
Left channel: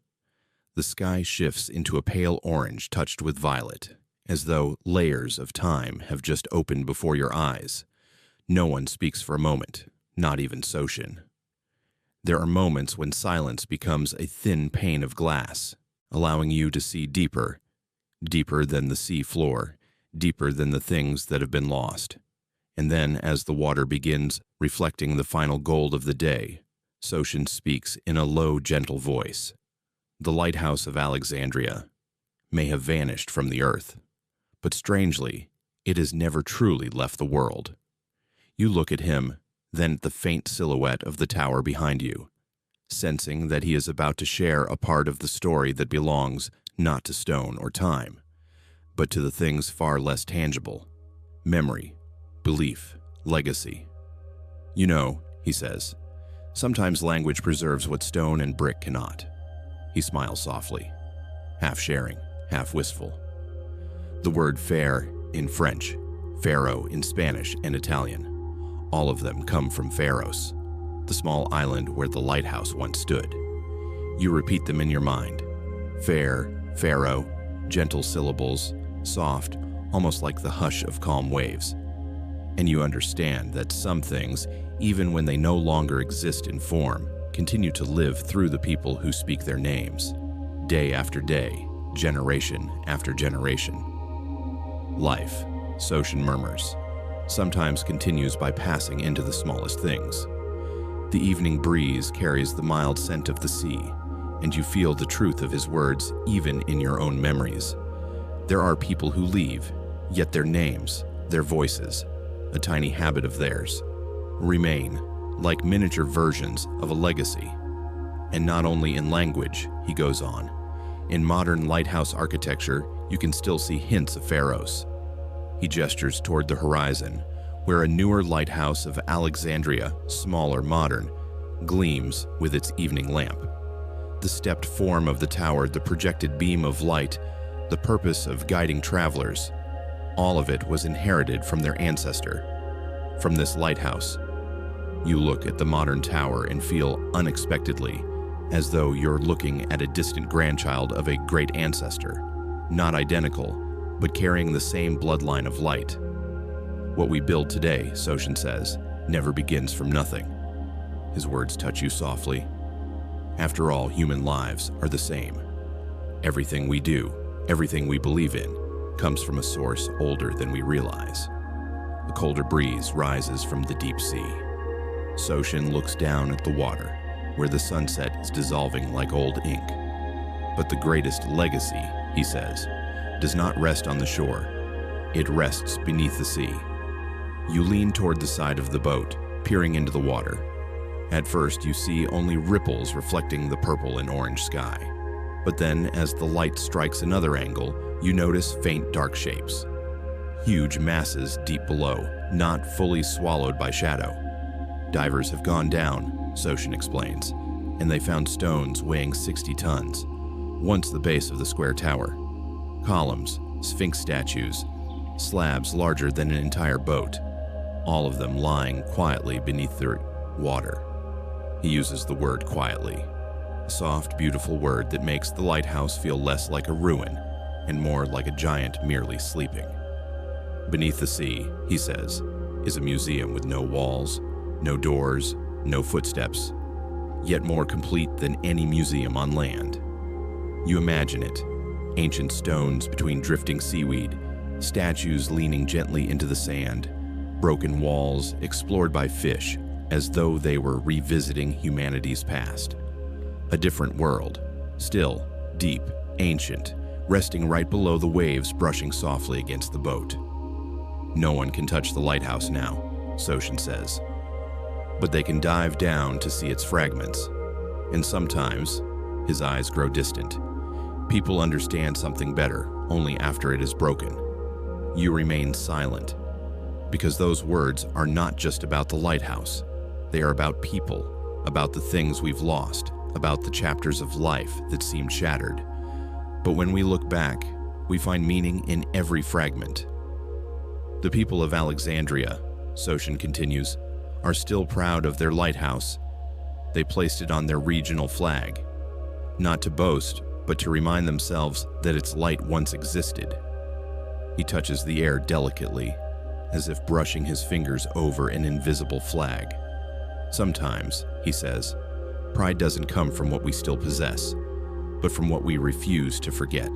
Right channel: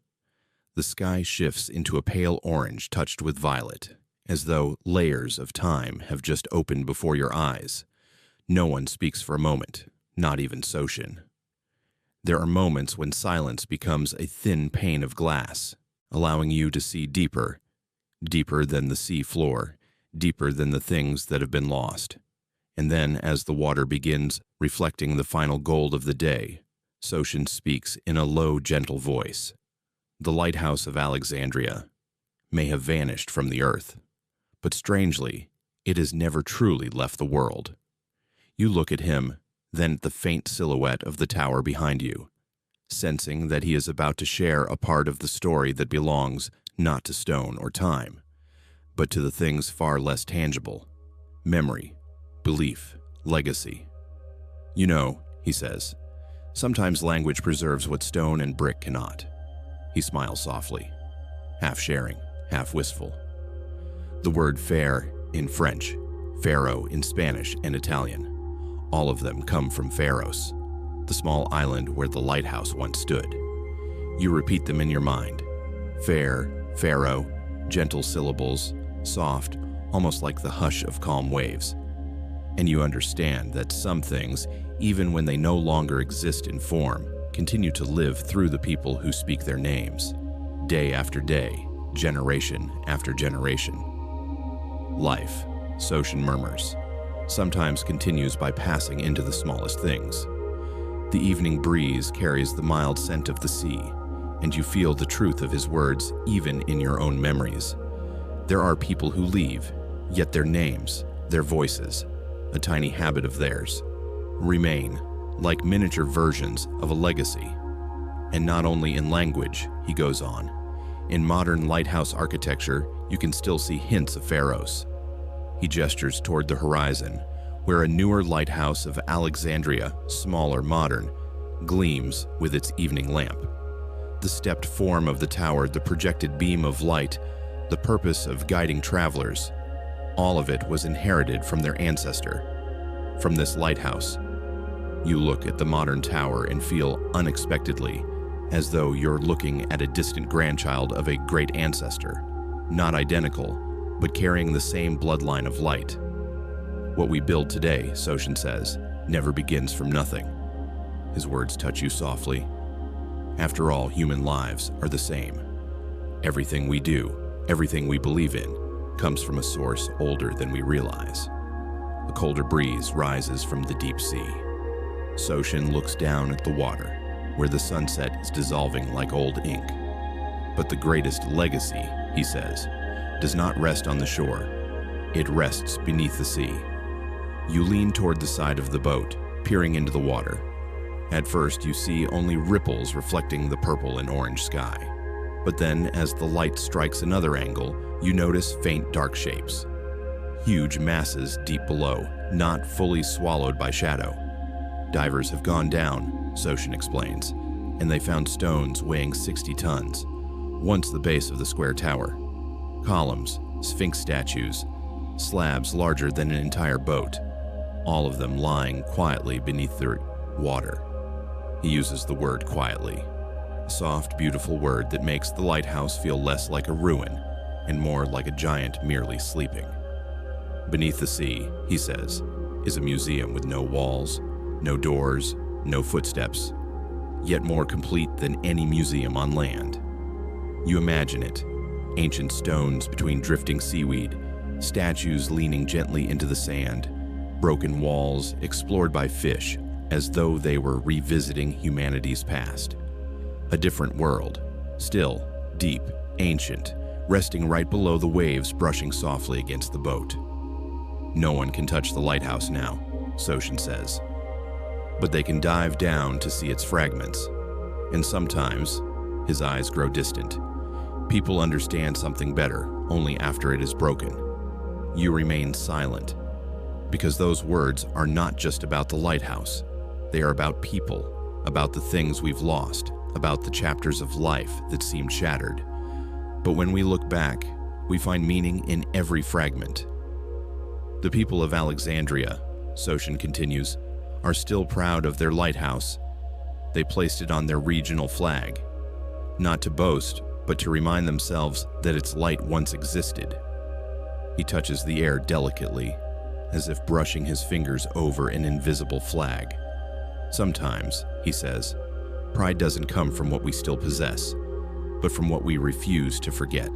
The sky shifts into a pale orange touched with violet, as though layers of time have just opened before your eyes. No one speaks for a moment, not even Soshin. There are moments when silence becomes a thin pane of glass, allowing you to see deeper, deeper than the sea floor, deeper than the things that have been lost. And then, as the water begins reflecting the final gold of the day, Soshin speaks in a low, gentle voice. The Lighthouse of Alexandria may have vanished from the earth, but strangely, it has never truly left the world. You look at him, then at the faint silhouette of the tower behind you, sensing that he is about to share a part of the story that belongs not to stone or time, but to the things far less tangible: memory, belief, legacy. You know, he says, sometimes language preserves what stone and brick cannot. He smiles softly, half sharing, half wistful. The word fair in French, Faro in Spanish and Italian, all of them come from Pharos, the small island where the lighthouse once stood. You repeat them in your mind. Fair, Pharaoh, gentle syllables, soft, almost like the hush of calm waves. And you understand that some things, even when they no longer exist in form, continue to live through the people who speak their names, day after day, generation after generation. Life, Soshin murmurs, sometimes continues by passing into the smallest things. The evening breeze carries the mild scent of the sea, and you feel the truth of his words even in your own memories. There are people who leave, yet their names, their voices, a tiny habit of theirs, remain like miniature versions of a legacy. And not only in language, he goes on. In modern lighthouse architecture, you can still see hints of Pharos. He gestures toward the horizon, where a newer lighthouse of Alexandria, smaller, modern, gleams with its evening lamp. The stepped form of the tower, the projected beam of light, the purpose of guiding travelers, all of it was inherited from their ancestor, from this lighthouse. You look at the modern tower and feel unexpectedly as though you're looking at a distant grandchild of a great ancestor, not identical, but carrying the same bloodline of light. What we build today, Soshin says, never begins from nothing. His words touch you softly. After all, human lives are the same. Everything we do, everything we believe in, comes from a source older than we realize. A colder breeze rises from the deep sea. Soshin looks down at the water, where the sunset is dissolving like old ink. But the greatest legacy, he says, does not rest on the shore. It rests beneath the sea. You lean toward the side of the boat, peering into the water. At first, you see only ripples reflecting the purple and orange sky. But then, as the light strikes another angle, you notice faint dark shapes. Huge masses deep below, not fully swallowed by shadow. Divers have gone down, Soshin explains, and they found stones weighing 60 tons, once the base of the square tower. Columns, sphinx statues, slabs larger than an entire boat, all of them lying quietly beneath the water. He uses the word quietly, a soft, beautiful word that makes the lighthouse feel less like a ruin and more like a giant merely sleeping. Beneath the sea, he says, is a museum with no walls, no doors, no footsteps, yet more complete than any museum on land. You imagine it, ancient stones between drifting seaweed, statues leaning gently into the sand, broken walls explored by fish as though they were revisiting humanity's past. A different world, still, deep, ancient, resting right below the waves brushing softly against the boat. No one can touch the lighthouse now, Soshin says. But they can dive down to see its fragments. And sometimes, his eyes grow distant. People understand something better only after it is broken. You remain silent, because those words are not just about the lighthouse. They are about people, about the things we've lost, about the chapters of life that seemed shattered. But when we look back, we find meaning in every fragment. The people of Alexandria, Soshin continues, are still proud of their lighthouse. They placed it on their regional flag, not to boast, but to remind themselves that its light once existed. He touches the air delicately, as if brushing his fingers over an invisible flag. Sometimes, he says, pride doesn't come from what we still possess, but from what we refuse to forget.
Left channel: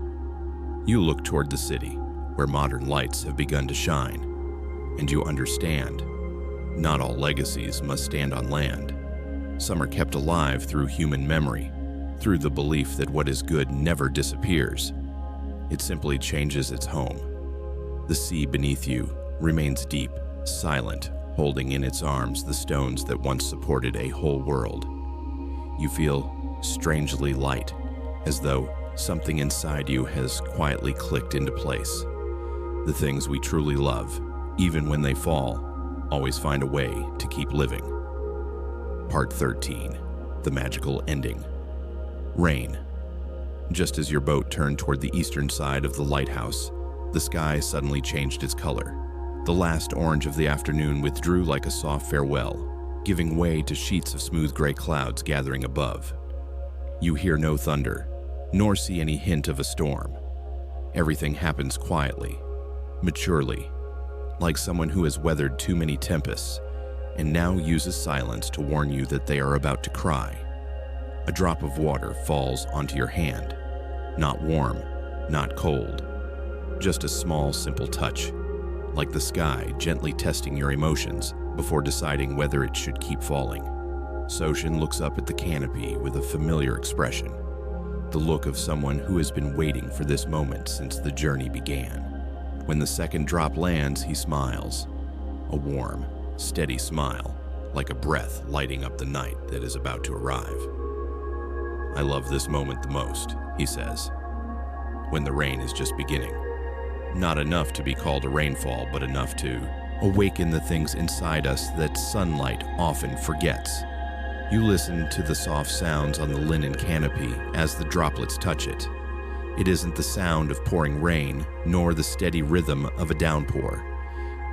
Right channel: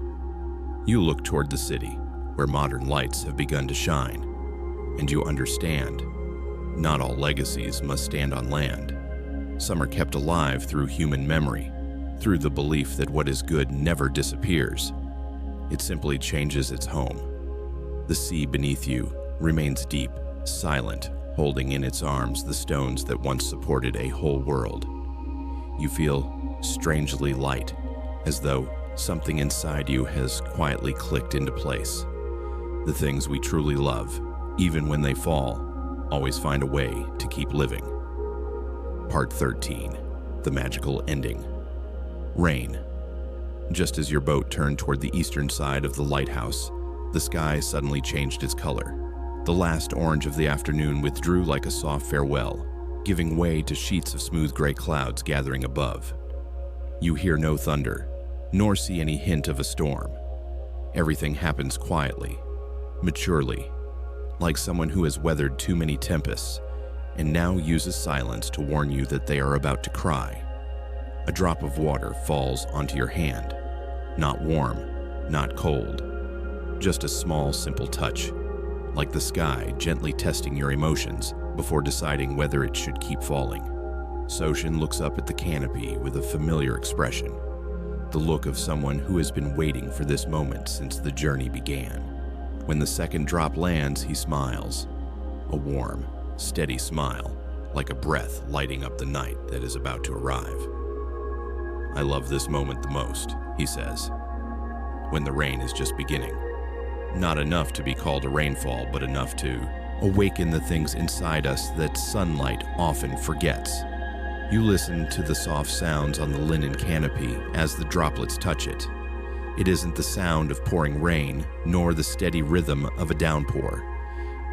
You look toward the city, where modern lights have begun to shine, and you understand, not all legacies must stand on land. Some are kept alive through human memory, through the belief that what is good never disappears. It simply changes its home. The sea beneath you remains deep, silent, holding in its arms the stones that once supported a whole world. You feel strangely light, as though something inside you has quietly clicked into place. The things we truly love, even when they fall, always find a way to keep living. Part 13, the magical ending. Rain. Just as your boat turned toward the eastern side of the lighthouse, the sky suddenly changed its color. The last orange of the afternoon withdrew like a soft farewell, giving way to sheets of smooth gray clouds gathering above. You hear no thunder, nor see any hint of a storm. Everything happens quietly, maturely, like someone who has weathered too many tempests and now uses silence to warn you that they are about to cry. A drop of water falls onto your hand, not warm, not cold, just a small, simple touch, like the sky gently testing your emotions before deciding whether it should keep falling. Soshin looks up at the canopy with a familiar expression, the look of someone who has been waiting for this moment since the journey began. When the second drop lands, he smiles, a warm, steady smile, like a breath lighting up the night that is about to arrive. I love this moment the most, he says, when the rain is just beginning. Not enough to be called a rainfall, but enough to awaken the things inside us that sunlight often forgets. You listen to the soft sounds on the linen canopy as the droplets touch it. It isn't the sound of pouring rain, nor the steady rhythm of a downpour.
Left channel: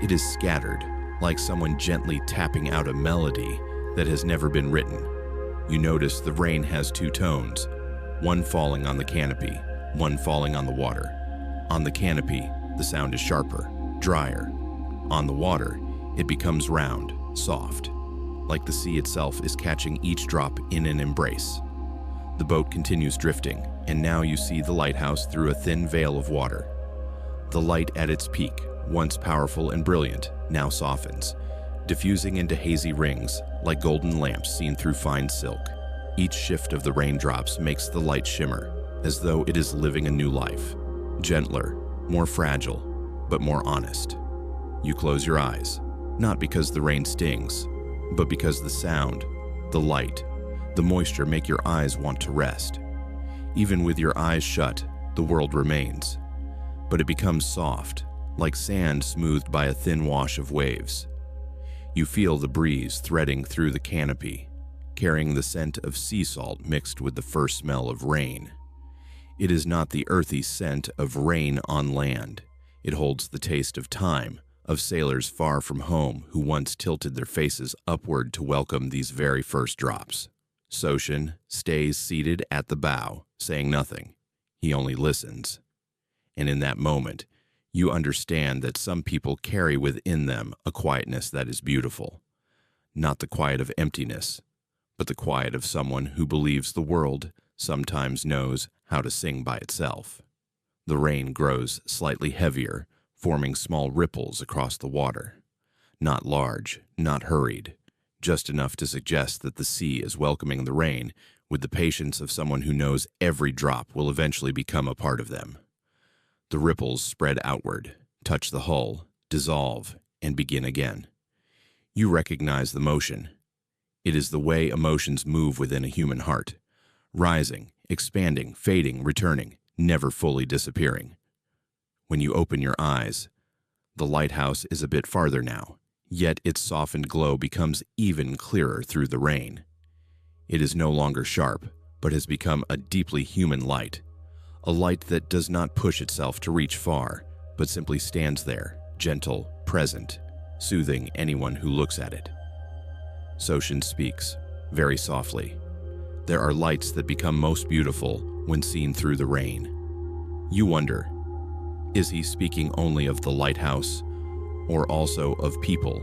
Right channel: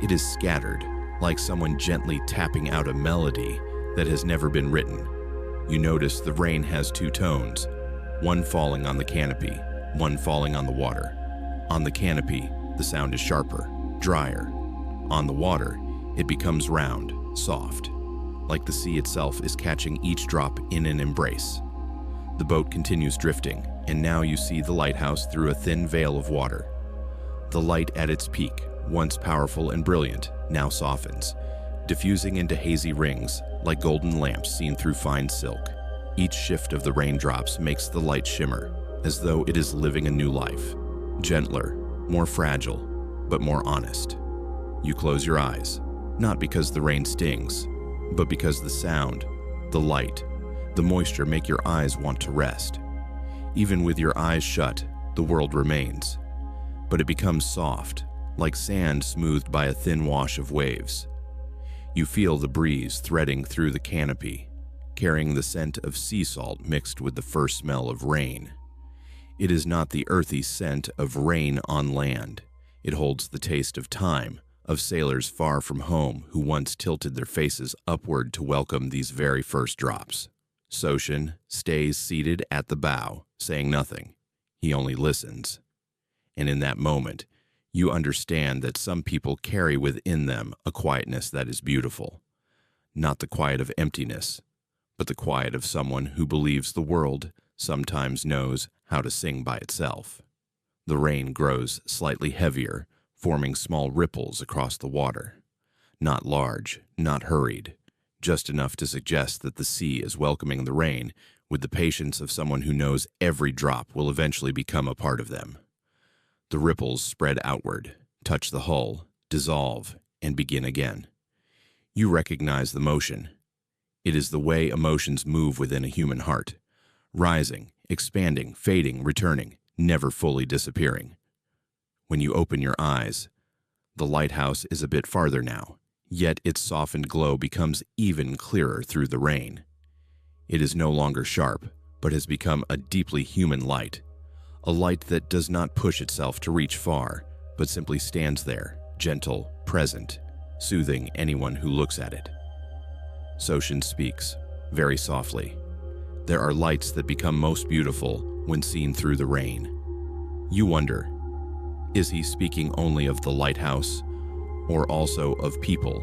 It is scattered, like someone gently tapping out a melody that has never been written. You notice the rain has two tones, one falling on the canopy, one falling on the water. On the canopy, the sound is sharper, drier. On the water, it becomes round, soft, like the sea itself is catching each drop in an embrace. The boat continues drifting, and now you see the lighthouse through a thin veil of water. The light at its peak, once powerful and brilliant, now softens, diffusing into hazy rings like golden lamps seen through fine silk. Each shift of the raindrops makes the light shimmer, as though it is living a new life. Gentler, more fragile, but more honest. You close your eyes, not because the rain stings, but because the sound, the light, the moisture make your eyes want to rest. Even with your eyes shut, the world remains, but it becomes soft, like sand smoothed by a thin wash of waves. You feel the breeze threading through the canopy, carrying the scent of sea salt mixed with the first smell of rain. It is not the earthy scent of rain on land. It holds the taste of time, of sailors far from home who once tilted their faces upward to welcome these very first drops. Soshin stays seated at the bow, saying nothing. He only listens. And in that moment, you understand that some people carry within them a quietness that is beautiful. Not the quiet of emptiness, but the quiet of someone who believes the world sometimes knows how to sing by itself. The rain grows slightly heavier, forming small ripples across the water. Not large, not hurried, just enough to suggest that the sea is welcoming the rain with the patience of someone who knows every drop will eventually become a part of them. The ripples spread outward, touch the hull, dissolve, and begin again. You recognize the motion. It is the way emotions move within a human heart, rising, expanding, fading, returning, never fully disappearing. When you open your eyes, the lighthouse is a bit farther now, yet its softened glow becomes even clearer through the rain. It is no longer sharp, but has become a deeply human light, a light that does not push itself to reach far, but simply stands there, gentle, present, soothing anyone who looks at it. Soshin speaks, very softly. There are lights that become most beautiful when seen through the rain. You wonder, is he speaking only of the lighthouse, or also of people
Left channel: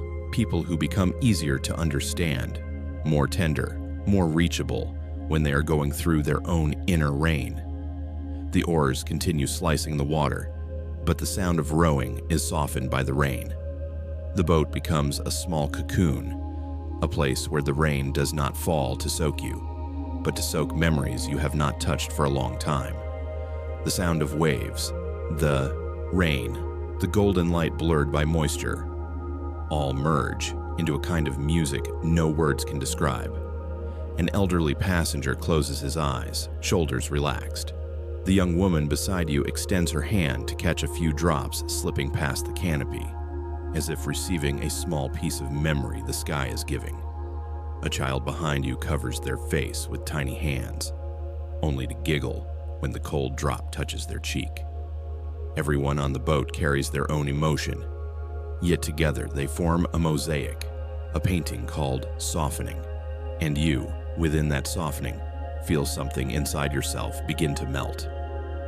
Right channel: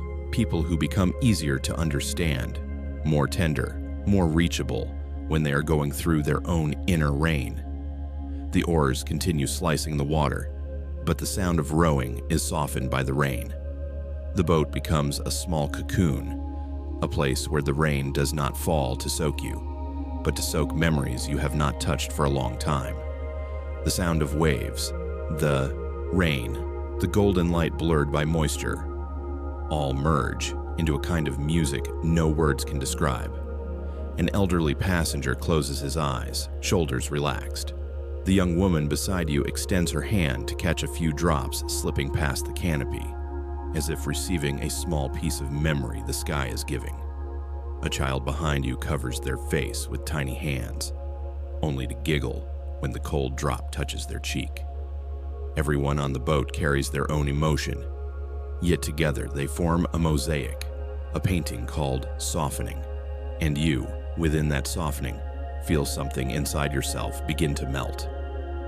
who become easier to understand, more tender, more reachable when they are going through their own inner rain? The oars continue slicing the water, but the sound of rowing is softened by the rain. The boat becomes a small cocoon, a place where the rain does not fall to soak you, but to soak memories you have not touched for a long time. The sound of waves, the rain, the golden light blurred by moisture, all merge into a kind of music no words can describe. An elderly passenger closes his eyes, shoulders relaxed. The young woman beside you extends her hand to catch a few drops slipping past the canopy, as if receiving a small piece of memory the sky is giving. A child behind you covers their face with tiny hands, only to giggle when the cold drop touches their cheek. Everyone on the boat carries their own emotion, yet together they form a mosaic, a painting called softening. And you, within that softening, feel something inside yourself begin to melt.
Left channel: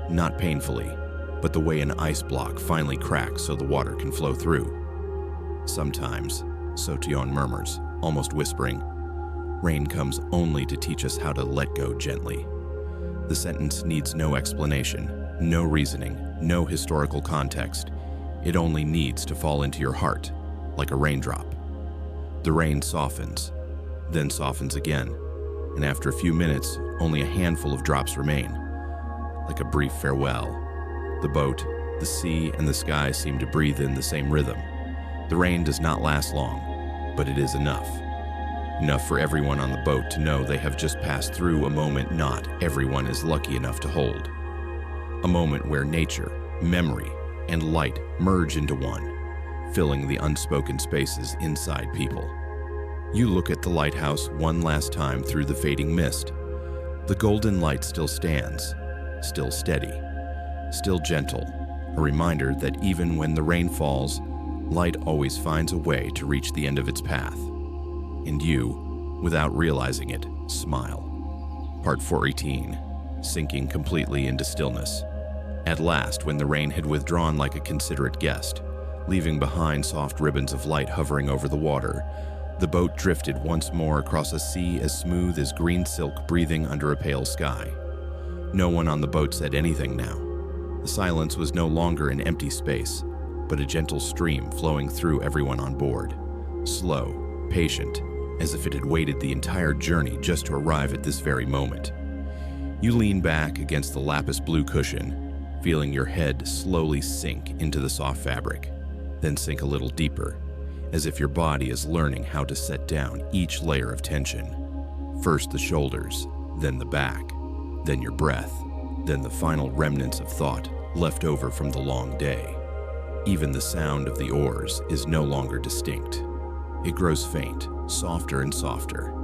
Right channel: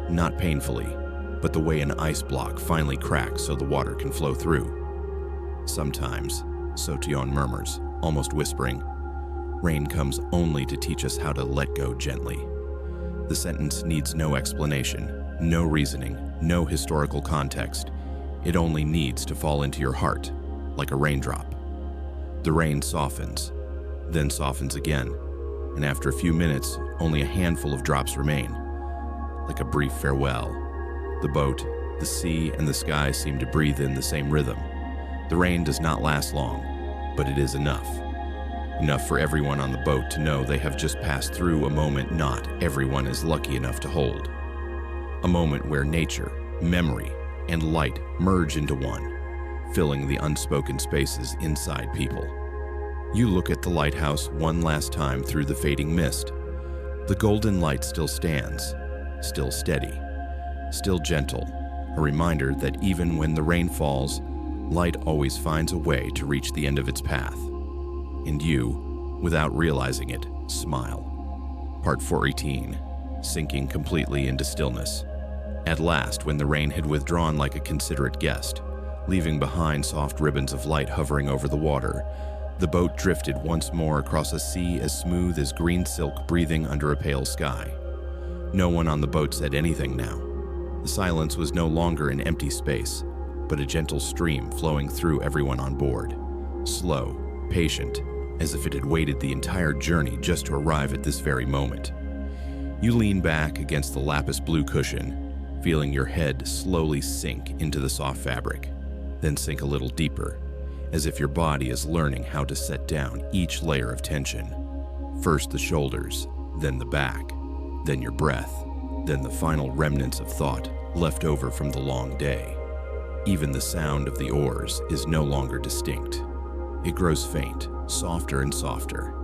Not painfully, but the way an ice block finally cracks so the water can flow through. Sometimes, Sotion murmurs, almost whispering, rain comes only to teach us how to let go gently. The sentence needs no explanation, no reasoning, no historical context. It only needs to fall into your heart, like a raindrop. The rain softens, then softens again, and after a few minutes, only a handful of drops remain. Like a brief farewell, the boat, the sea, and the sky seem to breathe in the same rhythm. The rain does not last long, but it is enough. Enough for everyone on the boat to know they have just passed through a moment not everyone is lucky enough to hold. A moment where nature, memory, and light merge into one, filling the unspoken spaces inside people. You look at the lighthouse one last time through the fading mist. The golden light still stands, still steady, still gentle, a reminder that even when the rain falls, light always finds a way to reach the end of its path. And you, without realizing it, smile. Part 418, sinking completely into stillness. At last, when the rain had withdrawn like a considerate guest, leaving behind soft ribbons of light hovering over the water, the boat drifted once more across a sea as smooth as green silk breathing under a pale sky. No one on the boat said anything now. The silence was no longer an empty space, but a gentle stream flowing through everyone on board. Slow, patient, as if it had waited the entire journey just to arrive at this very moment. You lean back against the lapis blue cushion, feeling your head slowly sink into the soft fabric, then sink a little deeper, as if your body is learning how to set down each layer of tension. First the shoulders, then the back, then your breath, then the final remnants of thought left over from the long day. Even the sound of the oars is no longer distinct. It grows faint, softer and softer,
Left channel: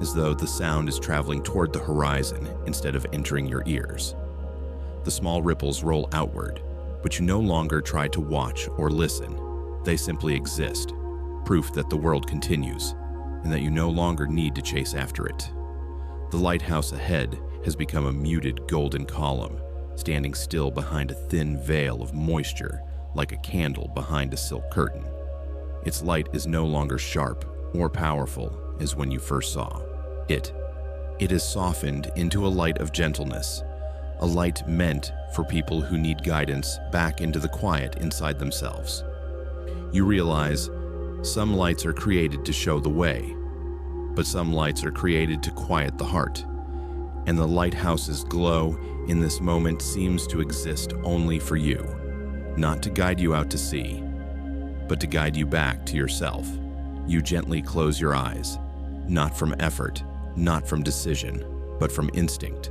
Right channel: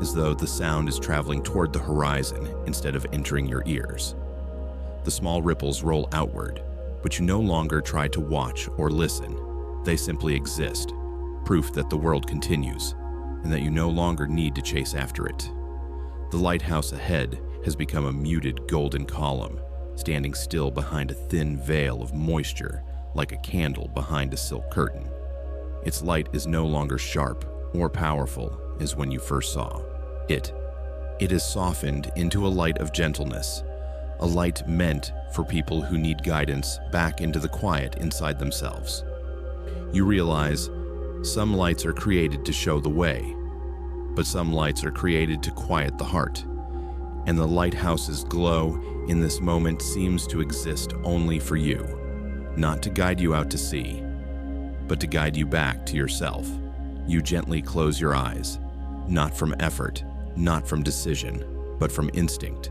as though the sound is traveling toward the horizon instead of entering your ears. The small ripples roll outward, but you no longer try to watch or listen. They simply exist, proof that the world continues, and that you no longer need to chase after it. The lighthouse ahead has become a muted golden column, standing still behind a thin veil of moisture like a candle behind a silk curtain. Its light is no longer sharp or powerful as when you first saw it. It is softened into a light of gentleness, a light meant for people who need guidance back into the quiet inside themselves. You realize some lights are created to show the way, but some lights are created to quiet the heart, and the lighthouse's glow in this moment seems to exist only for you, not to guide you out to sea, but to guide you back to yourself. You gently close your eyes, not from effort, not from decision, but from instinct,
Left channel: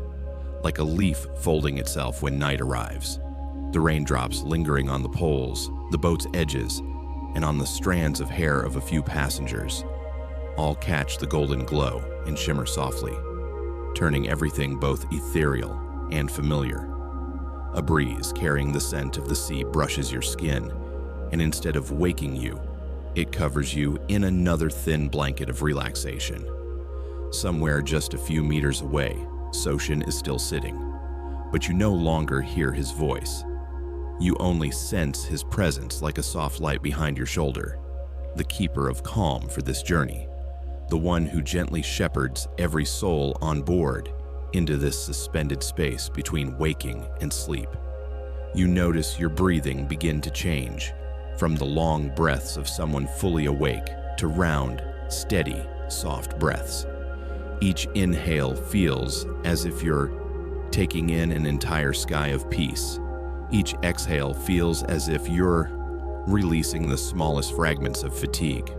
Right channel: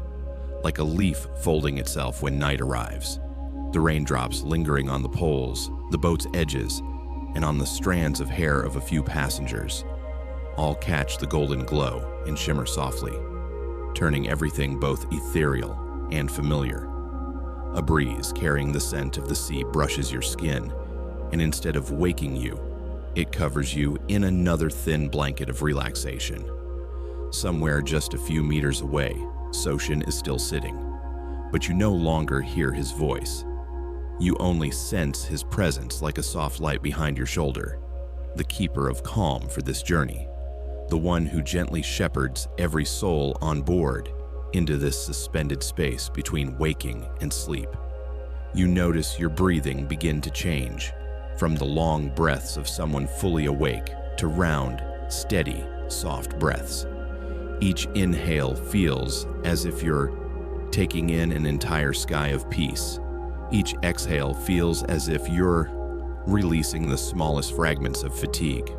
like a leaf folding itself when night arrives. The raindrops lingering on the poles, the boat's edges, and on the strands of hair of a few passengers, all catch the golden glow and shimmer softly, turning everything both ethereal and familiar. A breeze carrying the scent of the sea brushes your skin, and instead of waking you, it covers you in another thin blanket of relaxation. Somewhere just a few meters away, Soshin is still sitting, but you no longer hear his voice. You only sense his presence like a soft light behind your shoulder, the keeper of calm for this journey, the one who gently shepherds every soul on board into this suspended space between waking and sleep. You notice your breathing begin to change, from the long breaths of someone fully awake to round, steady, soft breaths. Each inhale feels as if you're taking in an entire sky of peace. Each exhale feels as if you're releasing the smallest fragments of fatigue,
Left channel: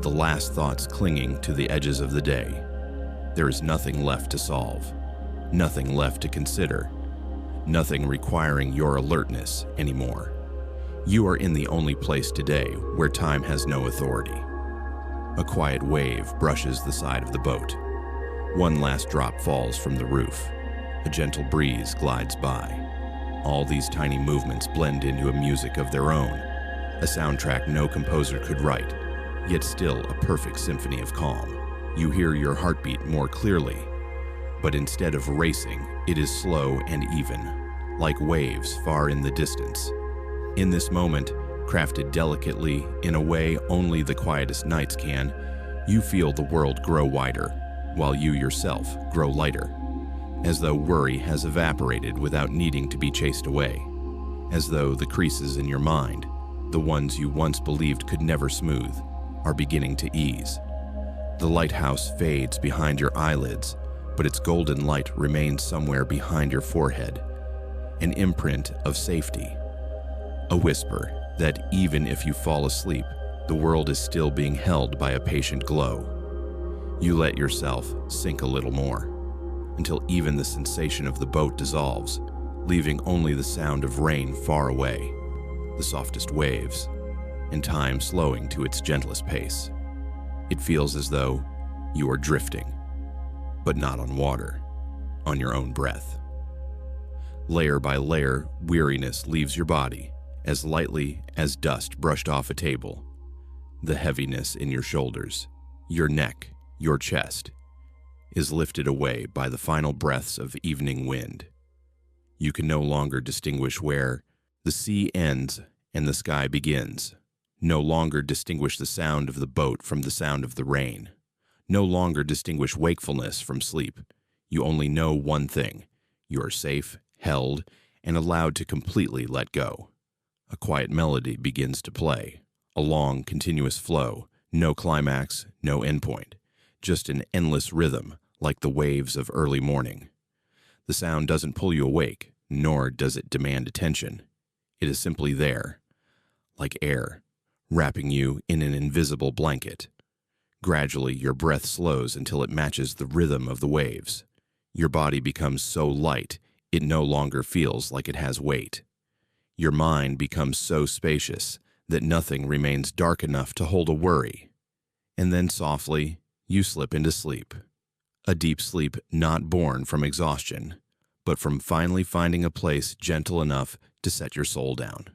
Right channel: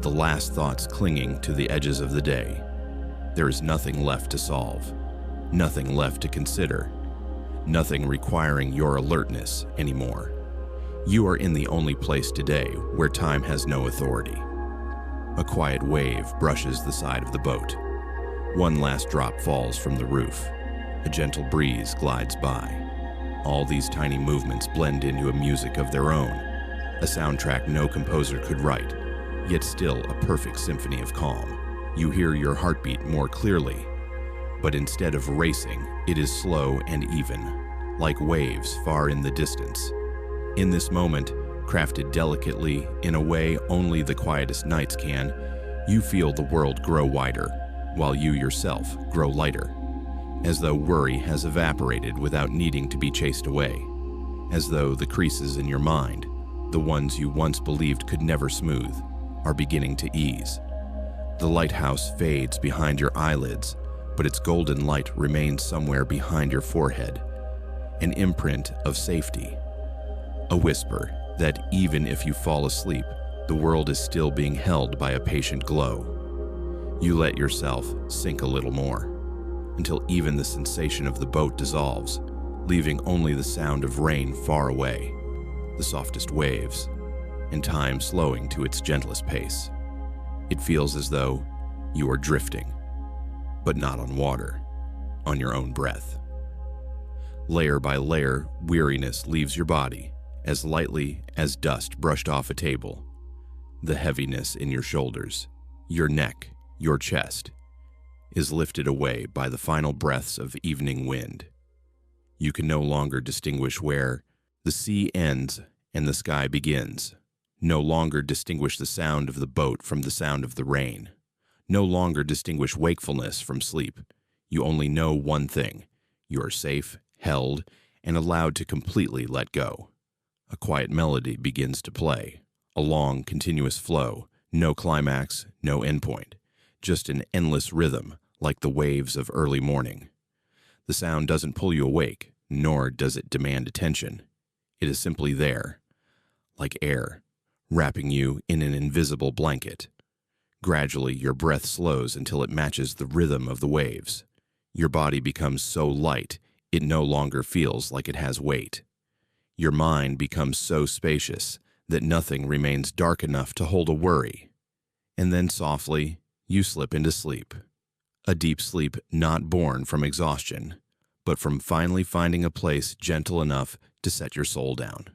the last thoughts clinging to the edges of the day. There is nothing left to solve, nothing left to consider, nothing requiring your alertness anymore. You are in the only place today where time has no authority. A quiet wave brushes the side of the boat. One last drop falls from the roof. A gentle breeze glides by. All these tiny movements blend into a music of their own, a soundtrack no composer could write, yet still a perfect symphony of calm. You hear your heartbeat more clearly, but instead of racing, it is slow and even, like waves far in the distance. In this moment, crafted delicately in a way only the quietest nights can, you feel the world grow wider, while you yourself grow lighter, as though worry has evaporated without needing to be chased away, as though the creases in your mind, the ones you once believed could never smooth, are beginning to ease. The lighthouse fades behind your eyelids, but its golden light remains somewhere behind your forehead, an imprint of safety, a whisper that even if you fall asleep, the world is still being held by a patient glow. You let yourself sink a little more, until even the sensation of the boat dissolves, leaving only the sound of rain far away, the softest waves, and time slowing to its gentlest pace. It feels as though you are drifting, but not on water, on your own breath. Layer by layer, weariness leaves your body, as lightly as dust brushed off a table. The heaviness in your shoulders, your neck, your chest, is lifted away by the final breaths of evening wind. You can no longer distinguish where the sea ends and the sky begins, no longer distinguish the sound of the boat from the sound of the rain, no longer distinguish wakefulness from sleep. You only know one thing: you are safe, held, and allowed to completely let go. A quiet melody begins to play, a long, continuous flow, no climax, no endpoint, just an endless rhythm like the waves of early morning. The sound doesn't pull you awake, nor does it demand attention. It is simply there, like air, wrapping you in an invisible blanket. Gradually, your breath slows until it matches the rhythm of the waves. Your body becomes so light, it no longer feels like it has weight. Your mind becomes so spacious that nothing remains dark enough to hold a worry. And then softly, you slip into sleep. A deep sleep not born from exhaustion, but from finally finding a place gentle enough to set your soul down.